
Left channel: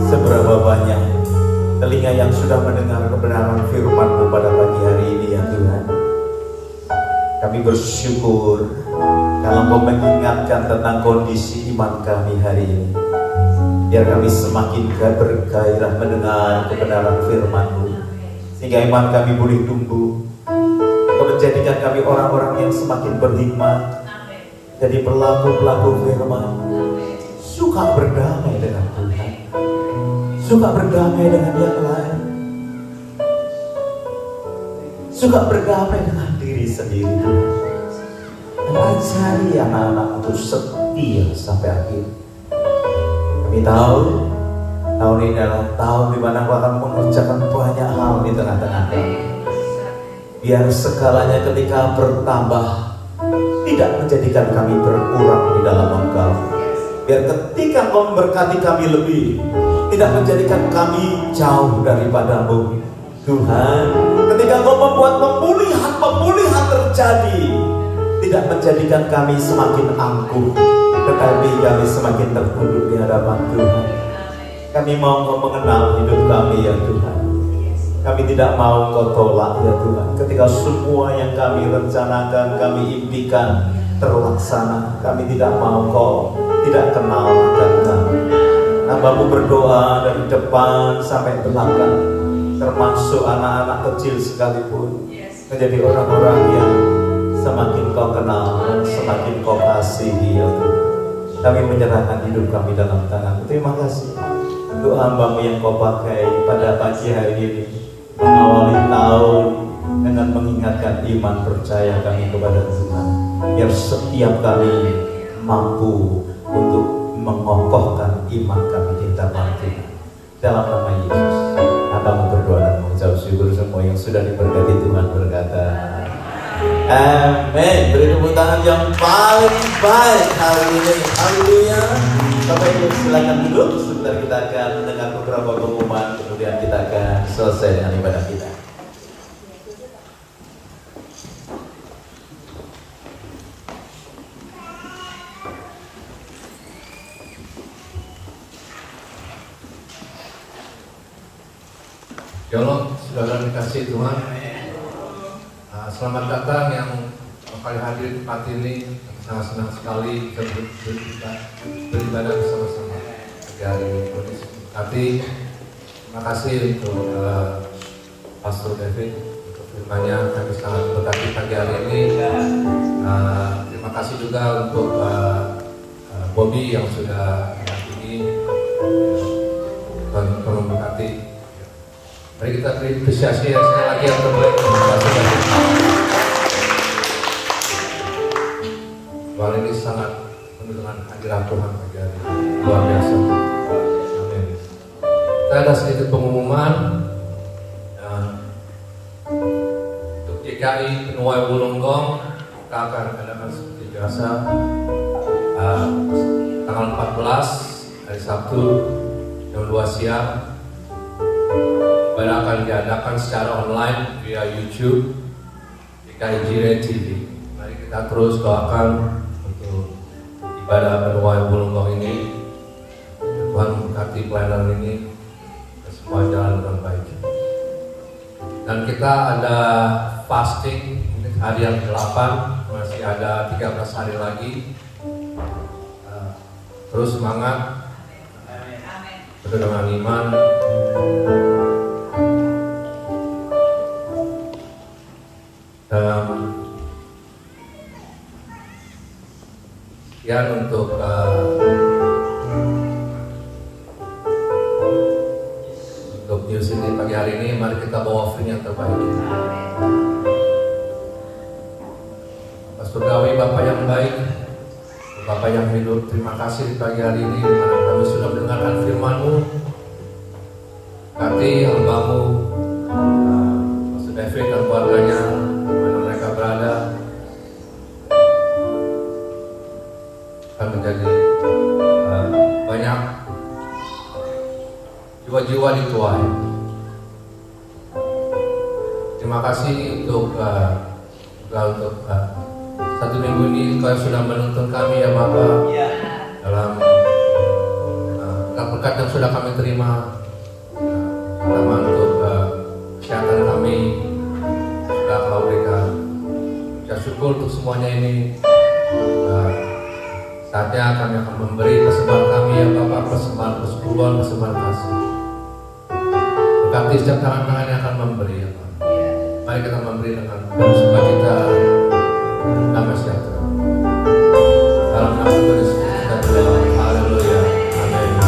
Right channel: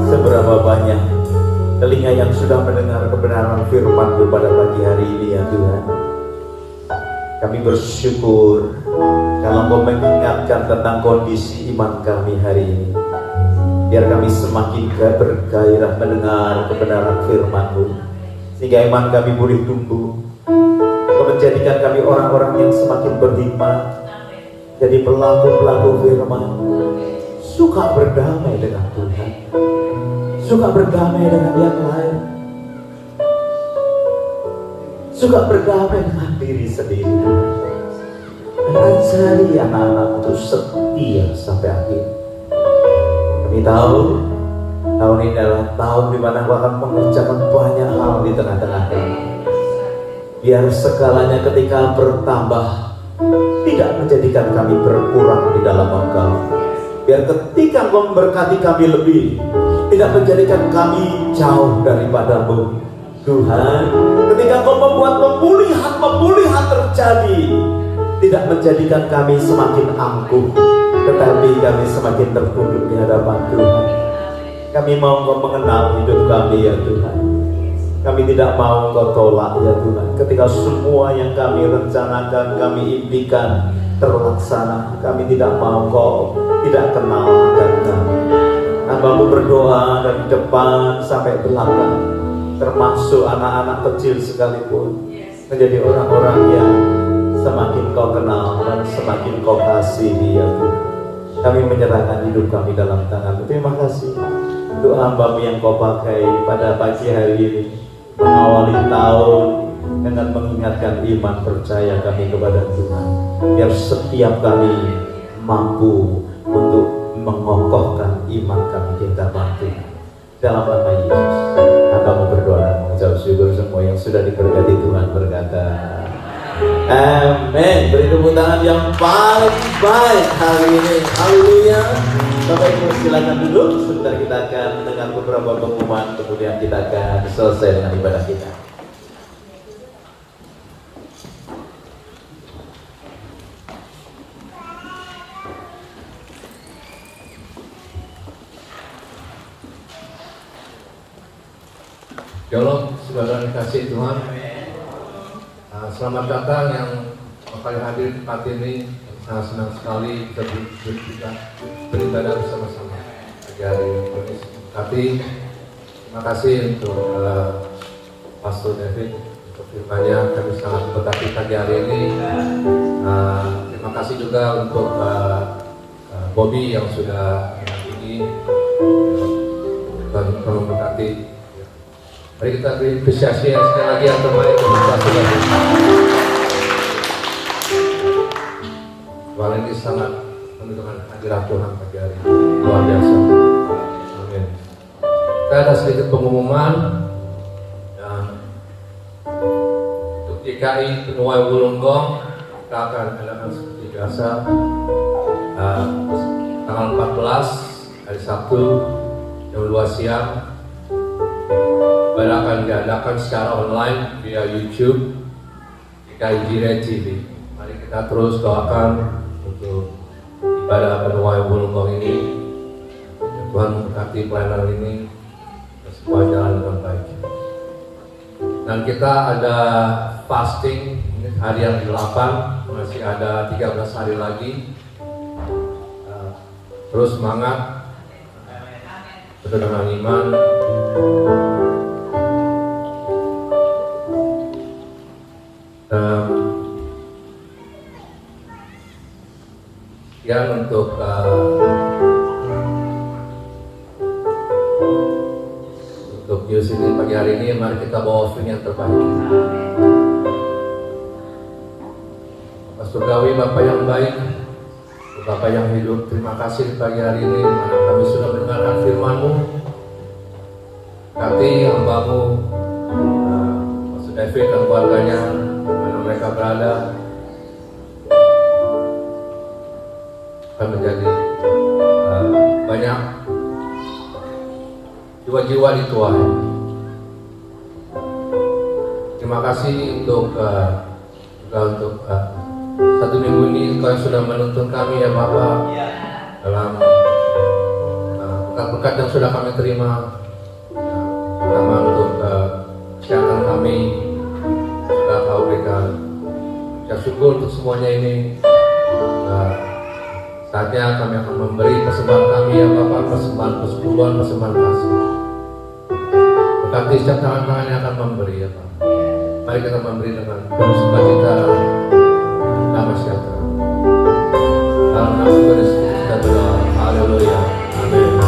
Seberapa banyak telinga yang sudah mendengar kebenaran firman-Mu pada pagi hari ini ya Tuhan. Kami bersyukur kalau Engkau mengingatkan tentang kondisi iman kami hari ini. Biar kami semakin bergairah mendengar kebenaran firman-Mu, sehingga iman kami boleh tumbuh. Engkau menjadikan kami orang-orang yang semakin berhikmat, jadi pelaku-pelaku firman, suka berdamai dengan Tuhan, suka berdamai dengan yang lain, suka berdamai dengan diri sendiri. Ajari anak-anak untuk setia sampai akhir. Kami tahu tahun ini adalah tahun di mana Kau akan mengerjakan banyak hal di tengah-tengah kami. Biar segalanya ketika bertambah tidak menjadikan kami berkurang di dalam Engkau. Biar ketika Kau memberkati kami lebih, tidak menjadikan kami jauh daripada-Mu. Tuhan, ketika Kau membuat pemulihan terjadi, tidak menjadikan kami semakin angkuh, tetapi kami semakin tertunduk di hadapan Tuhan. Kami mau Kau mengenal hidup kami ya Tuhan. Kami tidak mau Kau tolak ya Tuhan. Ketika semua yang kami rencanakan, kami impikan terlaksana, kami tidak mau Kau tidak kenal akan kami. Hamba-Mu berdoa dari depan sampai belakang, termasuk anak-anak kecil sekalipun, menjadi orang-orang yang semakin Kau kenal, semakin Kau kasihi ya Tuhan. Kami menyerahkan hidup kami dalam tangan. Terima kasih untuk hamba-Mu yang Kau pakai pada pagi hari ini, mengawali tahun dengan mengingatkan iman percaya kami kepada Tuhan. Biar setiap kali mampu untuk mengokohkan iman kami, kita bantu. Dalam nama Yesus, hamba-Mu berdoa dan mengucap syukur. Semua yang sudah diberkati Tuhan berkata amin. Beri tepuk tangan yang paling baik hari ini. Haleluya. Bapak Ibu silakan duduk. Sebentar kita akan mendengar beberapa pengumuman, kemudian kita akan selesai dengan ibadah kita. Shalom, saudara dikasih Tuhan. Selamat datang yang kali hadir di tempat ini. Sangat senang sekali bisa beribadah bersama-sama pagi hari ini. Terima kasih untuk Pastor David untuk firman-Nya. Kami sangat berkati pagi hari ini. Terima kasih juga untuk Bobby yang sudah ini memberkati. Mari kita beri apresiasi sekali lagi yang terbaik untuk Pastor. Tuhan ini sangat menunjukkan hadirat Tuhan pagi hari ini. Luar biasa. Amin. Kita ada sedikit pengumuman untuk DKI Penuai Bulunggong. Kita akan adakan seperti biasa tanggal 14 hari Sabtu jam 2 siang. Ibadah akan diadakan secara online via YouTube DKI Jire TV. Mari kita terus doakan untuk ibadah Penuai Bulunggong ini. Tuhan memberkati pelayanan ini dan semua jalan dengan baik. Dan kita ada fasting, ini hari yang ke-8, masih ada 13 hari lagi. Terus semangat, dengan iman. Sekian untuk news ini pagi hari ini. Mari kita bawa firman yang terbaik. Bapak Surgawi, Bapak yang baik, Bapak yang hidup, terima kasih di pagi hari ini mana kami sudah mendengarkan firman-Mu. Berkati hamba-Mu Pastor David dan keluarganya dimana mereka berada, akan menjadi banyak jiwa-jiwa di Tuhan. Terima kasih untuk untuk satu minggu ini Tuhan sudah menuntun kami ya Bapak dalam berkat-berkat yang sudah kami terima, terutama untuk kesehatan kami sudah Kau berikan. Saya syukur untuk semuanya ini. Saatnya kami akan memberi persembahan kami ya Bapak, persembahan persepuluhan, persembahan kasih. Berkati setiap tangan-tangan yang akan memberi ya Bapak. Mari kita memberi dengan penuh sukacita, damai sejahtera. Dalam nama Tuhan Yesus kita berdoa. Haleluya. Amin.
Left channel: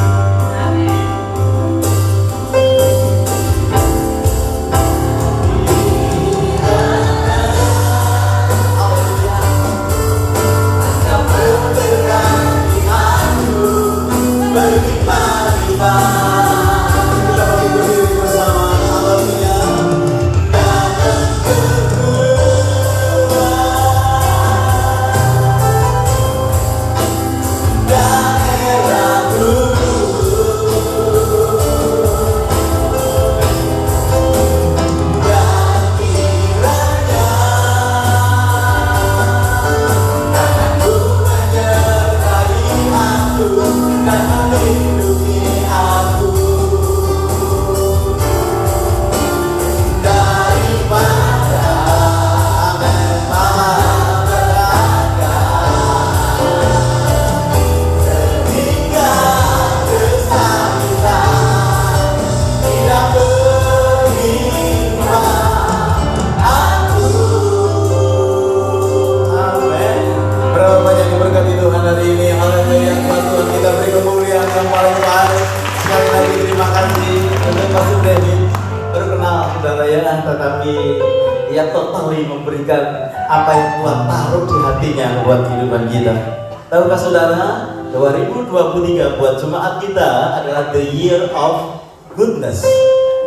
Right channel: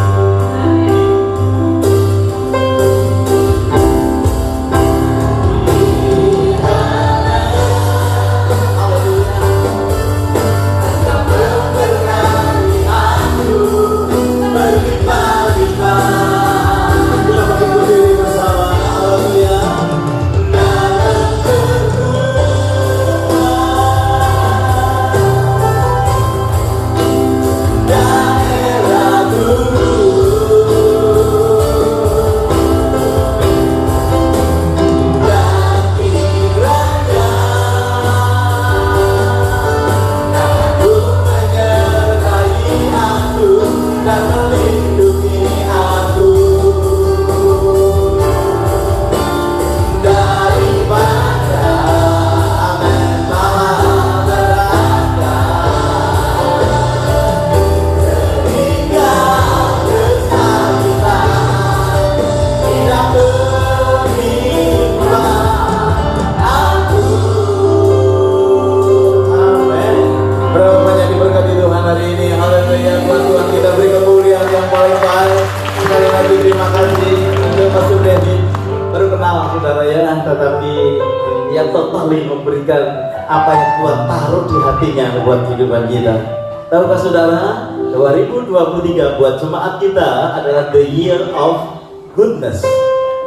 Tahukah saudara, 2023 buat jemaat kita adalah the year of goodness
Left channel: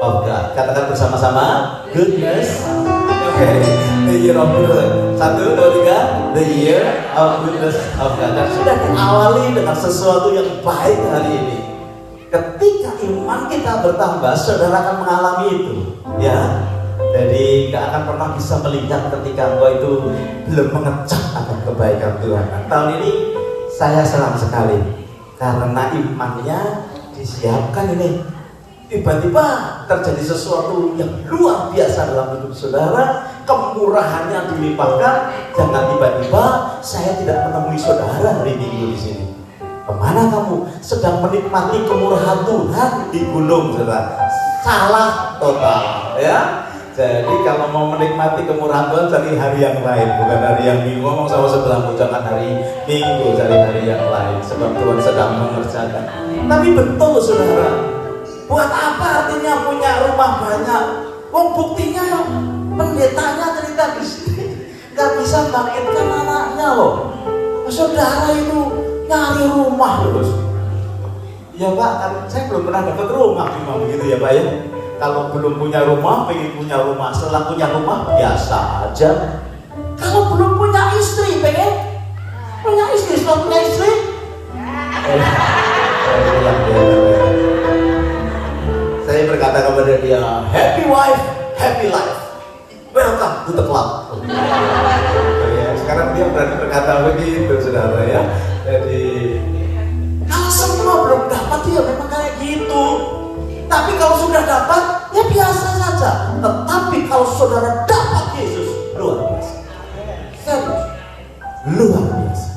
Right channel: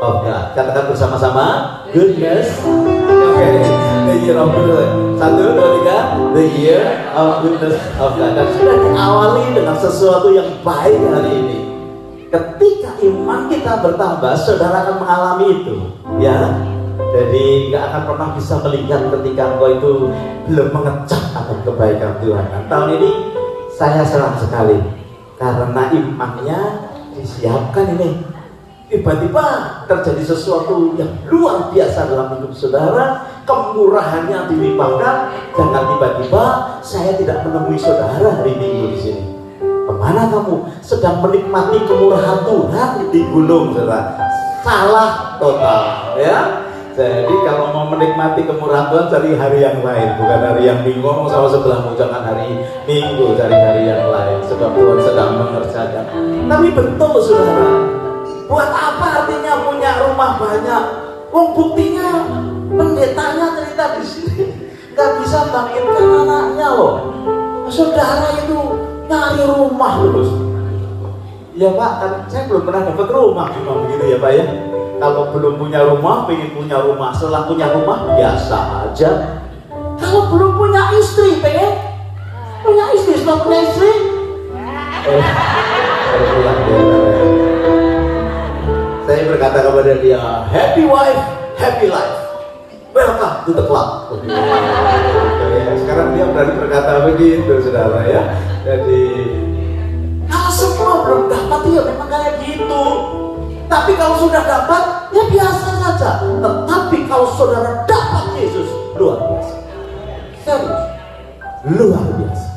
of God. Katakan bersama-sama, goodness. Oke, the year of goodness. 1, 2, 3, the year of goodness of God. Dan sudah diawali dengan sesuatu yang baik hari ini. Ketika iman kita bertambah, saudara akan mengalami itu, ya. Jadi nggak akan pernah bisa melihat ketika engkau itu belum mengecap akan kebaikan Tuhan. Nah, tahun ini saya senang sekali karena imannya disiapkan ini. Tiba-tiba terjadi sesuatu yang luar biasa dalam hidup saudara, kemurahannya dilimpahkan, jangan tiba-tiba saya tidak menemui saudara hari Minggu di sini. Kemana kamu? Sedang menikmati kemurahan Tuhan di gunung, saudara. Salah total, ya. Jadi kalau mau menikmati kemurahan Tuhan, cari hari yang lain, bukan hari yang Minggu. Ngomong sama sebelahmu, jangan hari Minggu, cari hari yang lain. Sebab Tuhan sedang mengerjakan. Tapi betul saudara, buat apa artinya punya rumah banyak? Buktinya pendetanya cerita di sini nggak bisa bangkitkan anaknya loh. Saudara itu nyari rumah terus. Ya Pak, saya belum pernah dapat rumah, memang begitu ya Pak ya. Kalau belum punya rumah, pengen punya rumah. Setelah punya rumah, biasa aja. Kalau belum punya istri, pengen punya istri. Setelah punya istri, saya berkata kepada dia, happy wife, happy life. Welcome to the club. Sekarang dia berani berkata begitu, saudara ya. Jadi, kalau semua belum dapat, ya memang kayak gitu. Tapi kalau sudah dapat, ya biasa saja. Tetapi kalau saudara dapat Yesus, luar biasa. Serius, luar biasa.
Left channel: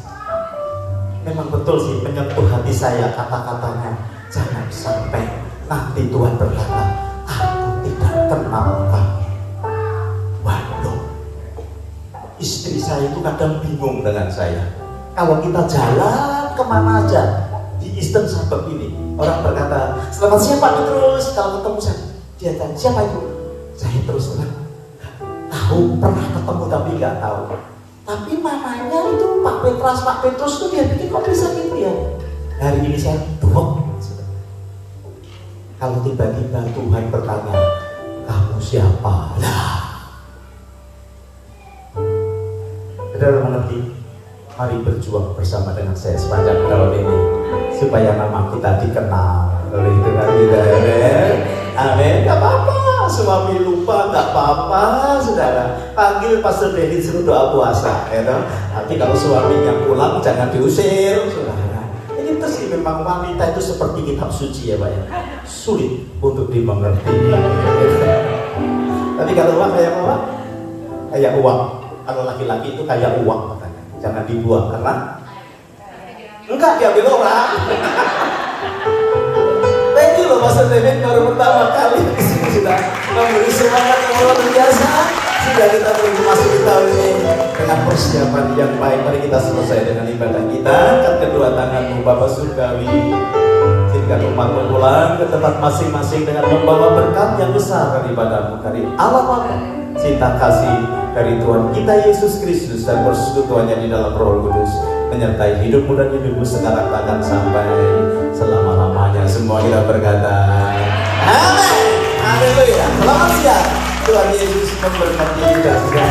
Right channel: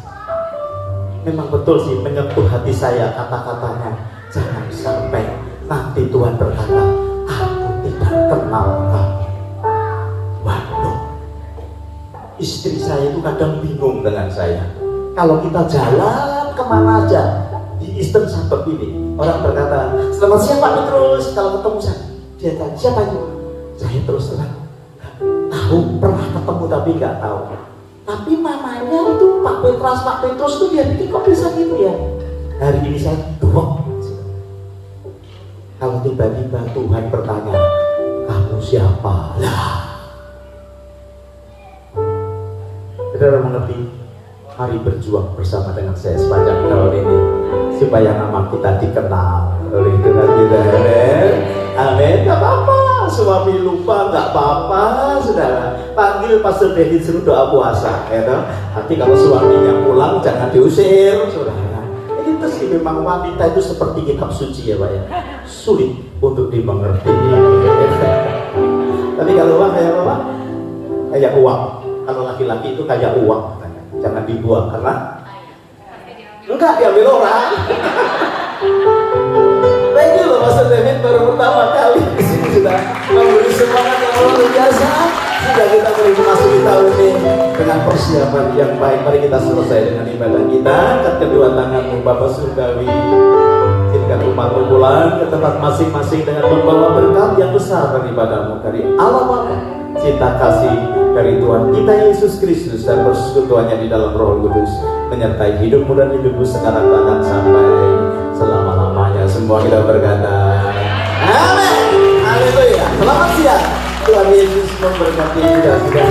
Memang betul sih menyentuh hati saya kata-katanya. Jangan sampai nanti Tuhan berkata, aku tidak kenal kamu. Waduh, istri saya itu kadang bingung dengan saya. Kalau kita jalan kemana aja di Eastern Suburb ini, orang berkata, selamat siang Pak Petrus. Kalau ketemu saya, dia tanya, siapa itu? Saya terus terang, tahu pernah ketemu tapi nggak tahu. Tapi namanya itu Pak Petrus tuh dia pikir kok bisa gitu ya. Hari ini saya doang. Kalau tiba-tiba Tuhan bertanya, kamu siapa? Saudara mengerti? Mari berjuang bersama dengan saya sepanjang tahun ini supaya nama kita dikenal oleh Tuhan kita. Amin. Gak apa-apa, suami lupa gak apa-apa, saudara. Panggil Pastor Denny suruh doa puasa, ya kan? Tapi kalau suaminya pulang jangan diusir, saudara. Ini terus memang wanita itu seperti kitab suci ya Pak ya. Sulit untuk dimengerti. Tapi kalau uang kayak apa? Kayak uang. Kalau laki-laki itu kayak uang. Jangan dibuang karena enggak diambil orang. Nah itu loh Pastor David baru pertama kali sudah memberi semangat yang luar biasa. Sudah kita memasuki tahun ini dengan persiapan yang baik. Mari kita selesai dengan ibadah kita. Angkat kedua tanganmu Bapak Surgawi. Izinkan umatmu pulang ke tempat masing-masing dengan membawa berkat yang besar daripadamu dari Allah Bapa, cinta kasih dari Tuhan kita Yesus Kristus dan persekutuannya di dalam Roh Kudus menyertai hidupmu dan hidupmu sekarang bahkan sampai selama-lamanya. Semua kita berkata amin. Haleluya. Selamat siang. Tuhan Yesus memberkati kita semua.